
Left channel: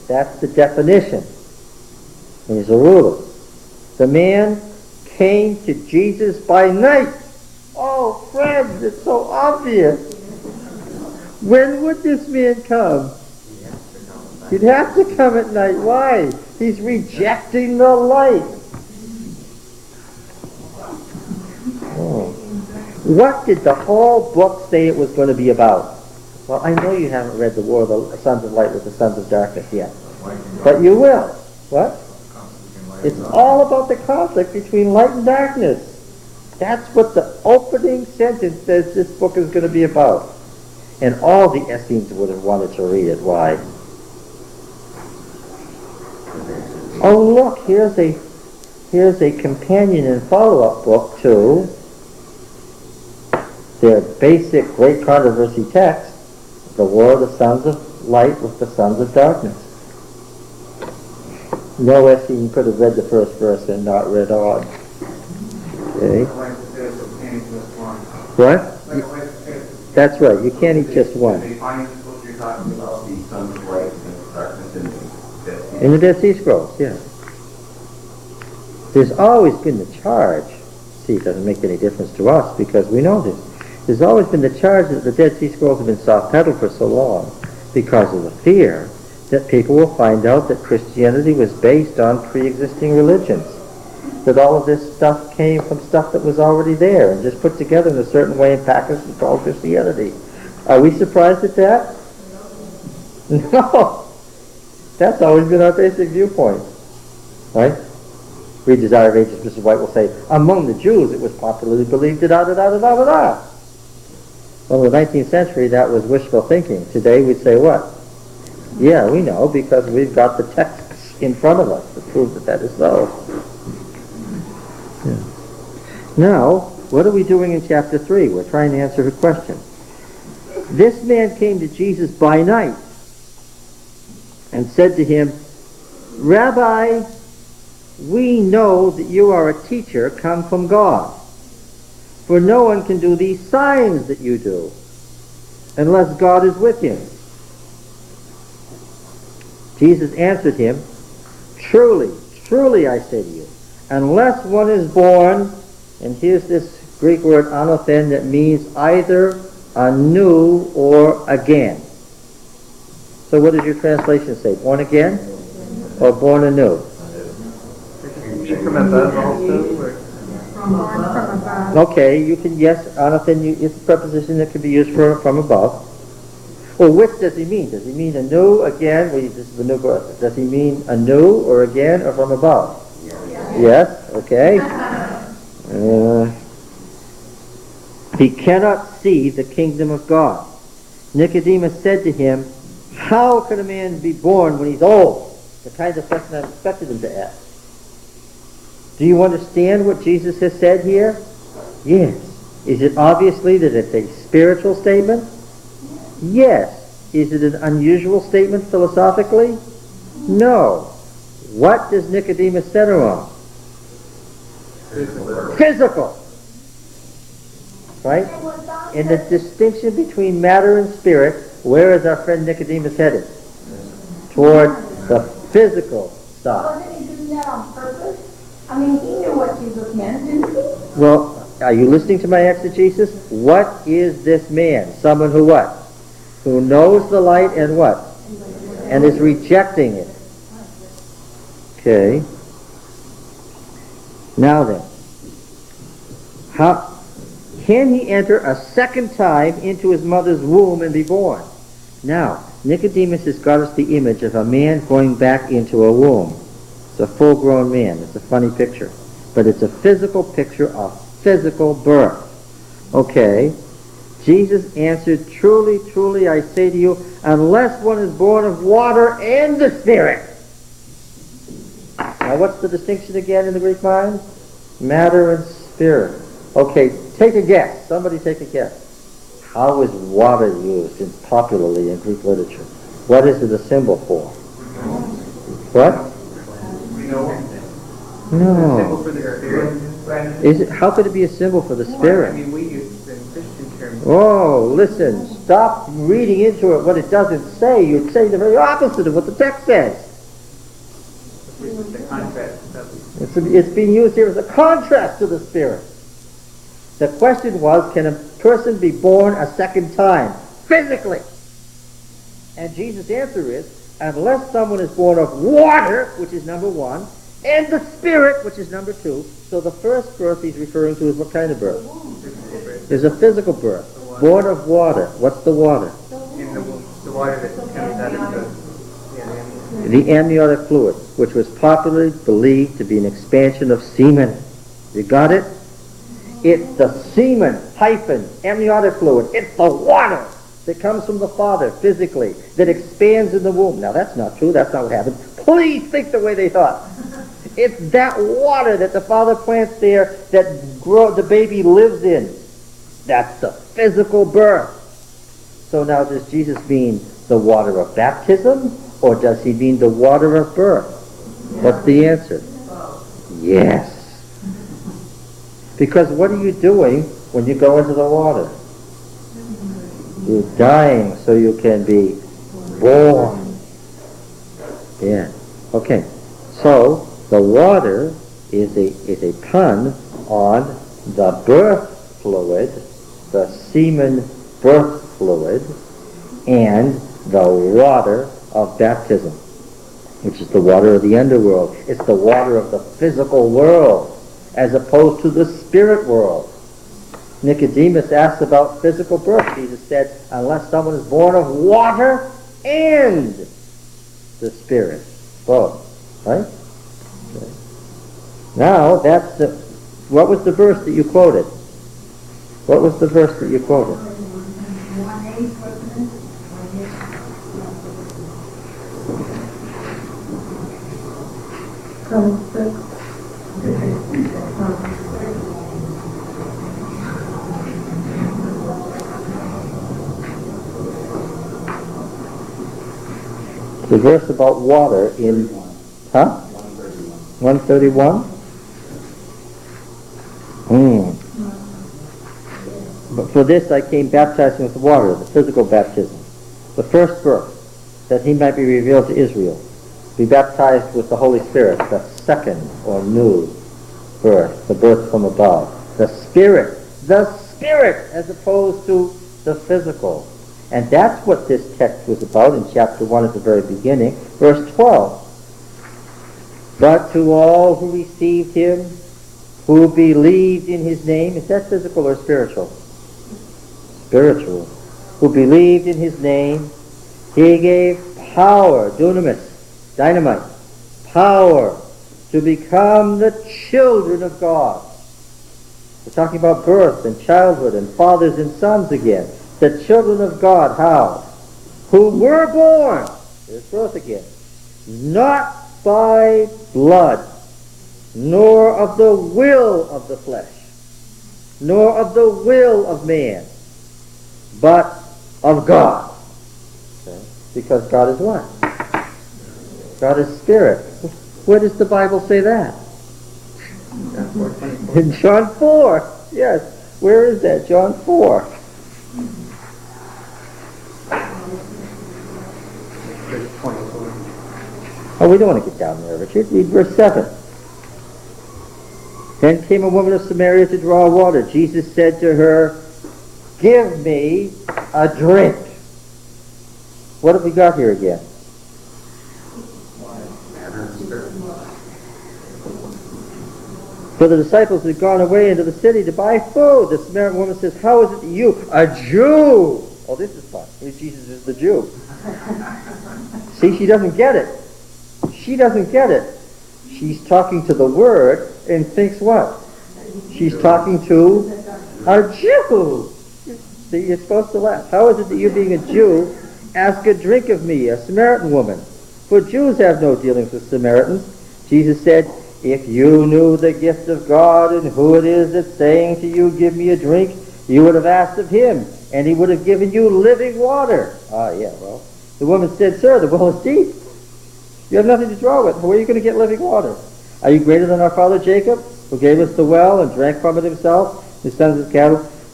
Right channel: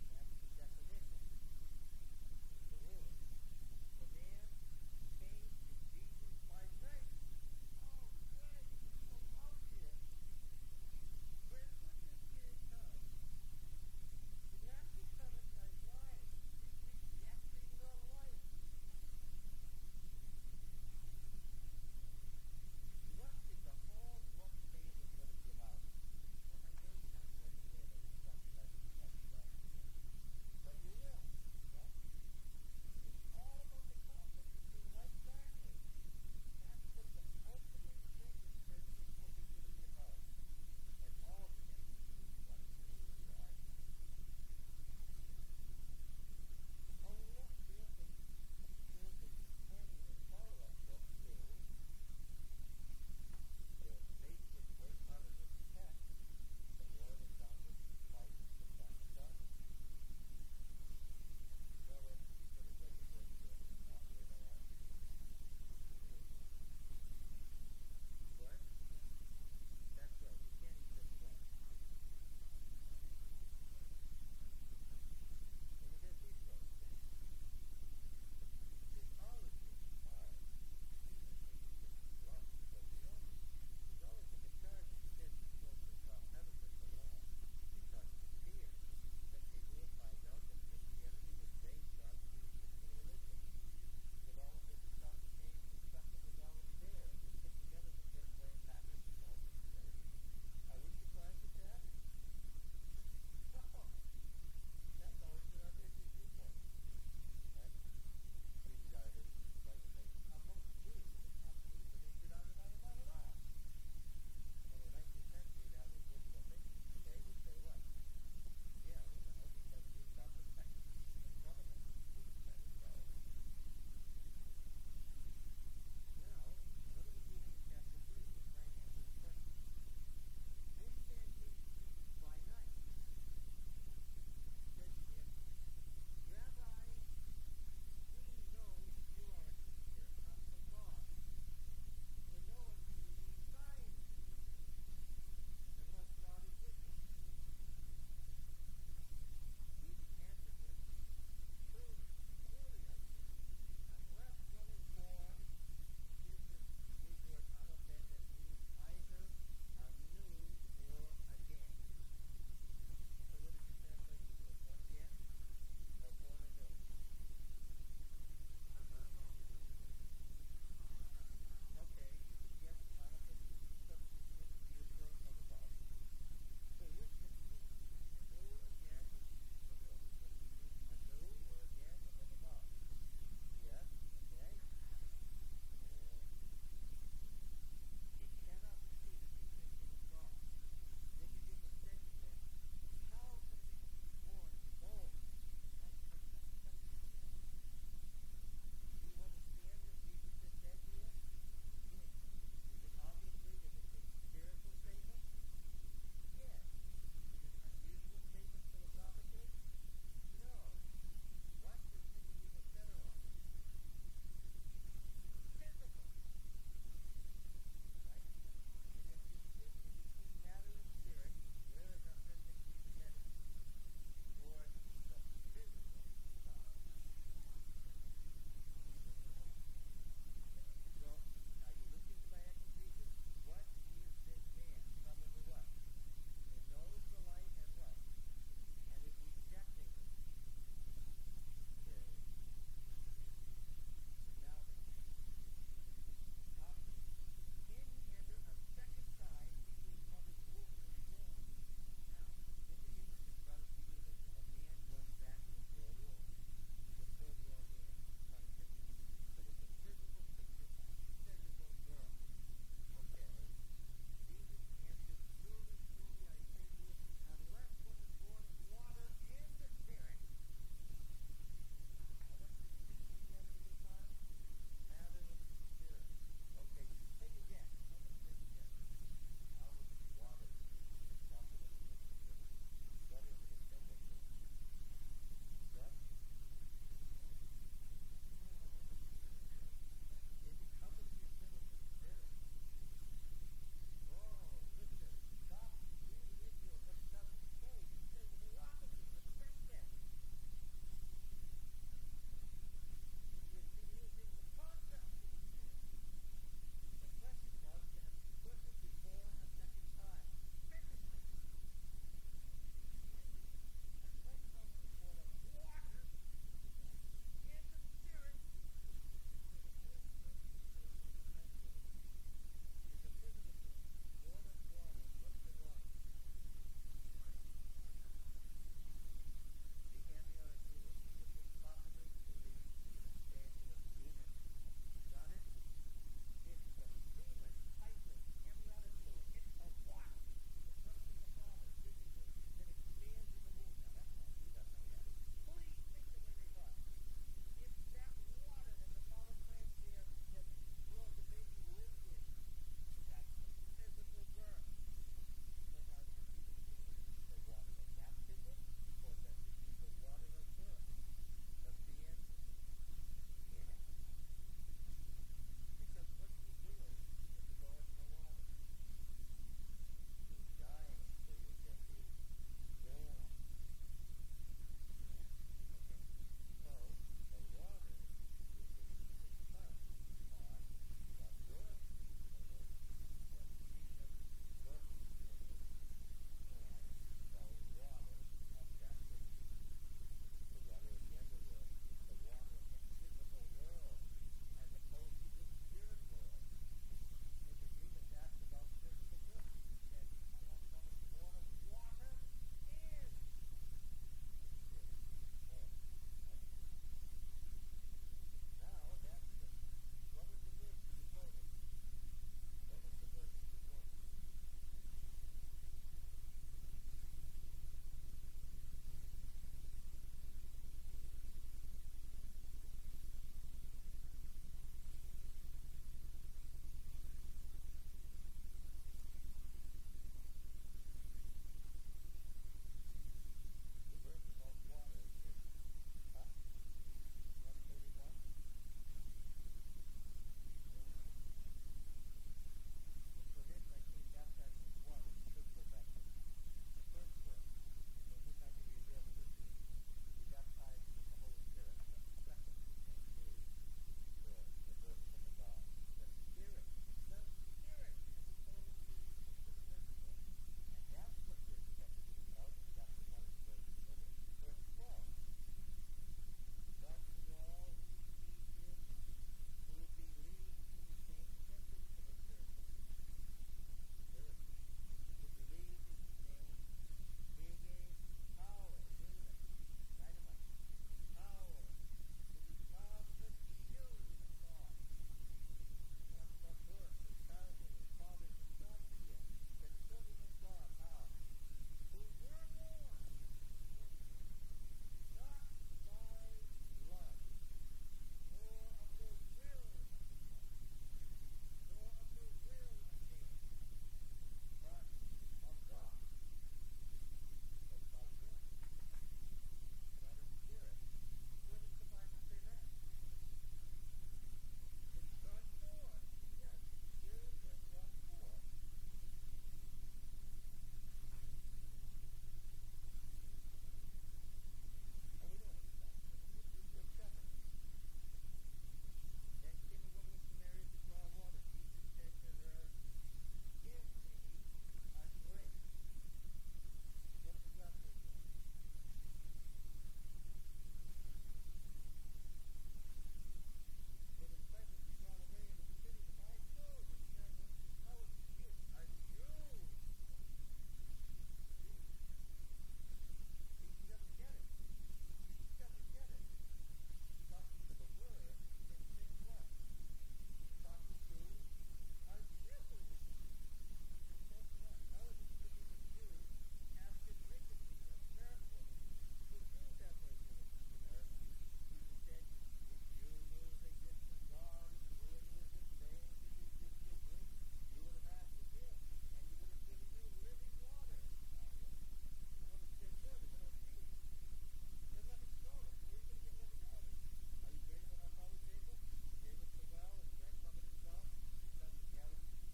That's the definition. He's a ruler. The man came to Jesus by night. Oh, friends, it's so obvious. When would this man come? He'd have to come at night. Why? He's rejecting the light. Oh. What did the whole book say it was going to be about? Well, I know you haven't read The War of the Sons of Light with the Sons of Darkness yet. But you will. What? It's all about the conflict between light and darkness. That's what the opening sentence says this book is going to be about. And all the Essenes would have wanted to read it. Why? Oh, look, here's a companion and follow-up book to their basic great controversy text, The War of the Sons of Light with the Sons of Darkness. No Essene could have read the first verse and not read on. Okay. What? That's right, you can't eat just one. They find what you're talking about, the sons of light and darkness in the Dead Sea. In the Dead Sea Scrolls, yeah. There's always been the charge. See, it doesn't make any difference to us because we know this. There's always been the charge that the Dead Sea Scrolls have been soft-pedaled for so long because of the fear that people will find out that Christianity was based on pre-existing religions. That all of this stuff came from stuff that was already there and just put together in a certain way and packaged and called Christianity. Are we surprised at that? No. That's always been our basic viewpoint. Right? Read Desire of Ages, Mrs. White will say, among the Jews it was popularly believed da-da-da-da-da-da-da. Well, in the 19th century that was wishful thinking. Today we'd say what? Yeah, we know because we've got the texts in front of us to prove that that is so. Yeah. Now, what are we doing in chapter 3? We're trying to answer her question. This man came to Jesus by night and said to him, Rabbi, we know that you are a teacher come from God, for no one can do these signs that you do unless God is with him. Jesus answered him, truly, truly I say to you, unless one is born, and here's this Greek word anothen that means either anew or again. So what does your translation say? Born again or born anew? From above also? Or? From above. Okay, you can, yes, anothen, it's a preposition that can be used for from above. Well, which does he mean? Does he mean anew, again? Well, this is the new birth. Does he mean anew or again or from above? Yes, okay. He cannot see the kingdom of God. Nicodemus said to him, how can a man be born when he's old? The kind of question I expected him to ask. Do you understand what Jesus has said here? Yes. Is it obviously that it's a spiritual statement? Yes. Is it an unusual statement philosophically? No. What does Nicodemus center on? Physical. Right? In the distinction between matter and spirit, where is our friend Nicodemus headed? Toward the physical side. Wasn't he doing that on purpose? I mean, he knew what Jesus meant, didn't he? Well, are you listening to my exegesis? What is this man? Someone who what? Who knows the light and what? And is rejecting it. Okay. Now then, how can he enter a second time into his mother's womb and be born? Now, Nicodemus has got us the image of a man going back into a womb. It's a full-grown man. It's a funny picture. But it's a physical picture of physical birth. Okay. Jesus answered, truly, truly, I say to you, unless one is born of water and the Spirit. Now, what's the distinction again in the Greek mind? Matter and spirit. Okay, take a guess. Somebody take a guess. How is water used popularly in Greek literature? What is it a symbol for? What? No. Symbol for the spirit. Is it? How could it be a symbol for the I Spirit? mean, we use it in Christian terms. Oh, listen. stop reading into it what it doesn't say, you'd say the very opposite of what the text says. The contrast. It's being used here as a contrast to the Spirit. The question was, can a person be born a second time, physically? And Jesus' answer is, unless someone is born of water, which is number one, and the Spirit, which is number two. So the first birth he's referring to is what kind of birth? There's a physical birth. Born of water. What's the water? In the water that comes out of The amniotic fluid, which was popularly believed to be an expansion of semen. You got it? It's the semen hyphen amniotic fluid. It's the water that comes from the father physically that expands in the womb. Now that's not true. That's not what happened. Please think the way they thought. It's that water that the father plants there that the baby lives in. That's the physical birth. So now does Jesus mean the water of baptism, or does he mean the water of birth? What's the answer? Yes. Because what are you doing when you go into the water? You're dying so you can be born. Yeah. Okay. So the water is a pun on the birth fluid, the semen birth fluid, and the water of baptism, which is the water of the underworld. It's the water of the physical world, as opposed to the spirit world. Nicodemus asked about physical birth. Jesus said, unless someone is born of water and the Spirit. Both. Right? Okay. Now, what was the verse that you quoted? What was the verse that you quoted? 1:8, wasn't it? 1:8. The verse about water in, 131? But for this I came baptizing with water, the physical baptism. The first birth, that he might be revealed to Israel. Be baptized with the Holy Spirit, the second or new birth, the birth from above. The Spirit, as opposed to the physical. And that's what this text was about in chapter 1 at the very beginning, verse 12. But to all who received him, who believed in his name, is that physical or spiritual? Spiritual. Who believed in his name, he gave power, dunamis, dynamite, power to become the children of God. We're talking about birth and childhood and fathers and sons again. The children of God, how? Who were born, there's birth again, not by blood, nor of the will of the flesh, nor of the will of man, but of God. Okay? Because God is what? God is spirit. Where does the Bible say that? In John 4. Yes. Where is that? John 4. Oh, we don't want to get down there, Richard. Read verse 7. Then came a woman of Samaria to draw water. Jesus said to her, give me a drink. What have we got here again? So the disciples had gone away into the city to buy food. The Samaritan woman says, how is it that you, a Jew? Oh, this is fun. Jesus is the Jew. See, she doesn't get it. She doesn't get it. She's talking to the Word and thinks what? She's talking to a Jew. See, you're supposed to laugh. How is it that you, being a Jew, ask a drink of me, a Samaritan woman? For Jews have no dealings with Samaritans. Jesus said, if you knew the gift of God and who it is that's saying to you, give me a drink, you would have asked of him, and he would have given you living water. Ah, yeah, well, the woman said, sir, the well is deep. You have nothing to draw with. Where are you going to get living water? Are you greater than our father Jacob, who gave us the well and drank from it himself, his sons and cattle?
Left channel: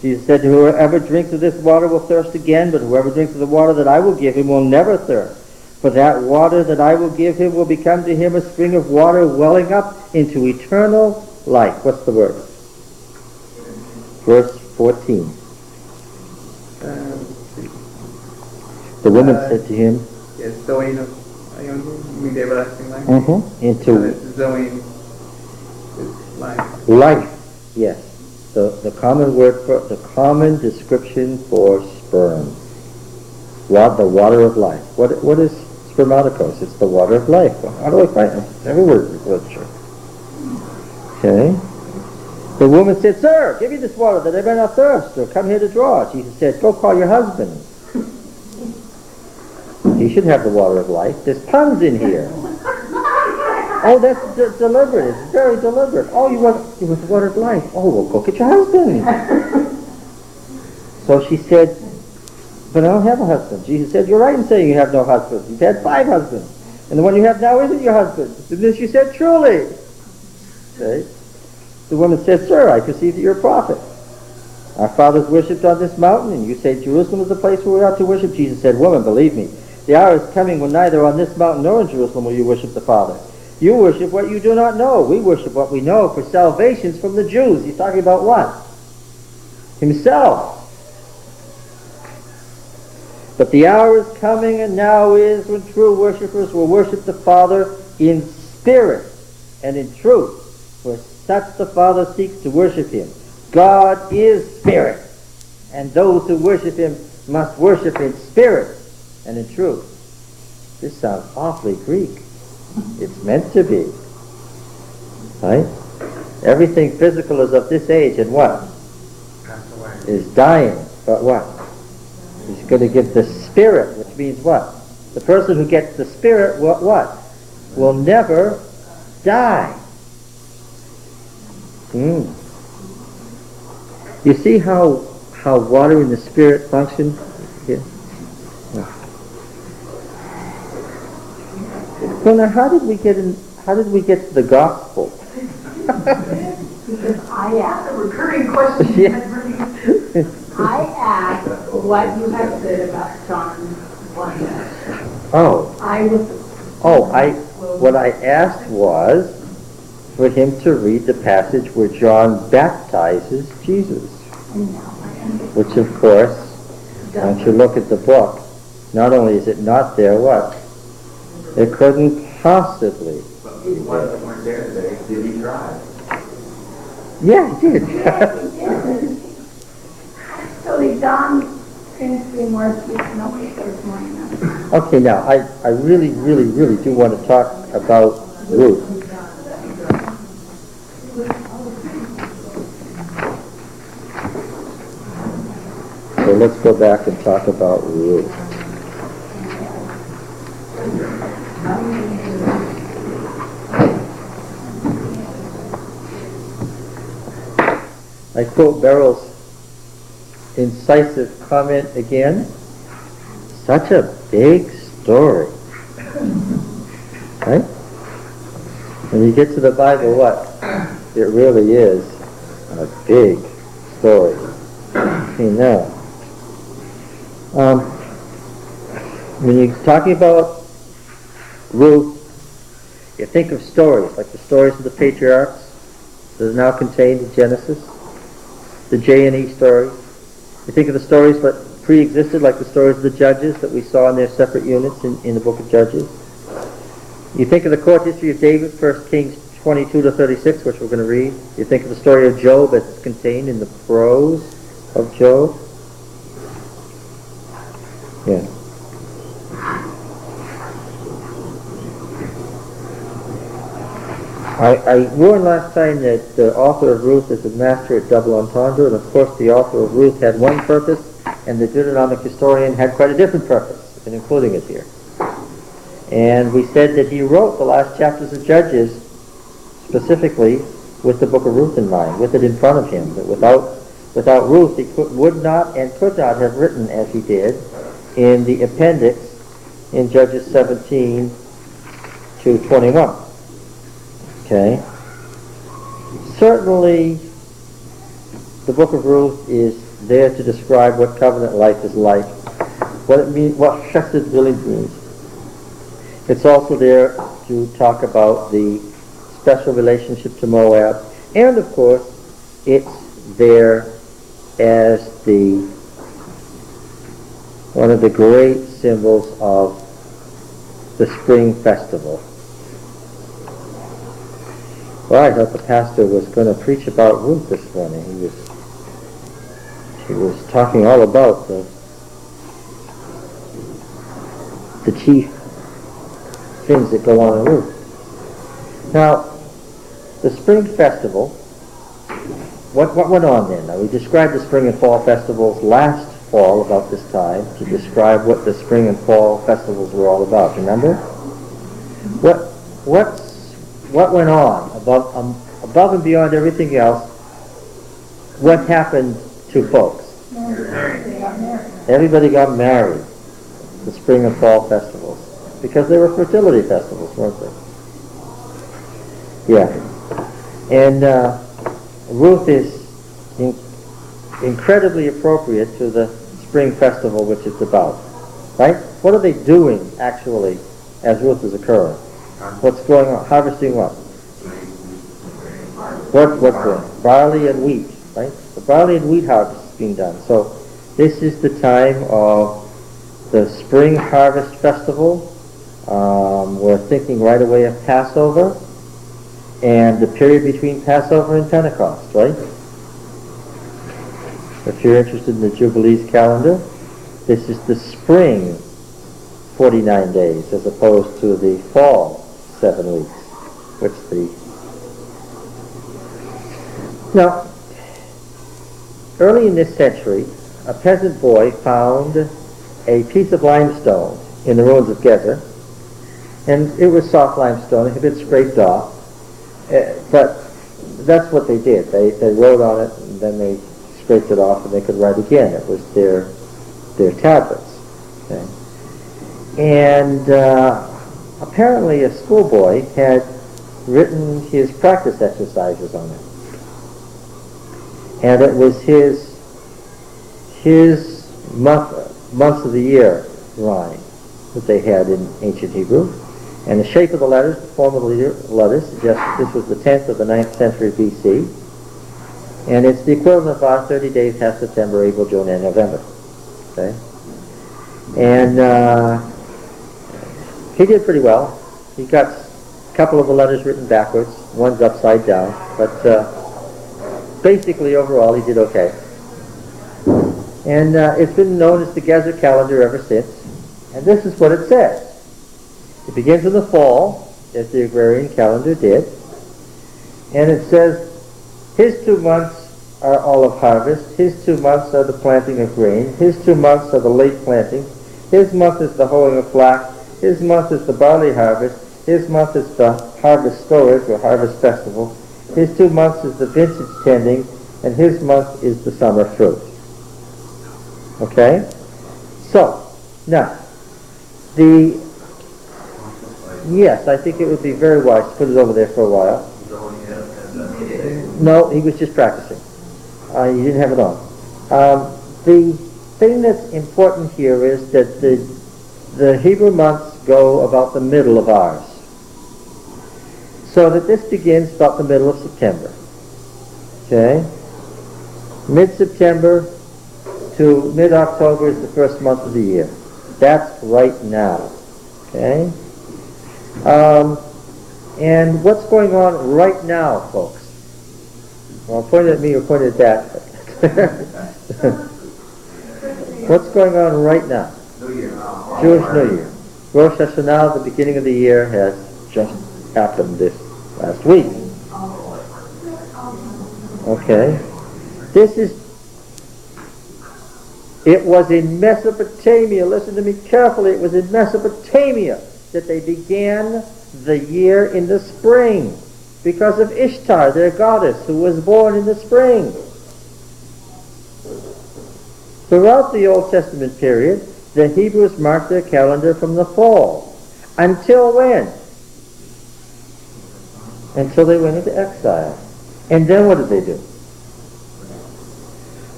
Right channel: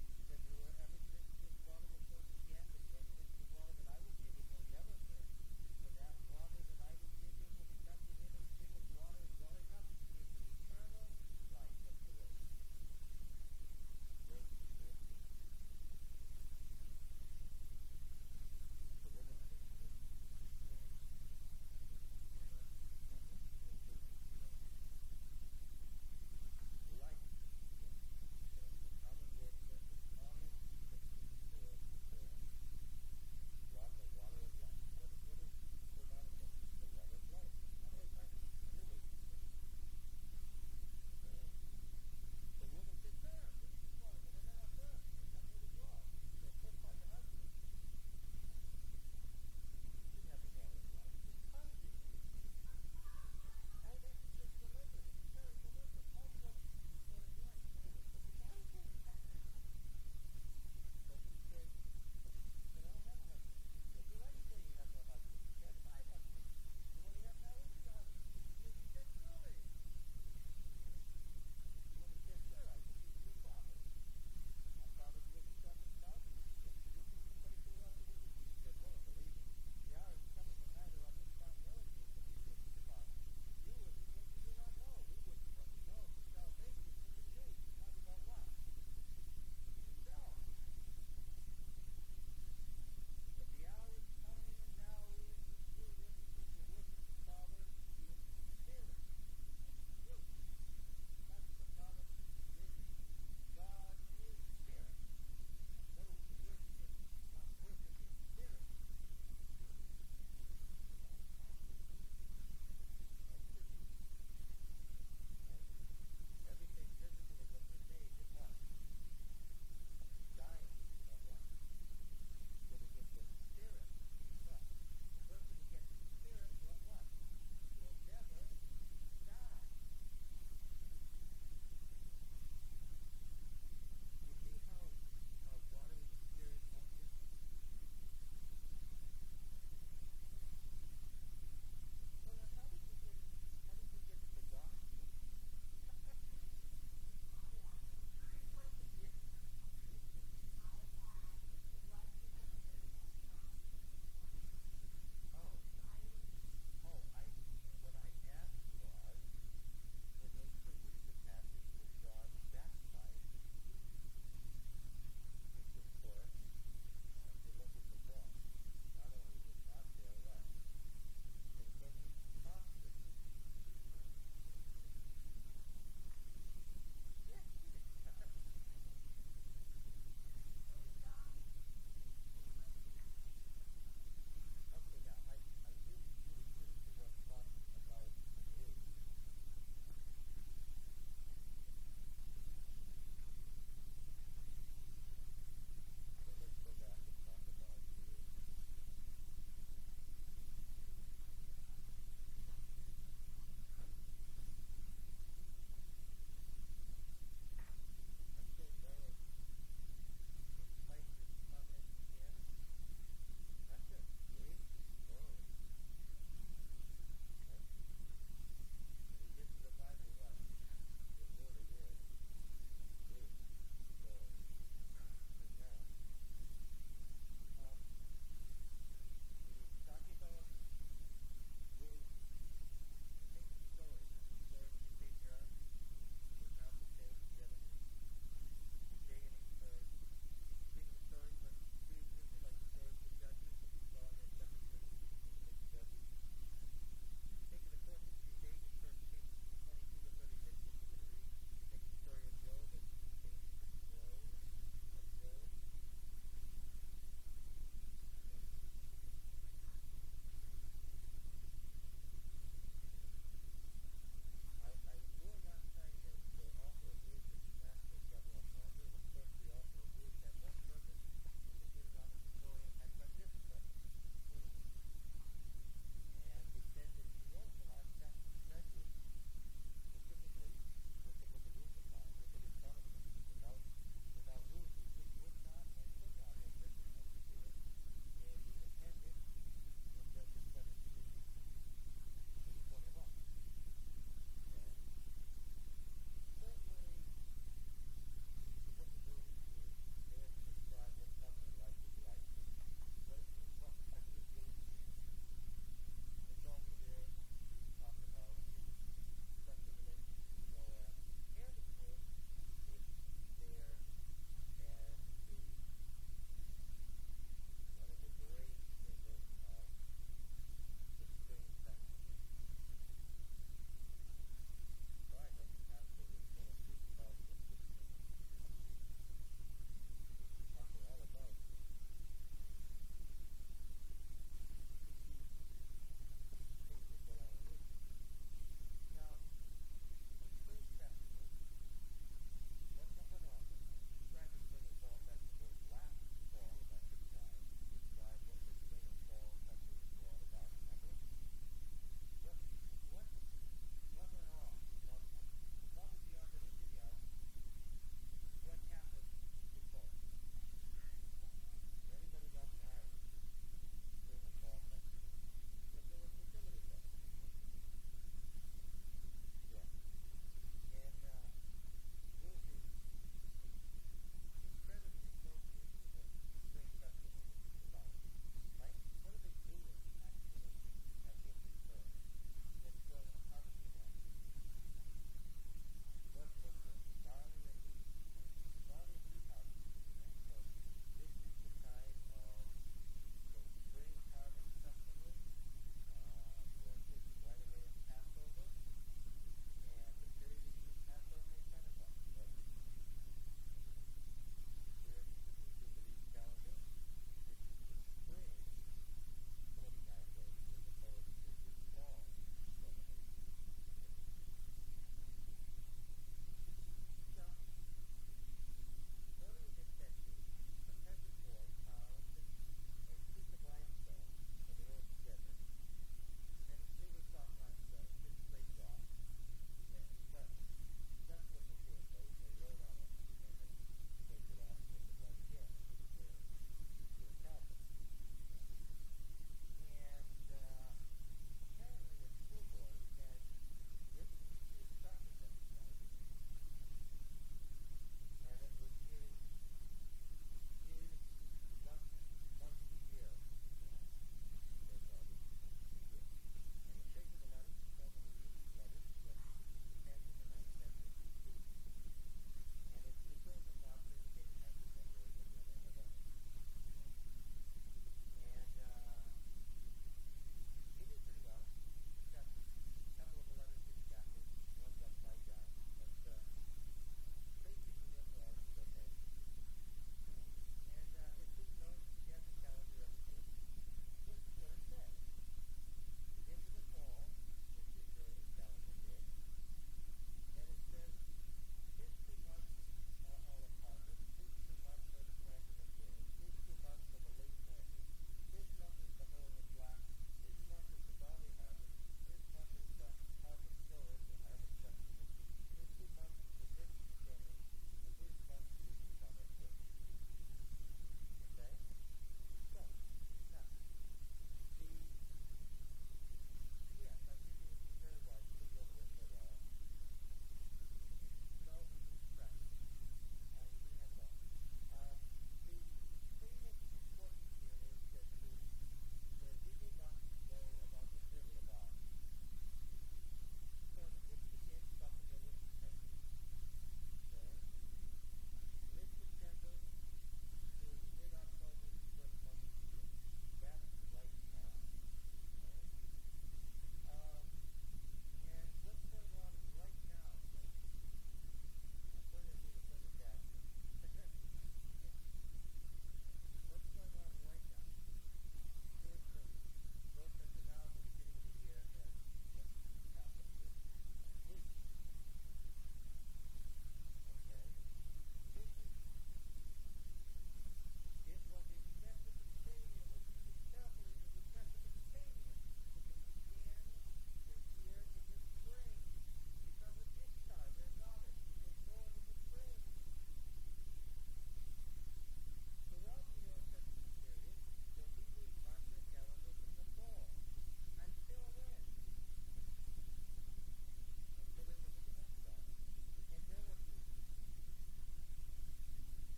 Jesus said, whoever drinks of this water will thirst again, but whoever drinks of the water that I will give him will never thirst. For that water that I will give him will become to him a spring of water welling up into eternal life. What's the word? Verse 14. The woman said to him, Yes, Zoe, you mean the everlasting life? Into Zoe is life. life. Yes. The common word for the common description for sperm. The water of life. What is spermaticos? It's the water of life. Well, how do I find it? Every word is literature. Okay. The woman said, Sir, give me this water that I may not thirst, or come here to draw. Jesus said, Go call your husband. He should have the water of life. There's puns in here. Oh, that's deliberate. It's very deliberate. Oh, you want the water of life. Oh, well, go get your husband. So she said, But I don't have a husband. Jesus said, You're right in saying you have no husband. You've had 5 husbands. And the one you have now isn't your husband. And then she said, Truly. Okay. The woman said, Sir, I perceive that you're a prophet. Our fathers worshipped on this mountain, and you say Jerusalem is the place where we ought to worship. Jesus said, Woman, believe me, the hour is coming when neither on this mountain nor in Jerusalem will you worship the Father. You worship what you do not know. We worship what we know, for salvation's from the Jews. He's talking about what? Himself. But the hour is coming, and now is, when true worshippers will worship the Father in spirit and in truth. For such the Father seeks to worship him. God is spirit, and those who worship him must worship in spirit and in truth. This sounds awfully Greek. It's meant to be. Right? Everything physical is of this age, and what? Is dying. But what? He's going to give the spirit, which means what? The person who gets the spirit, what? Will never die. You see how water and the spirit function? Yeah. Well, now, how did we get to the gospel? Because I asked a recurring question. Yeah. I asked what you had said about John 1. What I asked was for him to read the passage where John baptizes Jesus. Which, of course, once you look at the book, not only is it not there, what? It couldn't possibly. But the ones that weren't there today, did he try? Yeah, he did. Actually, John finished being more nobody this morning. Okay, now, I really, really, really do want to talk about Ruth. So let's go back and talk about Ruth. I quote Beryl's incisive comment again. Such a big story. Right? When you get to the Bible, what? It really is a big story. You know. When you're talking about Ruth, you think of stories, like the stories of the patriarchs that are now contained in Genesis, the J&E story. You think of the stories that pre-existed, like the stories of the judges that we saw in their separate units in the book of Judges. You think of the court history of David, 1 Kings 22 to 36, which we're going to read. You think of the story of Job that's contained in the prose of Job. Yeah. I warned last time that the author of Ruth is a master at double entendre, and of course the author of Ruth had one purpose, and the Deuteronomic historian had quite a different purpose in including it here. And we said that he wrote the last chapters of Judges specifically with the book of Ruth in mind, with it in front of him. That without Ruth, he would not and could not have written as he did in the appendix in Judges 17 to 21. Okay? Certainly, the book of Ruth is there to describe what covenant life is like, what it means, what chesed really means. It's also there to talk about the special relationship to Moab, and of course, it's there as one of the great symbols of the spring festival. Well, I thought the pastor was going to preach about Ruth this morning. He was talking all about the chief things that go on in Ruth. Now, the spring festival, what went on then? Now, we described the spring and fall festivals last fall about this time to describe what the spring and fall festivals were all about. Remember? What went on above and beyond everything else? What happened to folks? Everybody got married. The spring and fall festivals, because they were fertility festivals, weren't they? Yeah. And Ruth is incredibly appropriate to the spring festival which it's about. Right? What are they doing, actually, as Ruth is occurring? What's going on? Harvesting what? What's going on? Barley and wheat, right? The barley and wheat harvest is being done. So this is the time of the spring harvest festival. We're thinking right away of Passover and the period between Passover and Pentecost, right? If you're interested in the Jubilees calendar, this is the spring 49 days as opposed to the fall 7 weeks, which Now, early in this century, a peasant boy found a piece of limestone in the ruins of Gezer, and it was soft limestone. It had been scraped off, but that's what they did. They wrote on it, and then they scraped it off, and they could write again. It was their tablets. Okay? And apparently a schoolboy had written his practice exercises on it. And it was his months of the year drawing that they had in ancient Hebrew. And the shape of the letters, the form of the letters, suggests this was the 10th of the 9th century BC. And it's the equivalent of our 30 days, half September, April, June, and November. Okay? And he did pretty well. He got a couple of the letters written backwards, one's upside down, but basically overall he did okay. And it's been known as the Gezer calendar ever since. And this is what it says. It begins in the fall, as the agrarian calendar did. And it says, his 2 months are olive harvest, his 2 months are the planting of grain, his 2 months are the late planting, his month is the hoeing of flax, his month is the barley harvest, his month is the harvest storage or harvest festival, his 2 months is the vintage tending, and his month is the summer fruit. Okay? So, now, yes, I think it would be very wise to put it over there for a while. No, he was just practicing. He didn't have it on. The thing that's important here is that the Hebrew months go about the middle of ours. So that this begins about the middle of September. Okay? Mid-September to mid-October is the first month of the year. That's right now. Okay? And what's going on right now, folks? Well, pointed at me or pointed at that. What's going on right now? New Year. Jewish New Year. Rosh Hashanah, the beginning of the year, has just happened this last week. Okay. It was in Mesopotamia, listen to me carefully, it was in Mesopotamia that they began the year in the spring because of Ishtar, their goddess, who was born in the spring. Throughout the Old Testament period, the Hebrews marked their calendar from the fall. Until when? Until they went into exile. And then what did they do?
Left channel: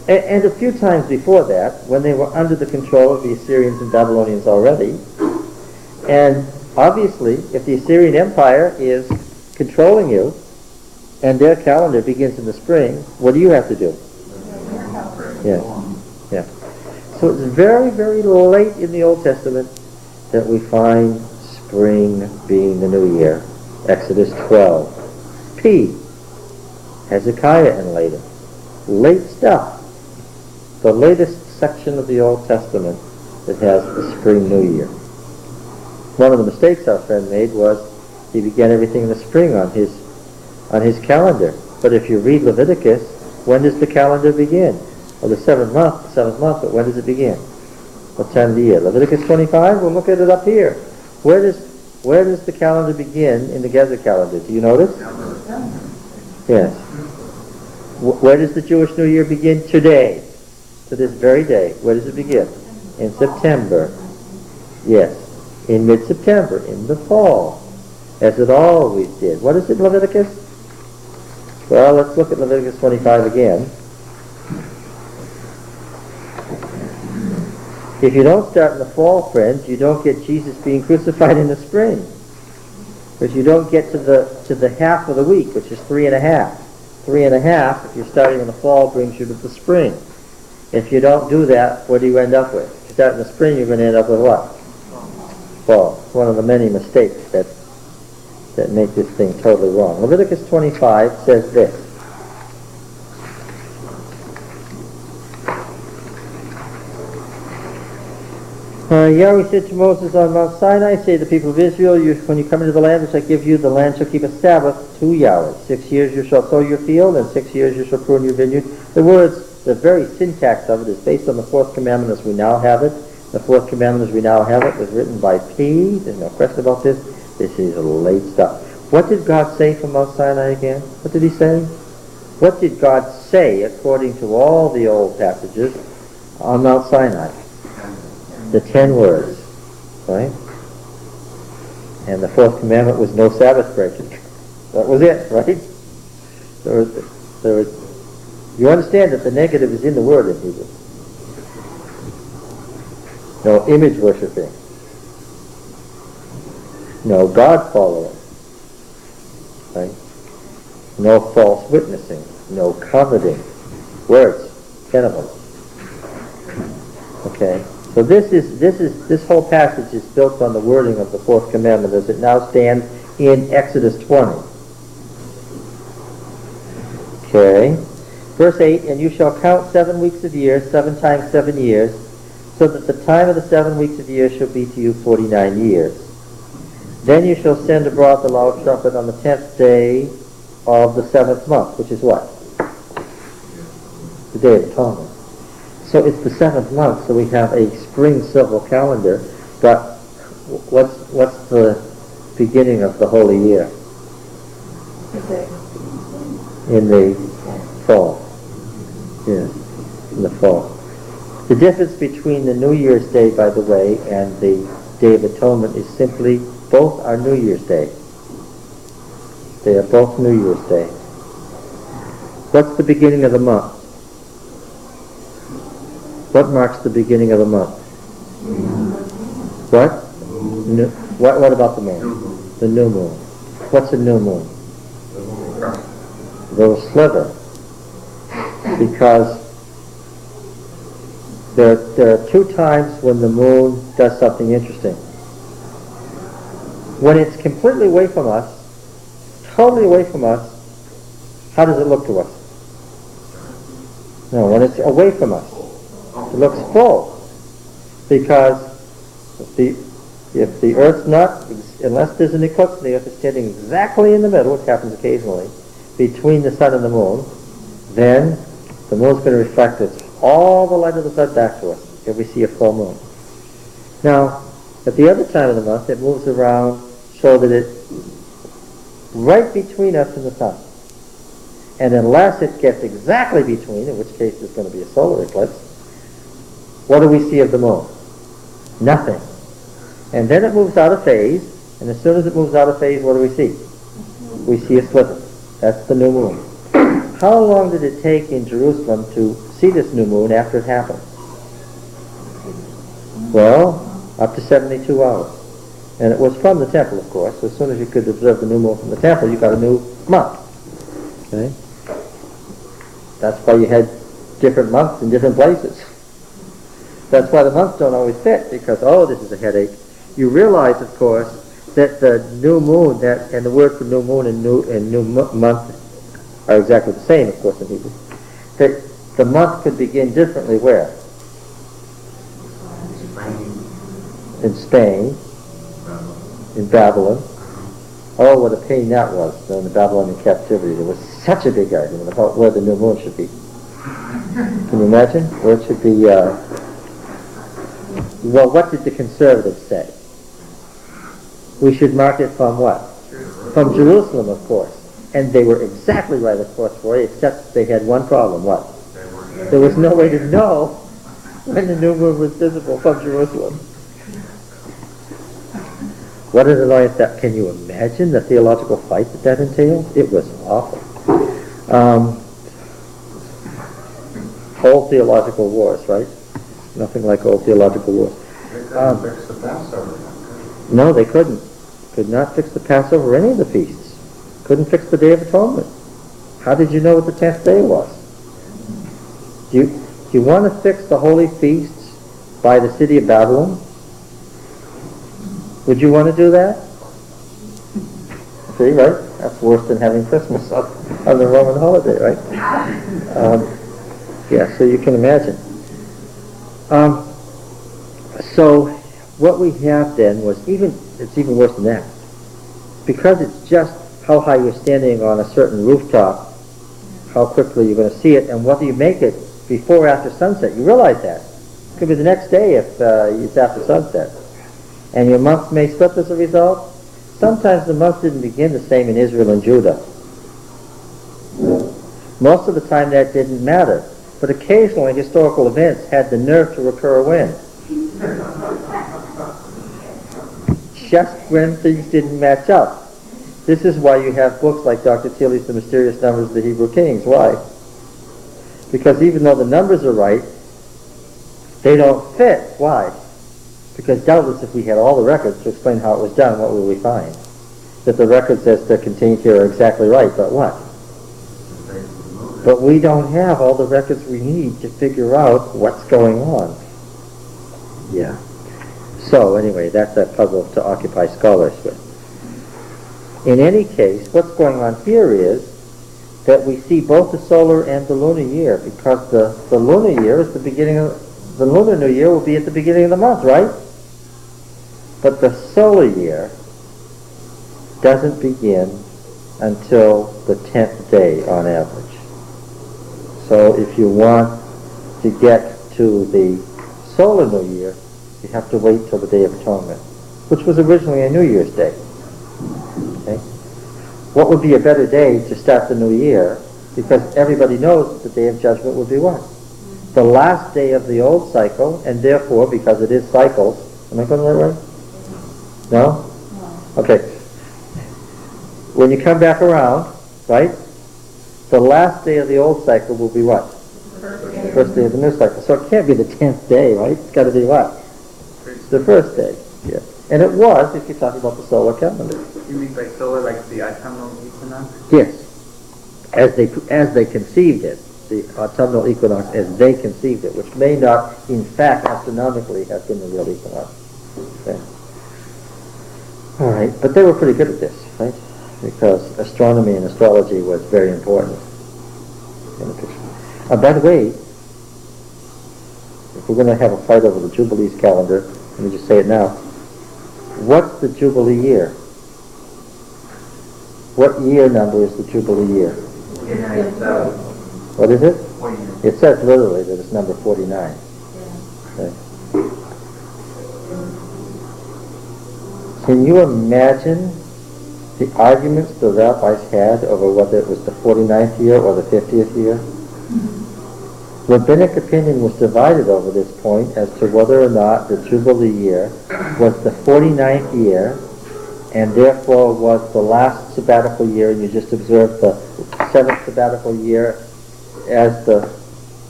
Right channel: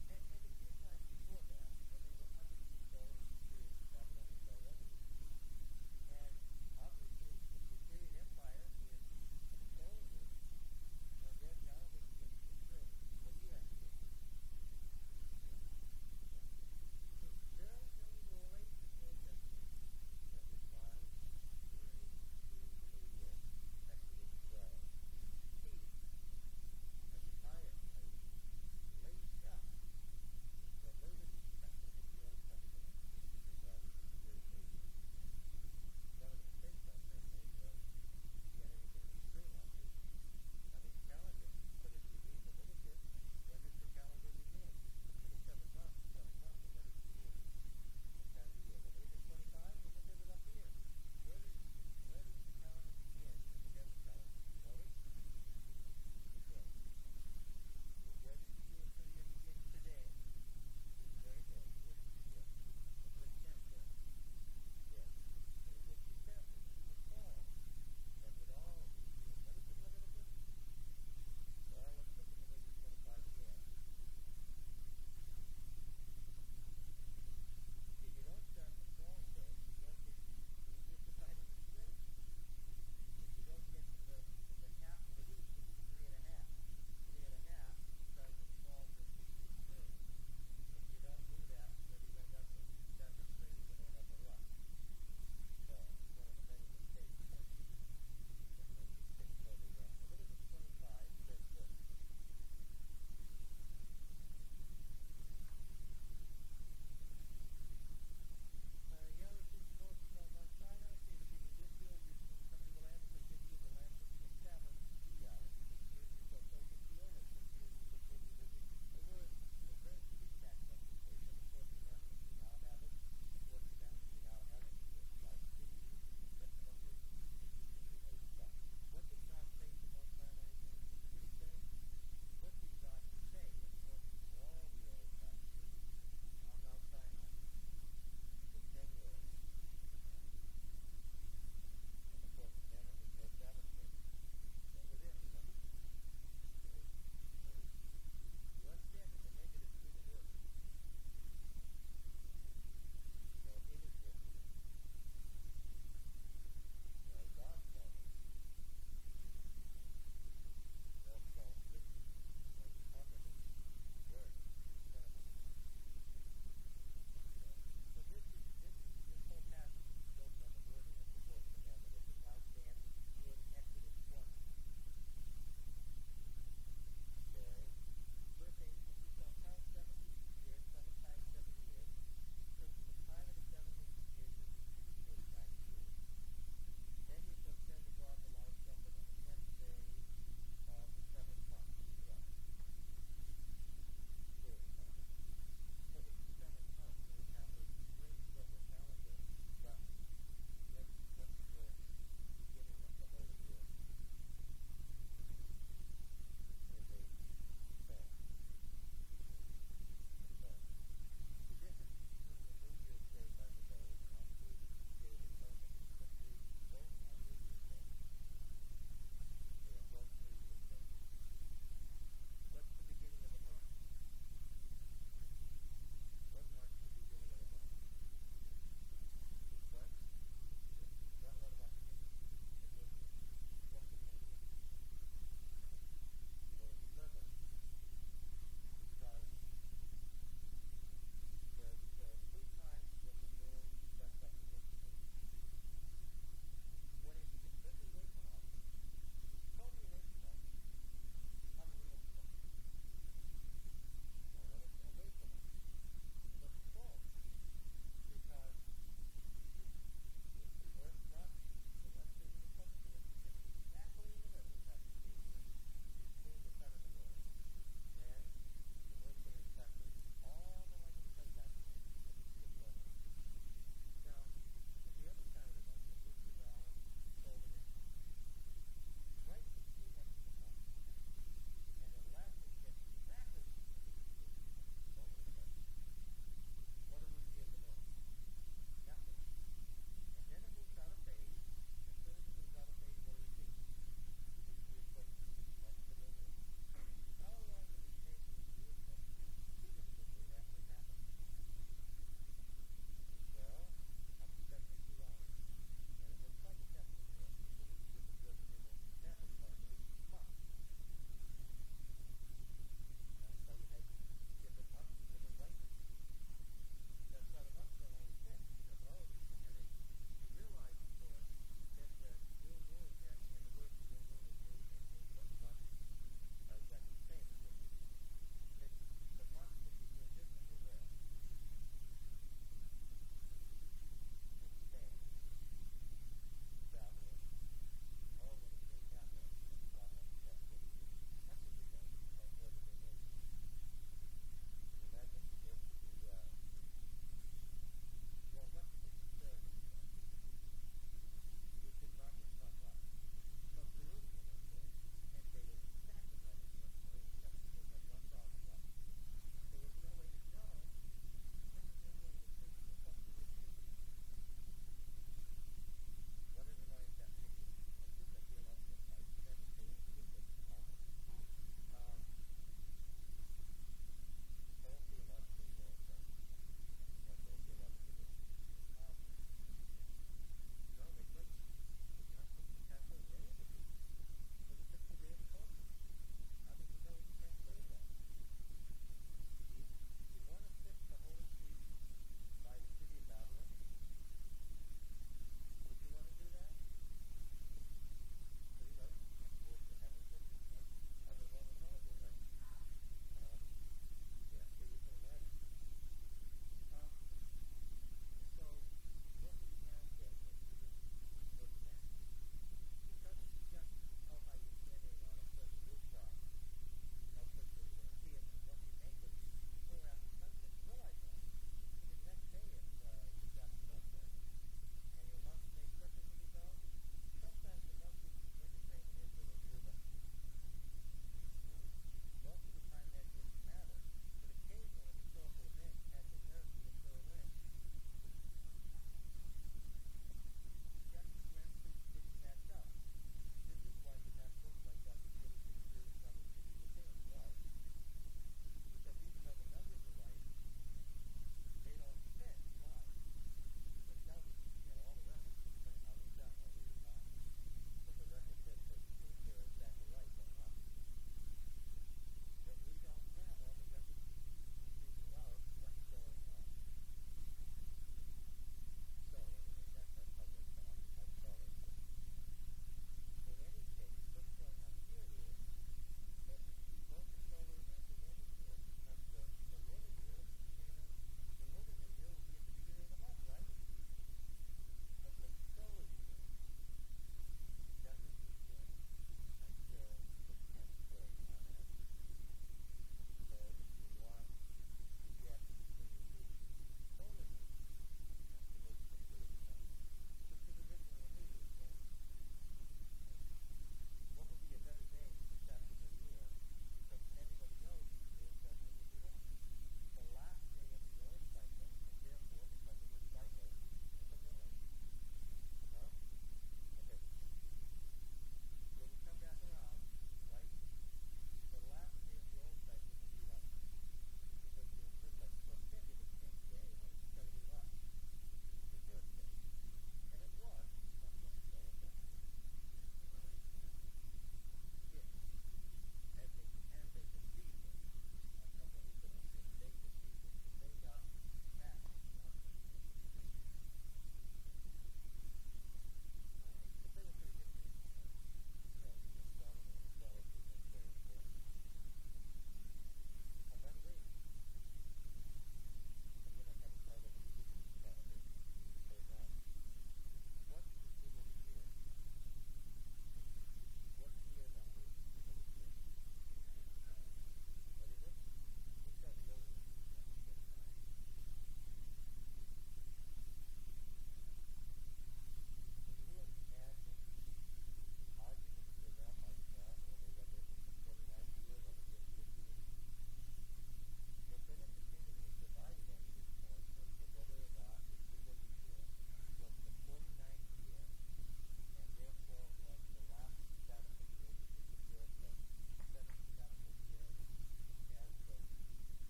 And a few times before that, when they were under the control of the Assyrians and Babylonians already. And obviously, if the Assyrian Empire is controlling you, and their calendar begins in the spring, what do you have to do? Yeah. Yeah. So it's very, very late in the Old Testament that we find spring being the new year. Exodus 12. P. Hezekiah and later. Late stuff. The latest section of the Old Testament that has a spring new year. One of the mistakes our friend made was he began everything in the spring on his calendar. But if you read Leviticus, when does the calendar begin? Well, the seventh month, but when does it begin? What time of the year? Leviticus 25? We'll look at it up here. Where does the calendar begin in the Gezer calendar? Do you notice? Yes. Where does the Jewish New Year begin today? To this very day. Where does it begin? In September. Yes. In mid-September, in the fall, as it always did. What is it, Leviticus? Well, let's look at Leviticus 25 again. If you don't start in the fall, friends, you don't get Jesus being crucified in the spring. Because you don't get to the half of the week, which is 3.5. 3.5, if you're starting in the fall, brings you to the spring. If you don't do that, what do you end up with? If you start in the spring, you're going to end up with what? Fall. It's one of the many mistakes that make this thing totally wrong. Leviticus 25 says this. Yahweh said to Moses on Mount Sinai, say to the people of Israel, when you come into the land which I give you, the land shall keep a Sabbath to Yahweh. 6 years you shall sow your field, and 6 years you shall prune your vineyard. The words, the very syntax of it is based on the fourth commandment as we now have it. The fourth commandment as we now have it was written by P. There's no question about this. This is late stuff. What did God say from Mount Sinai again? What did he say? What did God say according to all the old passages on Mount Sinai? The 10 words, right? And the fourth commandment was no Sabbath breaking. That was it, right? There was, you understand that the negative is in the word in Hebrew. No image worshiping. No God following. Right? No false witnessing. No coveting. Words. 10 of them. Okay? So this whole passage is built on the wording of the fourth commandment as it now stands in Exodus 20. Okay. Verse 8, and you shall count 7 weeks of years, 7 times 7 years, so that the time of the 7 weeks of years shall be to you 49 years. Then you shall send abroad the loud trumpet on the 10th day of the 7th month, which is what? The Day of Atonement. So it's the 7th month, so we have a spring civil calendar, but what's the beginning of the holy year? In the fall. Yes, in the fall. The difference between the New Year's Day, by the way, and the Day of Atonement is simply both are New Year's Day. They are both New Year's Day. What's the beginning of the month? What marks the beginning of the month? What? What about the moon? The new moon. What's a new moon? A little sliver. Because there are 2 times when the moon does something interesting. When it's completely away from us, totally away from us, how does it look to us? No, when it's away from us, it looks full. Because if the Earth's not, unless there's an eclipse and the Earth is standing exactly in the middle, which happens occasionally, between the sun and the moon, then the moon's going to reflect all the light of the sun back to us if we see a full moon. Now, at the other time of the month, it moves around so that it's right between us and the sun. And unless it gets exactly between, in which case there's going to be a solar eclipse, what do we see of the moon? Nothing. And then it moves out of phase, and as soon as it moves out of phase, what do we see? We see a sliver. That's the new moon. How long did it take in Jerusalem to see this new moon after it happened? Well, up to 72 hours. And it was from the temple, of course. As soon as you could observe the new moon from the temple, you got a new month. Okay? That's why you had different months in different places. That's why the months don't always fit, because, oh, this is a headache. You realize, of course, that the new moon, and the word for new moon and new month are exactly the same, of course, in Hebrew. That the month could begin differently where? In Spain, in Babylon. Oh, what a pain that was during the Babylonian captivity. There was such a big argument about where the new moon should be. Can you imagine? Where it should be, well, what did the conservatives say? We should mark it from what? From Jerusalem, of course. And they were exactly right, of course, for it, except they had one problem. What? There was no way to know when the new moon was visible from Jerusalem. What an annoyance that. Can you imagine the theological fight that entailed? It was awful. Old theological wars, right? Nothing like old theological wars. They couldn't fix the Passover. No, they couldn't. Could not fix the Passover or any of the feasts. Couldn't fix the Day of Atonement. How did you know what the 10th day was? Do you want to fix the holy feasts by the city of Babylon? Would you want to do that? See, right? That's worse than having Christmas on the Roman holiday, right? Yeah, so you can imagine. So what we have then was it's even worse than that. Because it's just how high you're standing on a certain rooftop, how quickly you're going to see it, and whether you make it before or after sunset. You realize that. It could be the next day if it's after sunset. And your months may slip as a result. Sometimes the month didn't begin the same in Israel and Judah. Most of the time that didn't matter. But occasionally historical events had the nerve to recur when? Just when things didn't match up. This is why you have books like Dr. Tilly's The Mysterious Numbers of the Hebrew Kings. Why? Because even though the numbers are right, they don't fit. Why? Because doubtless if we had all the records to explain how it was done, what would we find? That the records as they're contained here are exactly right, but what? But we don't have all the records we need to figure out what's going on. Yeah. So anyway, that's a puzzle to occupy scholars with. In any case, what's going on here is that we see both the solar and the lunar year, because the lunar year is the beginning of the lunar new year will be at the beginning of the month, right? But the solar year doesn't begin until the 10th day on average. So if you want to get to the solar new year, you have to wait till the Day of Atonement, which was originally a New Year's Day. Okay? What would be a better day to start the new year? Because everybody knows that the Day of Judgment would be what? The last day of the old cycle, and therefore, because it is cycles, am I going the right way? No? Okay. When you come back around, right, the last day of the old cycle will be what? The first day of the new cycle. So it can't be the 10th day, right? It's got to be what? The first day. Yeah. And it was, if you're talking about the solar calendar. You mean by solar, like the autumnal equinox? Yes. As they conceived it, the autumnal equinox as they conceived it, which may not, in fact, astronomically have been the real equinox. Okay. All right, but they were pretty good at this, right? Because astronomy and astrology was very important in the picture. By the way, if we're going to have a fight over the Jubilees calendar, let me just say it now. What's the Jubilee year? What year number is the Jubilee year? What is it? It says literally that it's number 49. Okay. Can you imagine the arguments the rabbis had over whether it was the 49th year or the 50th year? Rabbinic opinion was divided over this point as to whether or not the Jubilee year was the 49th year and therefore was the last sabbatical year, and you just observed the 7th sabbatical year as the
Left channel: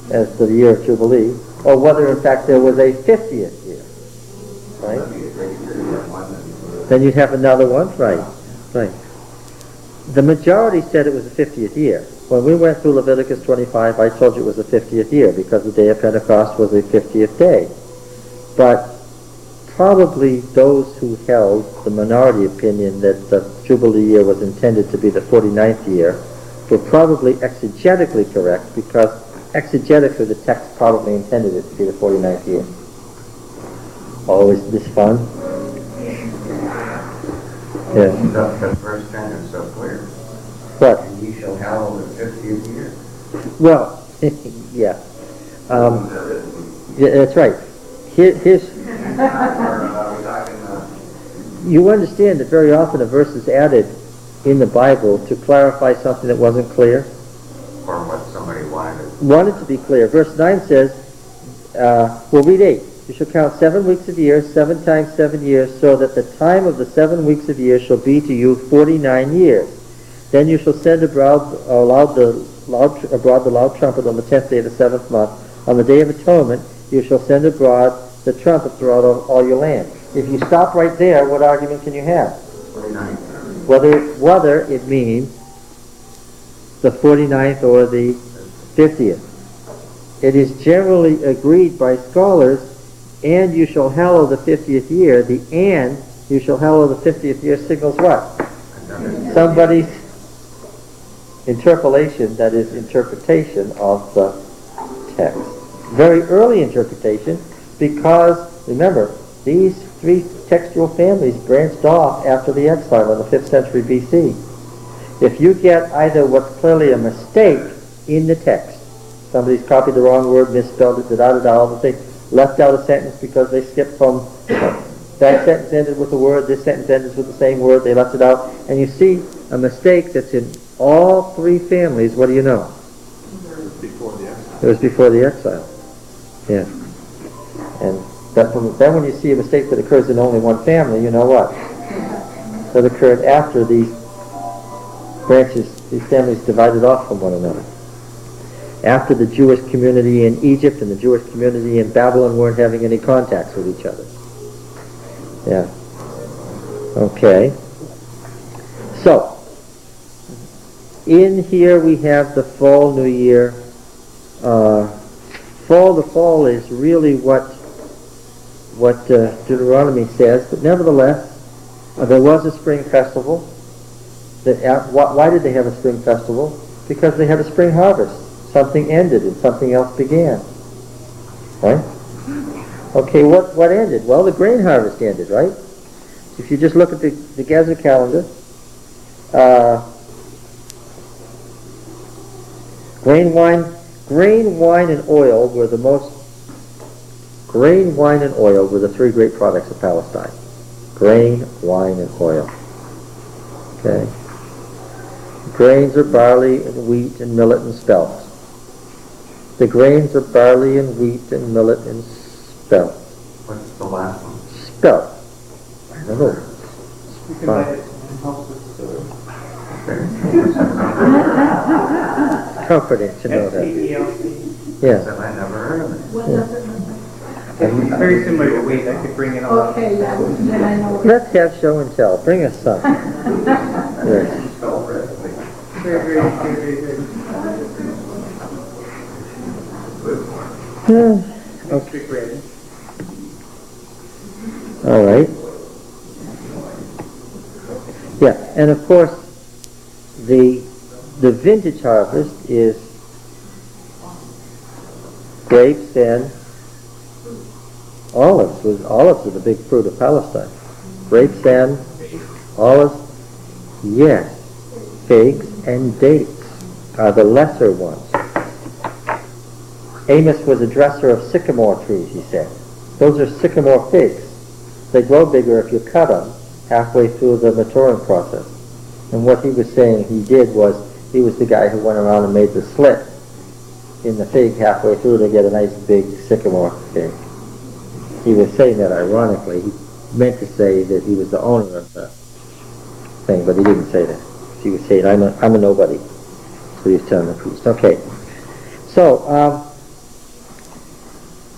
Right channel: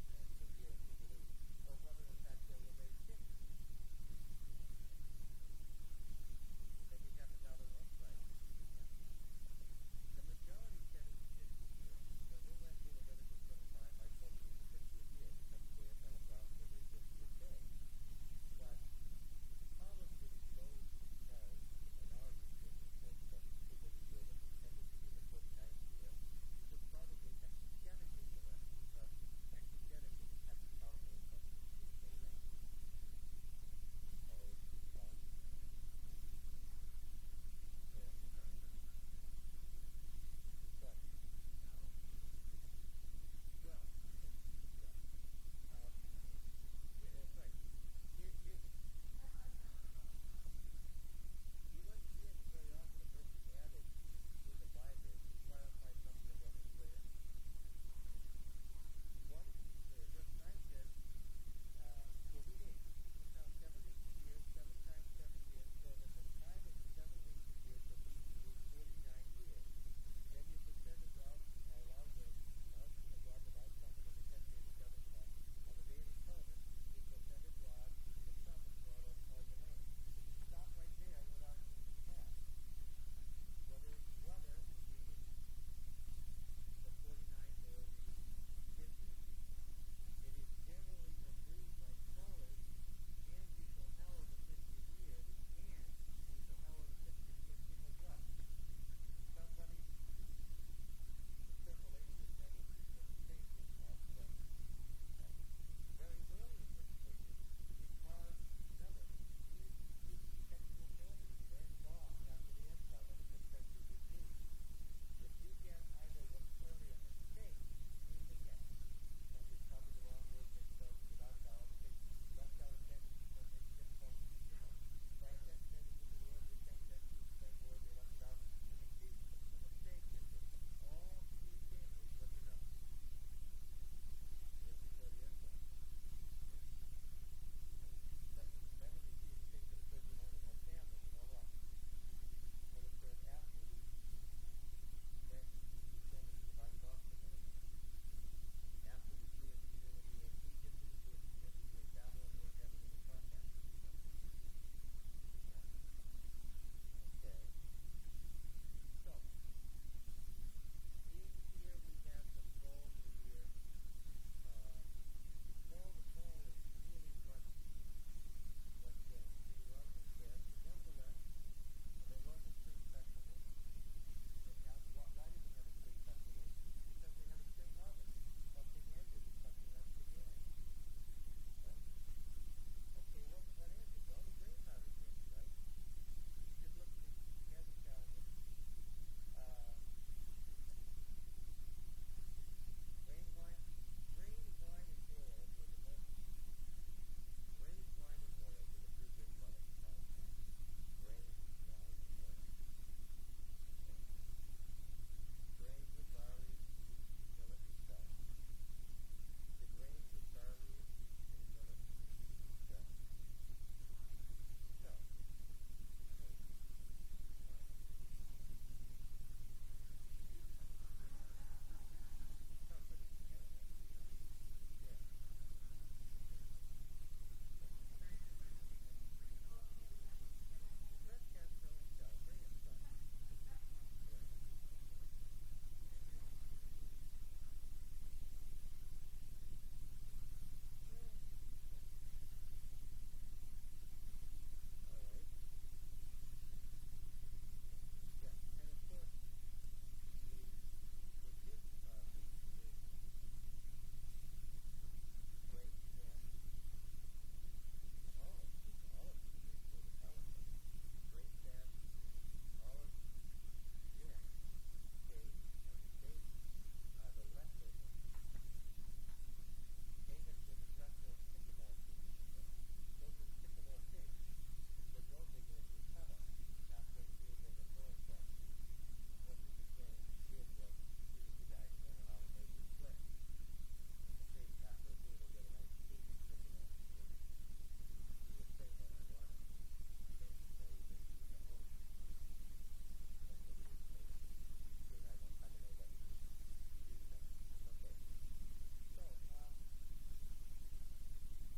as the year of Jubilee, or whether in fact there was a 50th year, right? Then you'd have another one, right, right. The majority said it was the 50th year. When we went through Leviticus 25, I told you it was the 50th year because the day of Pentecost was the 50th day. But probably those who held the minority opinion that the Jubilee year was intended to be the 49th year were probably exegetically correct, because exegetically the text probably intended it to be the 49th year. Oh, isn't this fun? Yeah. The first sentence so clear. What? And ye shall hallow the 50th year. Well, yeah. Yeah, that's right. Here's you understand that very often a verse is added in the Bible to clarify something that wasn't clear. Or what somebody wanted. Wanted to be clear. Verse 9 says, we'll read 8. You shall count 7 weeks of years, 7 times 7 years, so that the time of the 7 weeks of years shall be to you 49 years. Then you shall send abroad the loud trumpet on the 10th day of the 7th month. On the day of atonement, you shall send abroad the trumpet throughout all your land. If you stop right there, what argument can you have? 49. Whether it means the 49th or the 50th. It is generally agreed by scholars, and you shall hallow the 50th year. The and you shall hallow the 50th year signals what? Somebody's interpolation, that is interpretation of the text. Very early interpretation, because remember, these three textual families branched off after the exile in the 5th century BC. If you get either what's clearly a mistake in the text, somebody's copied the wrong word, misspelled it, all the things, left out a sentence because they skipped from, that sentence ended with a word, this sentence ended with the same word, they left it out, and you see a mistake that's in all three families, what do you know? It was before the exile. Yeah. And then when you see a mistake that occurs in only one family, you know what? That occurred after these branches, these families divided off from one another. After the Jewish community in Egypt and the Jewish community in Babylon weren't having any contacts with each other. Yeah. Okay. So, in here we have the fall new year. The fall is really what Deuteronomy says, but nevertheless, there was a spring festival. Why did they have a spring festival? Because they had a spring harvest. Something ended and something else began. Right? Okay, what ended? Well, the grain harvest ended, right? If you just look at the Gezer calendar, grain, wine, and oil were the most. Grain, wine, and oil were the three great products of Palestine. Grain, wine, and oil. Okay. Grains are barley and wheat and millet and spelt. The grains are barley and wheat and millet and spelt. What's the last one? Spelt. I don't know. Comforting to know that. Yeah. I never heard of it. What does it mean? It's very similar to wheat. I could bring it along. Okay, yeah, then I know. Let's have show and tell. Bring us some. Yes. Very, very, very, very good. Okay. Bread. All right. Yeah, and of course, the vintage harvest is grapes and olives. Olives are the big fruit of Palestine. Grapes and olives, yes. Figs and dates are the lesser ones. Amos was a dresser of sycamore trees, he said. Those are sycamore figs. They grow bigger if you cut them halfway through the maturing process. And what he was saying he did was, he was the guy who went around and made the slit in the fig halfway through to get a nice big sycamore fig. He was saying that ironically. He meant to say that he was the owner of the thing, but he didn't say that. He was saying, I'm a nobody. So he was telling the priest. Okay. So,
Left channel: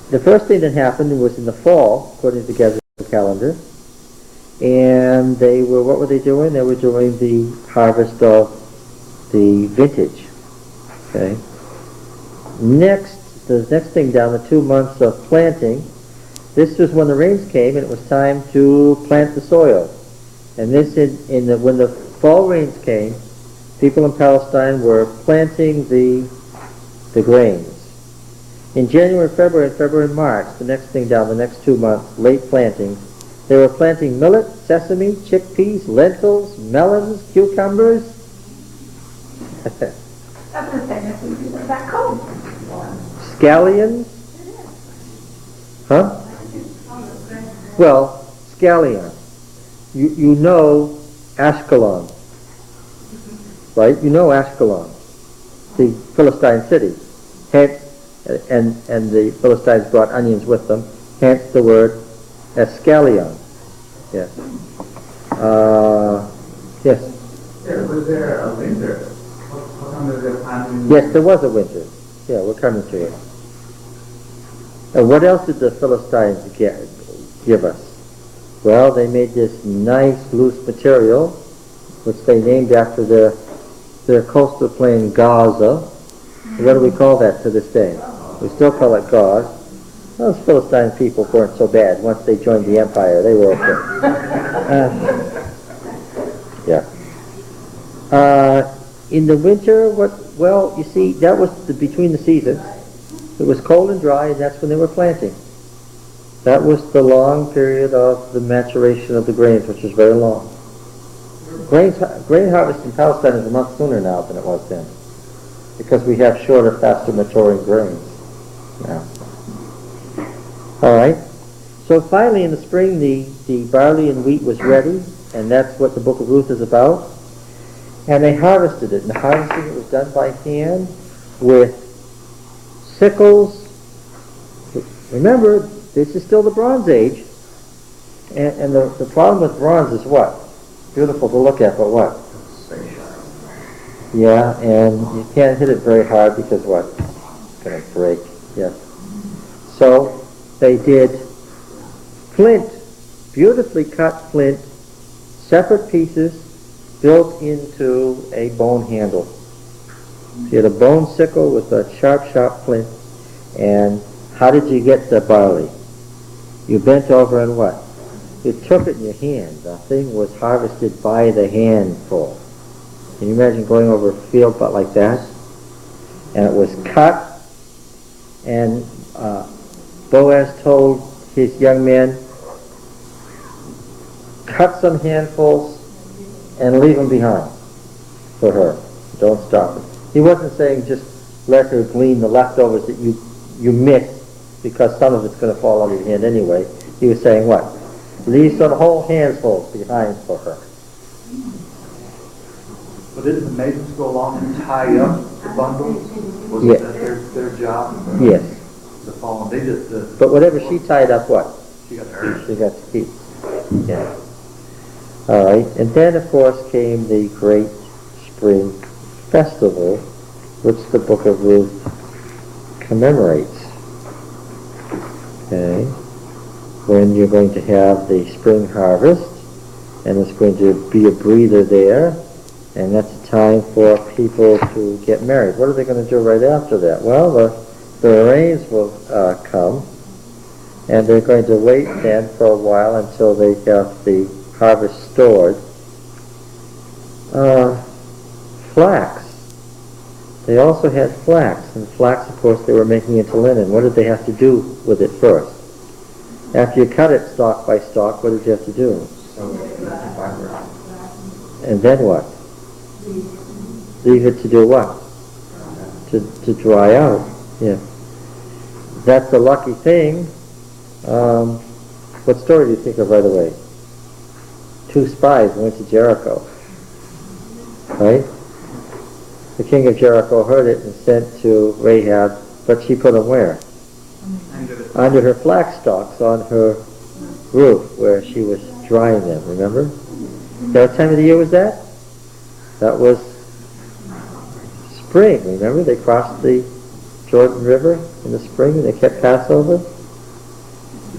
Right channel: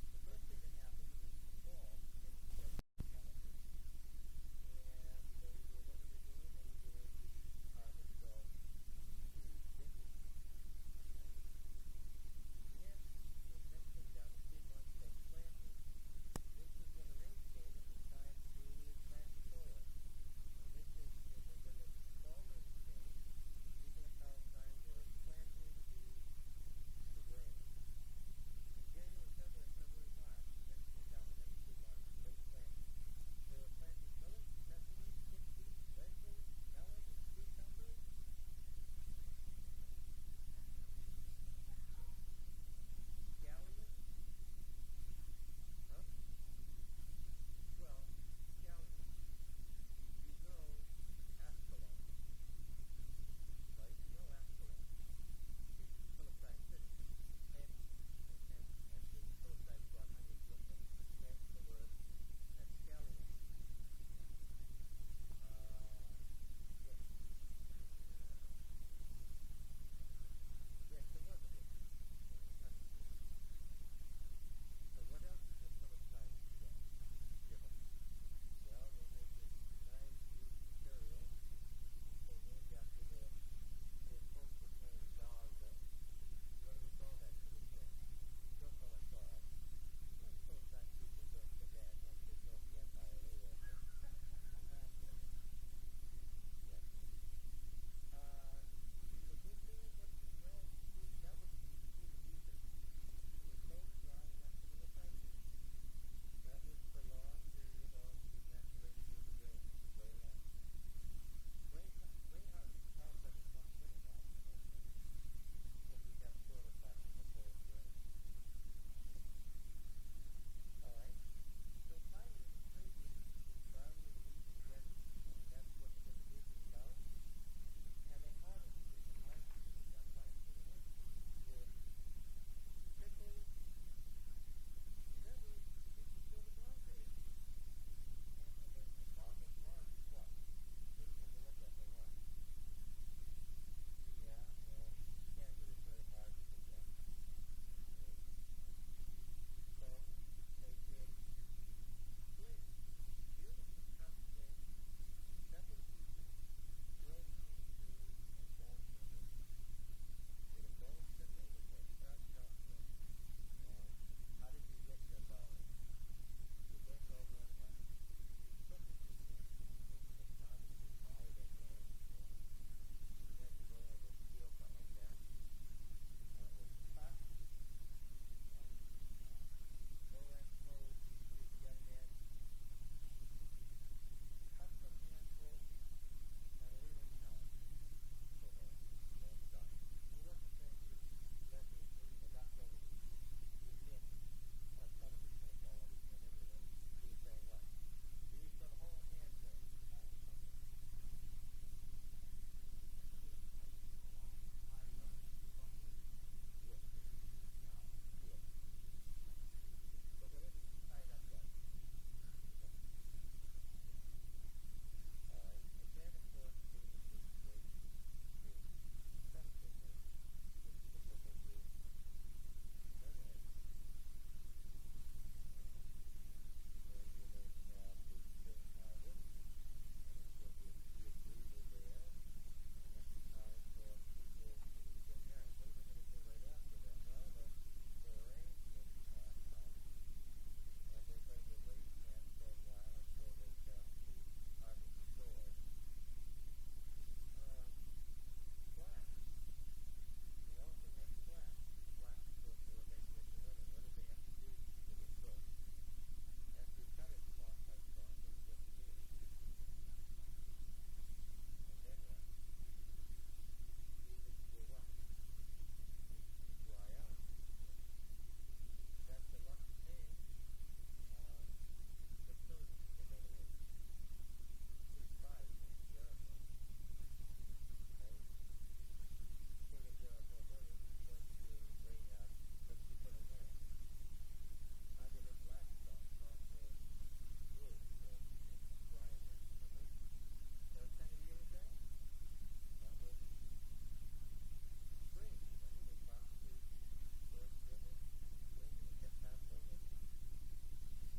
the first thing that happened was in the fall, according to the Gregorian calendar, and what were they doing? They were doing the harvest of the vintage. Okay. The next thing down, the 2 months of planting, this was when the rains came and it was time to plant the soil. And this when the fall rains came, people in Palestine were planting the grains. In January, February, March, the next thing down, the next 2 months, late plantings, they were planting millet, sesame, chickpeas, lentils, melons, cucumbers. That's the same as we do back home. Scallions? Huh? Well, scallion. You know Ashkelon, right? You know Ashkelon, the Philistine city. Hence, and the Philistines brought onions with them. Hence the word escallion. Yes. Yes. Was there a winter? How come there was a time? Yes, there was a winter. Yeah, we're coming to it. And what else did the Philistines give us? Well, they made this nice loose material, which they named after their coastal plain Gaza. What do we call that to this day? We still call it gauze. Those Philistine people weren't so bad. Once they joined the empire, they were okay. Yeah. In the winter, well, you see, that was between the seasons. It was cold and dry, and that's when they were planting. That was the long period of the maturation of the grains, which is very long. Grain harvest in Palestine is a month sooner now than it was then, because we have shorter, faster maturing grains now. All right. So finally, in the spring, the barley and wheat was ready, and that's what the Book of Ruth is about. And they harvested it, and the harvesting it was done by hand with sickles. Remember, this is still the Bronze Age, and the problem with bronze is what? Beautiful to look at, but what? Yeah, and you can't hit it very hard because what? It's going to break. Yes. So they did flint, beautifully cut flint, separate pieces, built into a bone handle. So you had a bone sickle with a sharp flint. And how did you get the barley? You bent over and what? You took it in your hand. The thing was harvested by the handful. Can you imagine going over a field but like that? And it was cut, and Boaz told his young men, cut some handfuls and leave them behind for her. Don't stop it. He wasn't saying just let her glean the leftovers that you missed, because some of it's going to fall out of your hand anyway. He was saying what? Leave some whole handfuls behind for her. But didn't the maidens go along and tie up the bundles? Was Yes. that their job? Yes. The fall. They did the. But whatever she tied up, what? She got hurt. She got to keep. Yeah. All right. And then, of course, came the great spring festival, which the Book of Ruth commemorates. Okay. When you're going to have the spring harvest, and there's going to be a breather there, and that's a time for people to get married. What are they going to do right after that? Well, the rains will come, and they're going to wait then for a while until they have the harvest stored. Flax. They also had flax, and flax, of course, they were making into linen. What did they have to do with it first? After you cut it stalk by stalk, what did you have to do? And then what? Leave it to do what? To dry out. Yeah. That's a lucky thing. What story do you think of right away? 2 spies went to Jericho. Right? The king of Jericho heard it and sent to Rahab, but she put them where? Under her flax stalks on her roof where she was drying them, remember? What time of the year was that? That was spring, remember? They crossed the Jordan River in the spring and they kept Passover.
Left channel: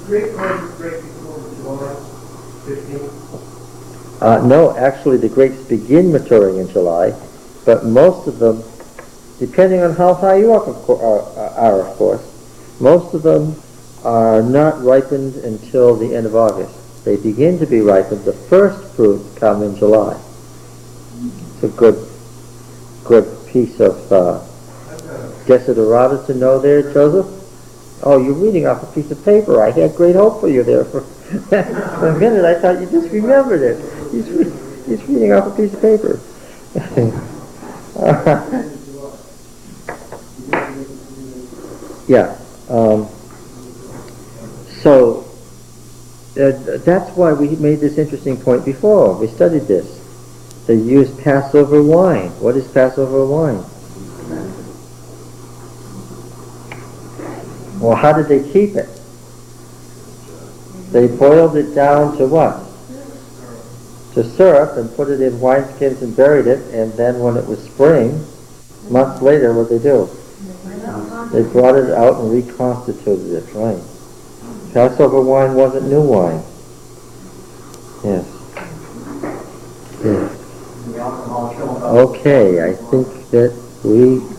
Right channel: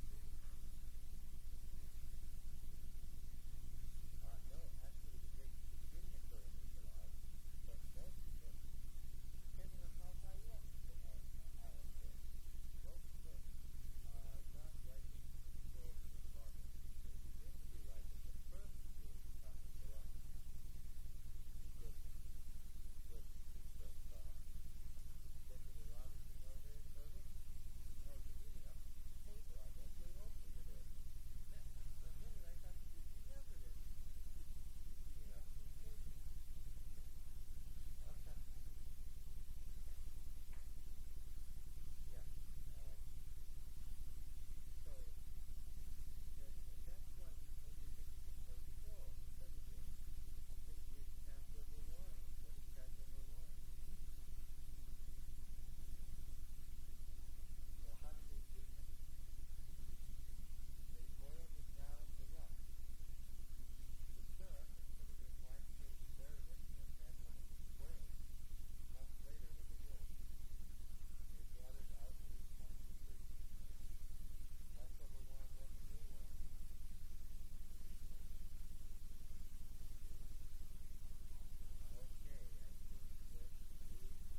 Greek causes great before July 15th. No, actually the grapes begin maturing in July, but most of them, depending on how high you are, of course, most of them are not ripened until the end of August. They begin to be ripened. The first fruits come in July. It's a good piece of Desiderata to know there, Joseph. Oh, you're reading off a piece of paper. I had great hope for you there. For a minute, I thought you just remembered it. He's reading off a piece of paper. Yeah. So that's why we made this interesting point before. We studied this. They use Passover wine. What is Passover wine? Well, how did they keep it? They boiled it down to what? To syrup, and put it in wineskins and buried it, and then when it was spring, months later, what they do? They brought it out and reconstituted it, right? Passover wine wasn't new wine. Yes. Yes. Okay, I think that we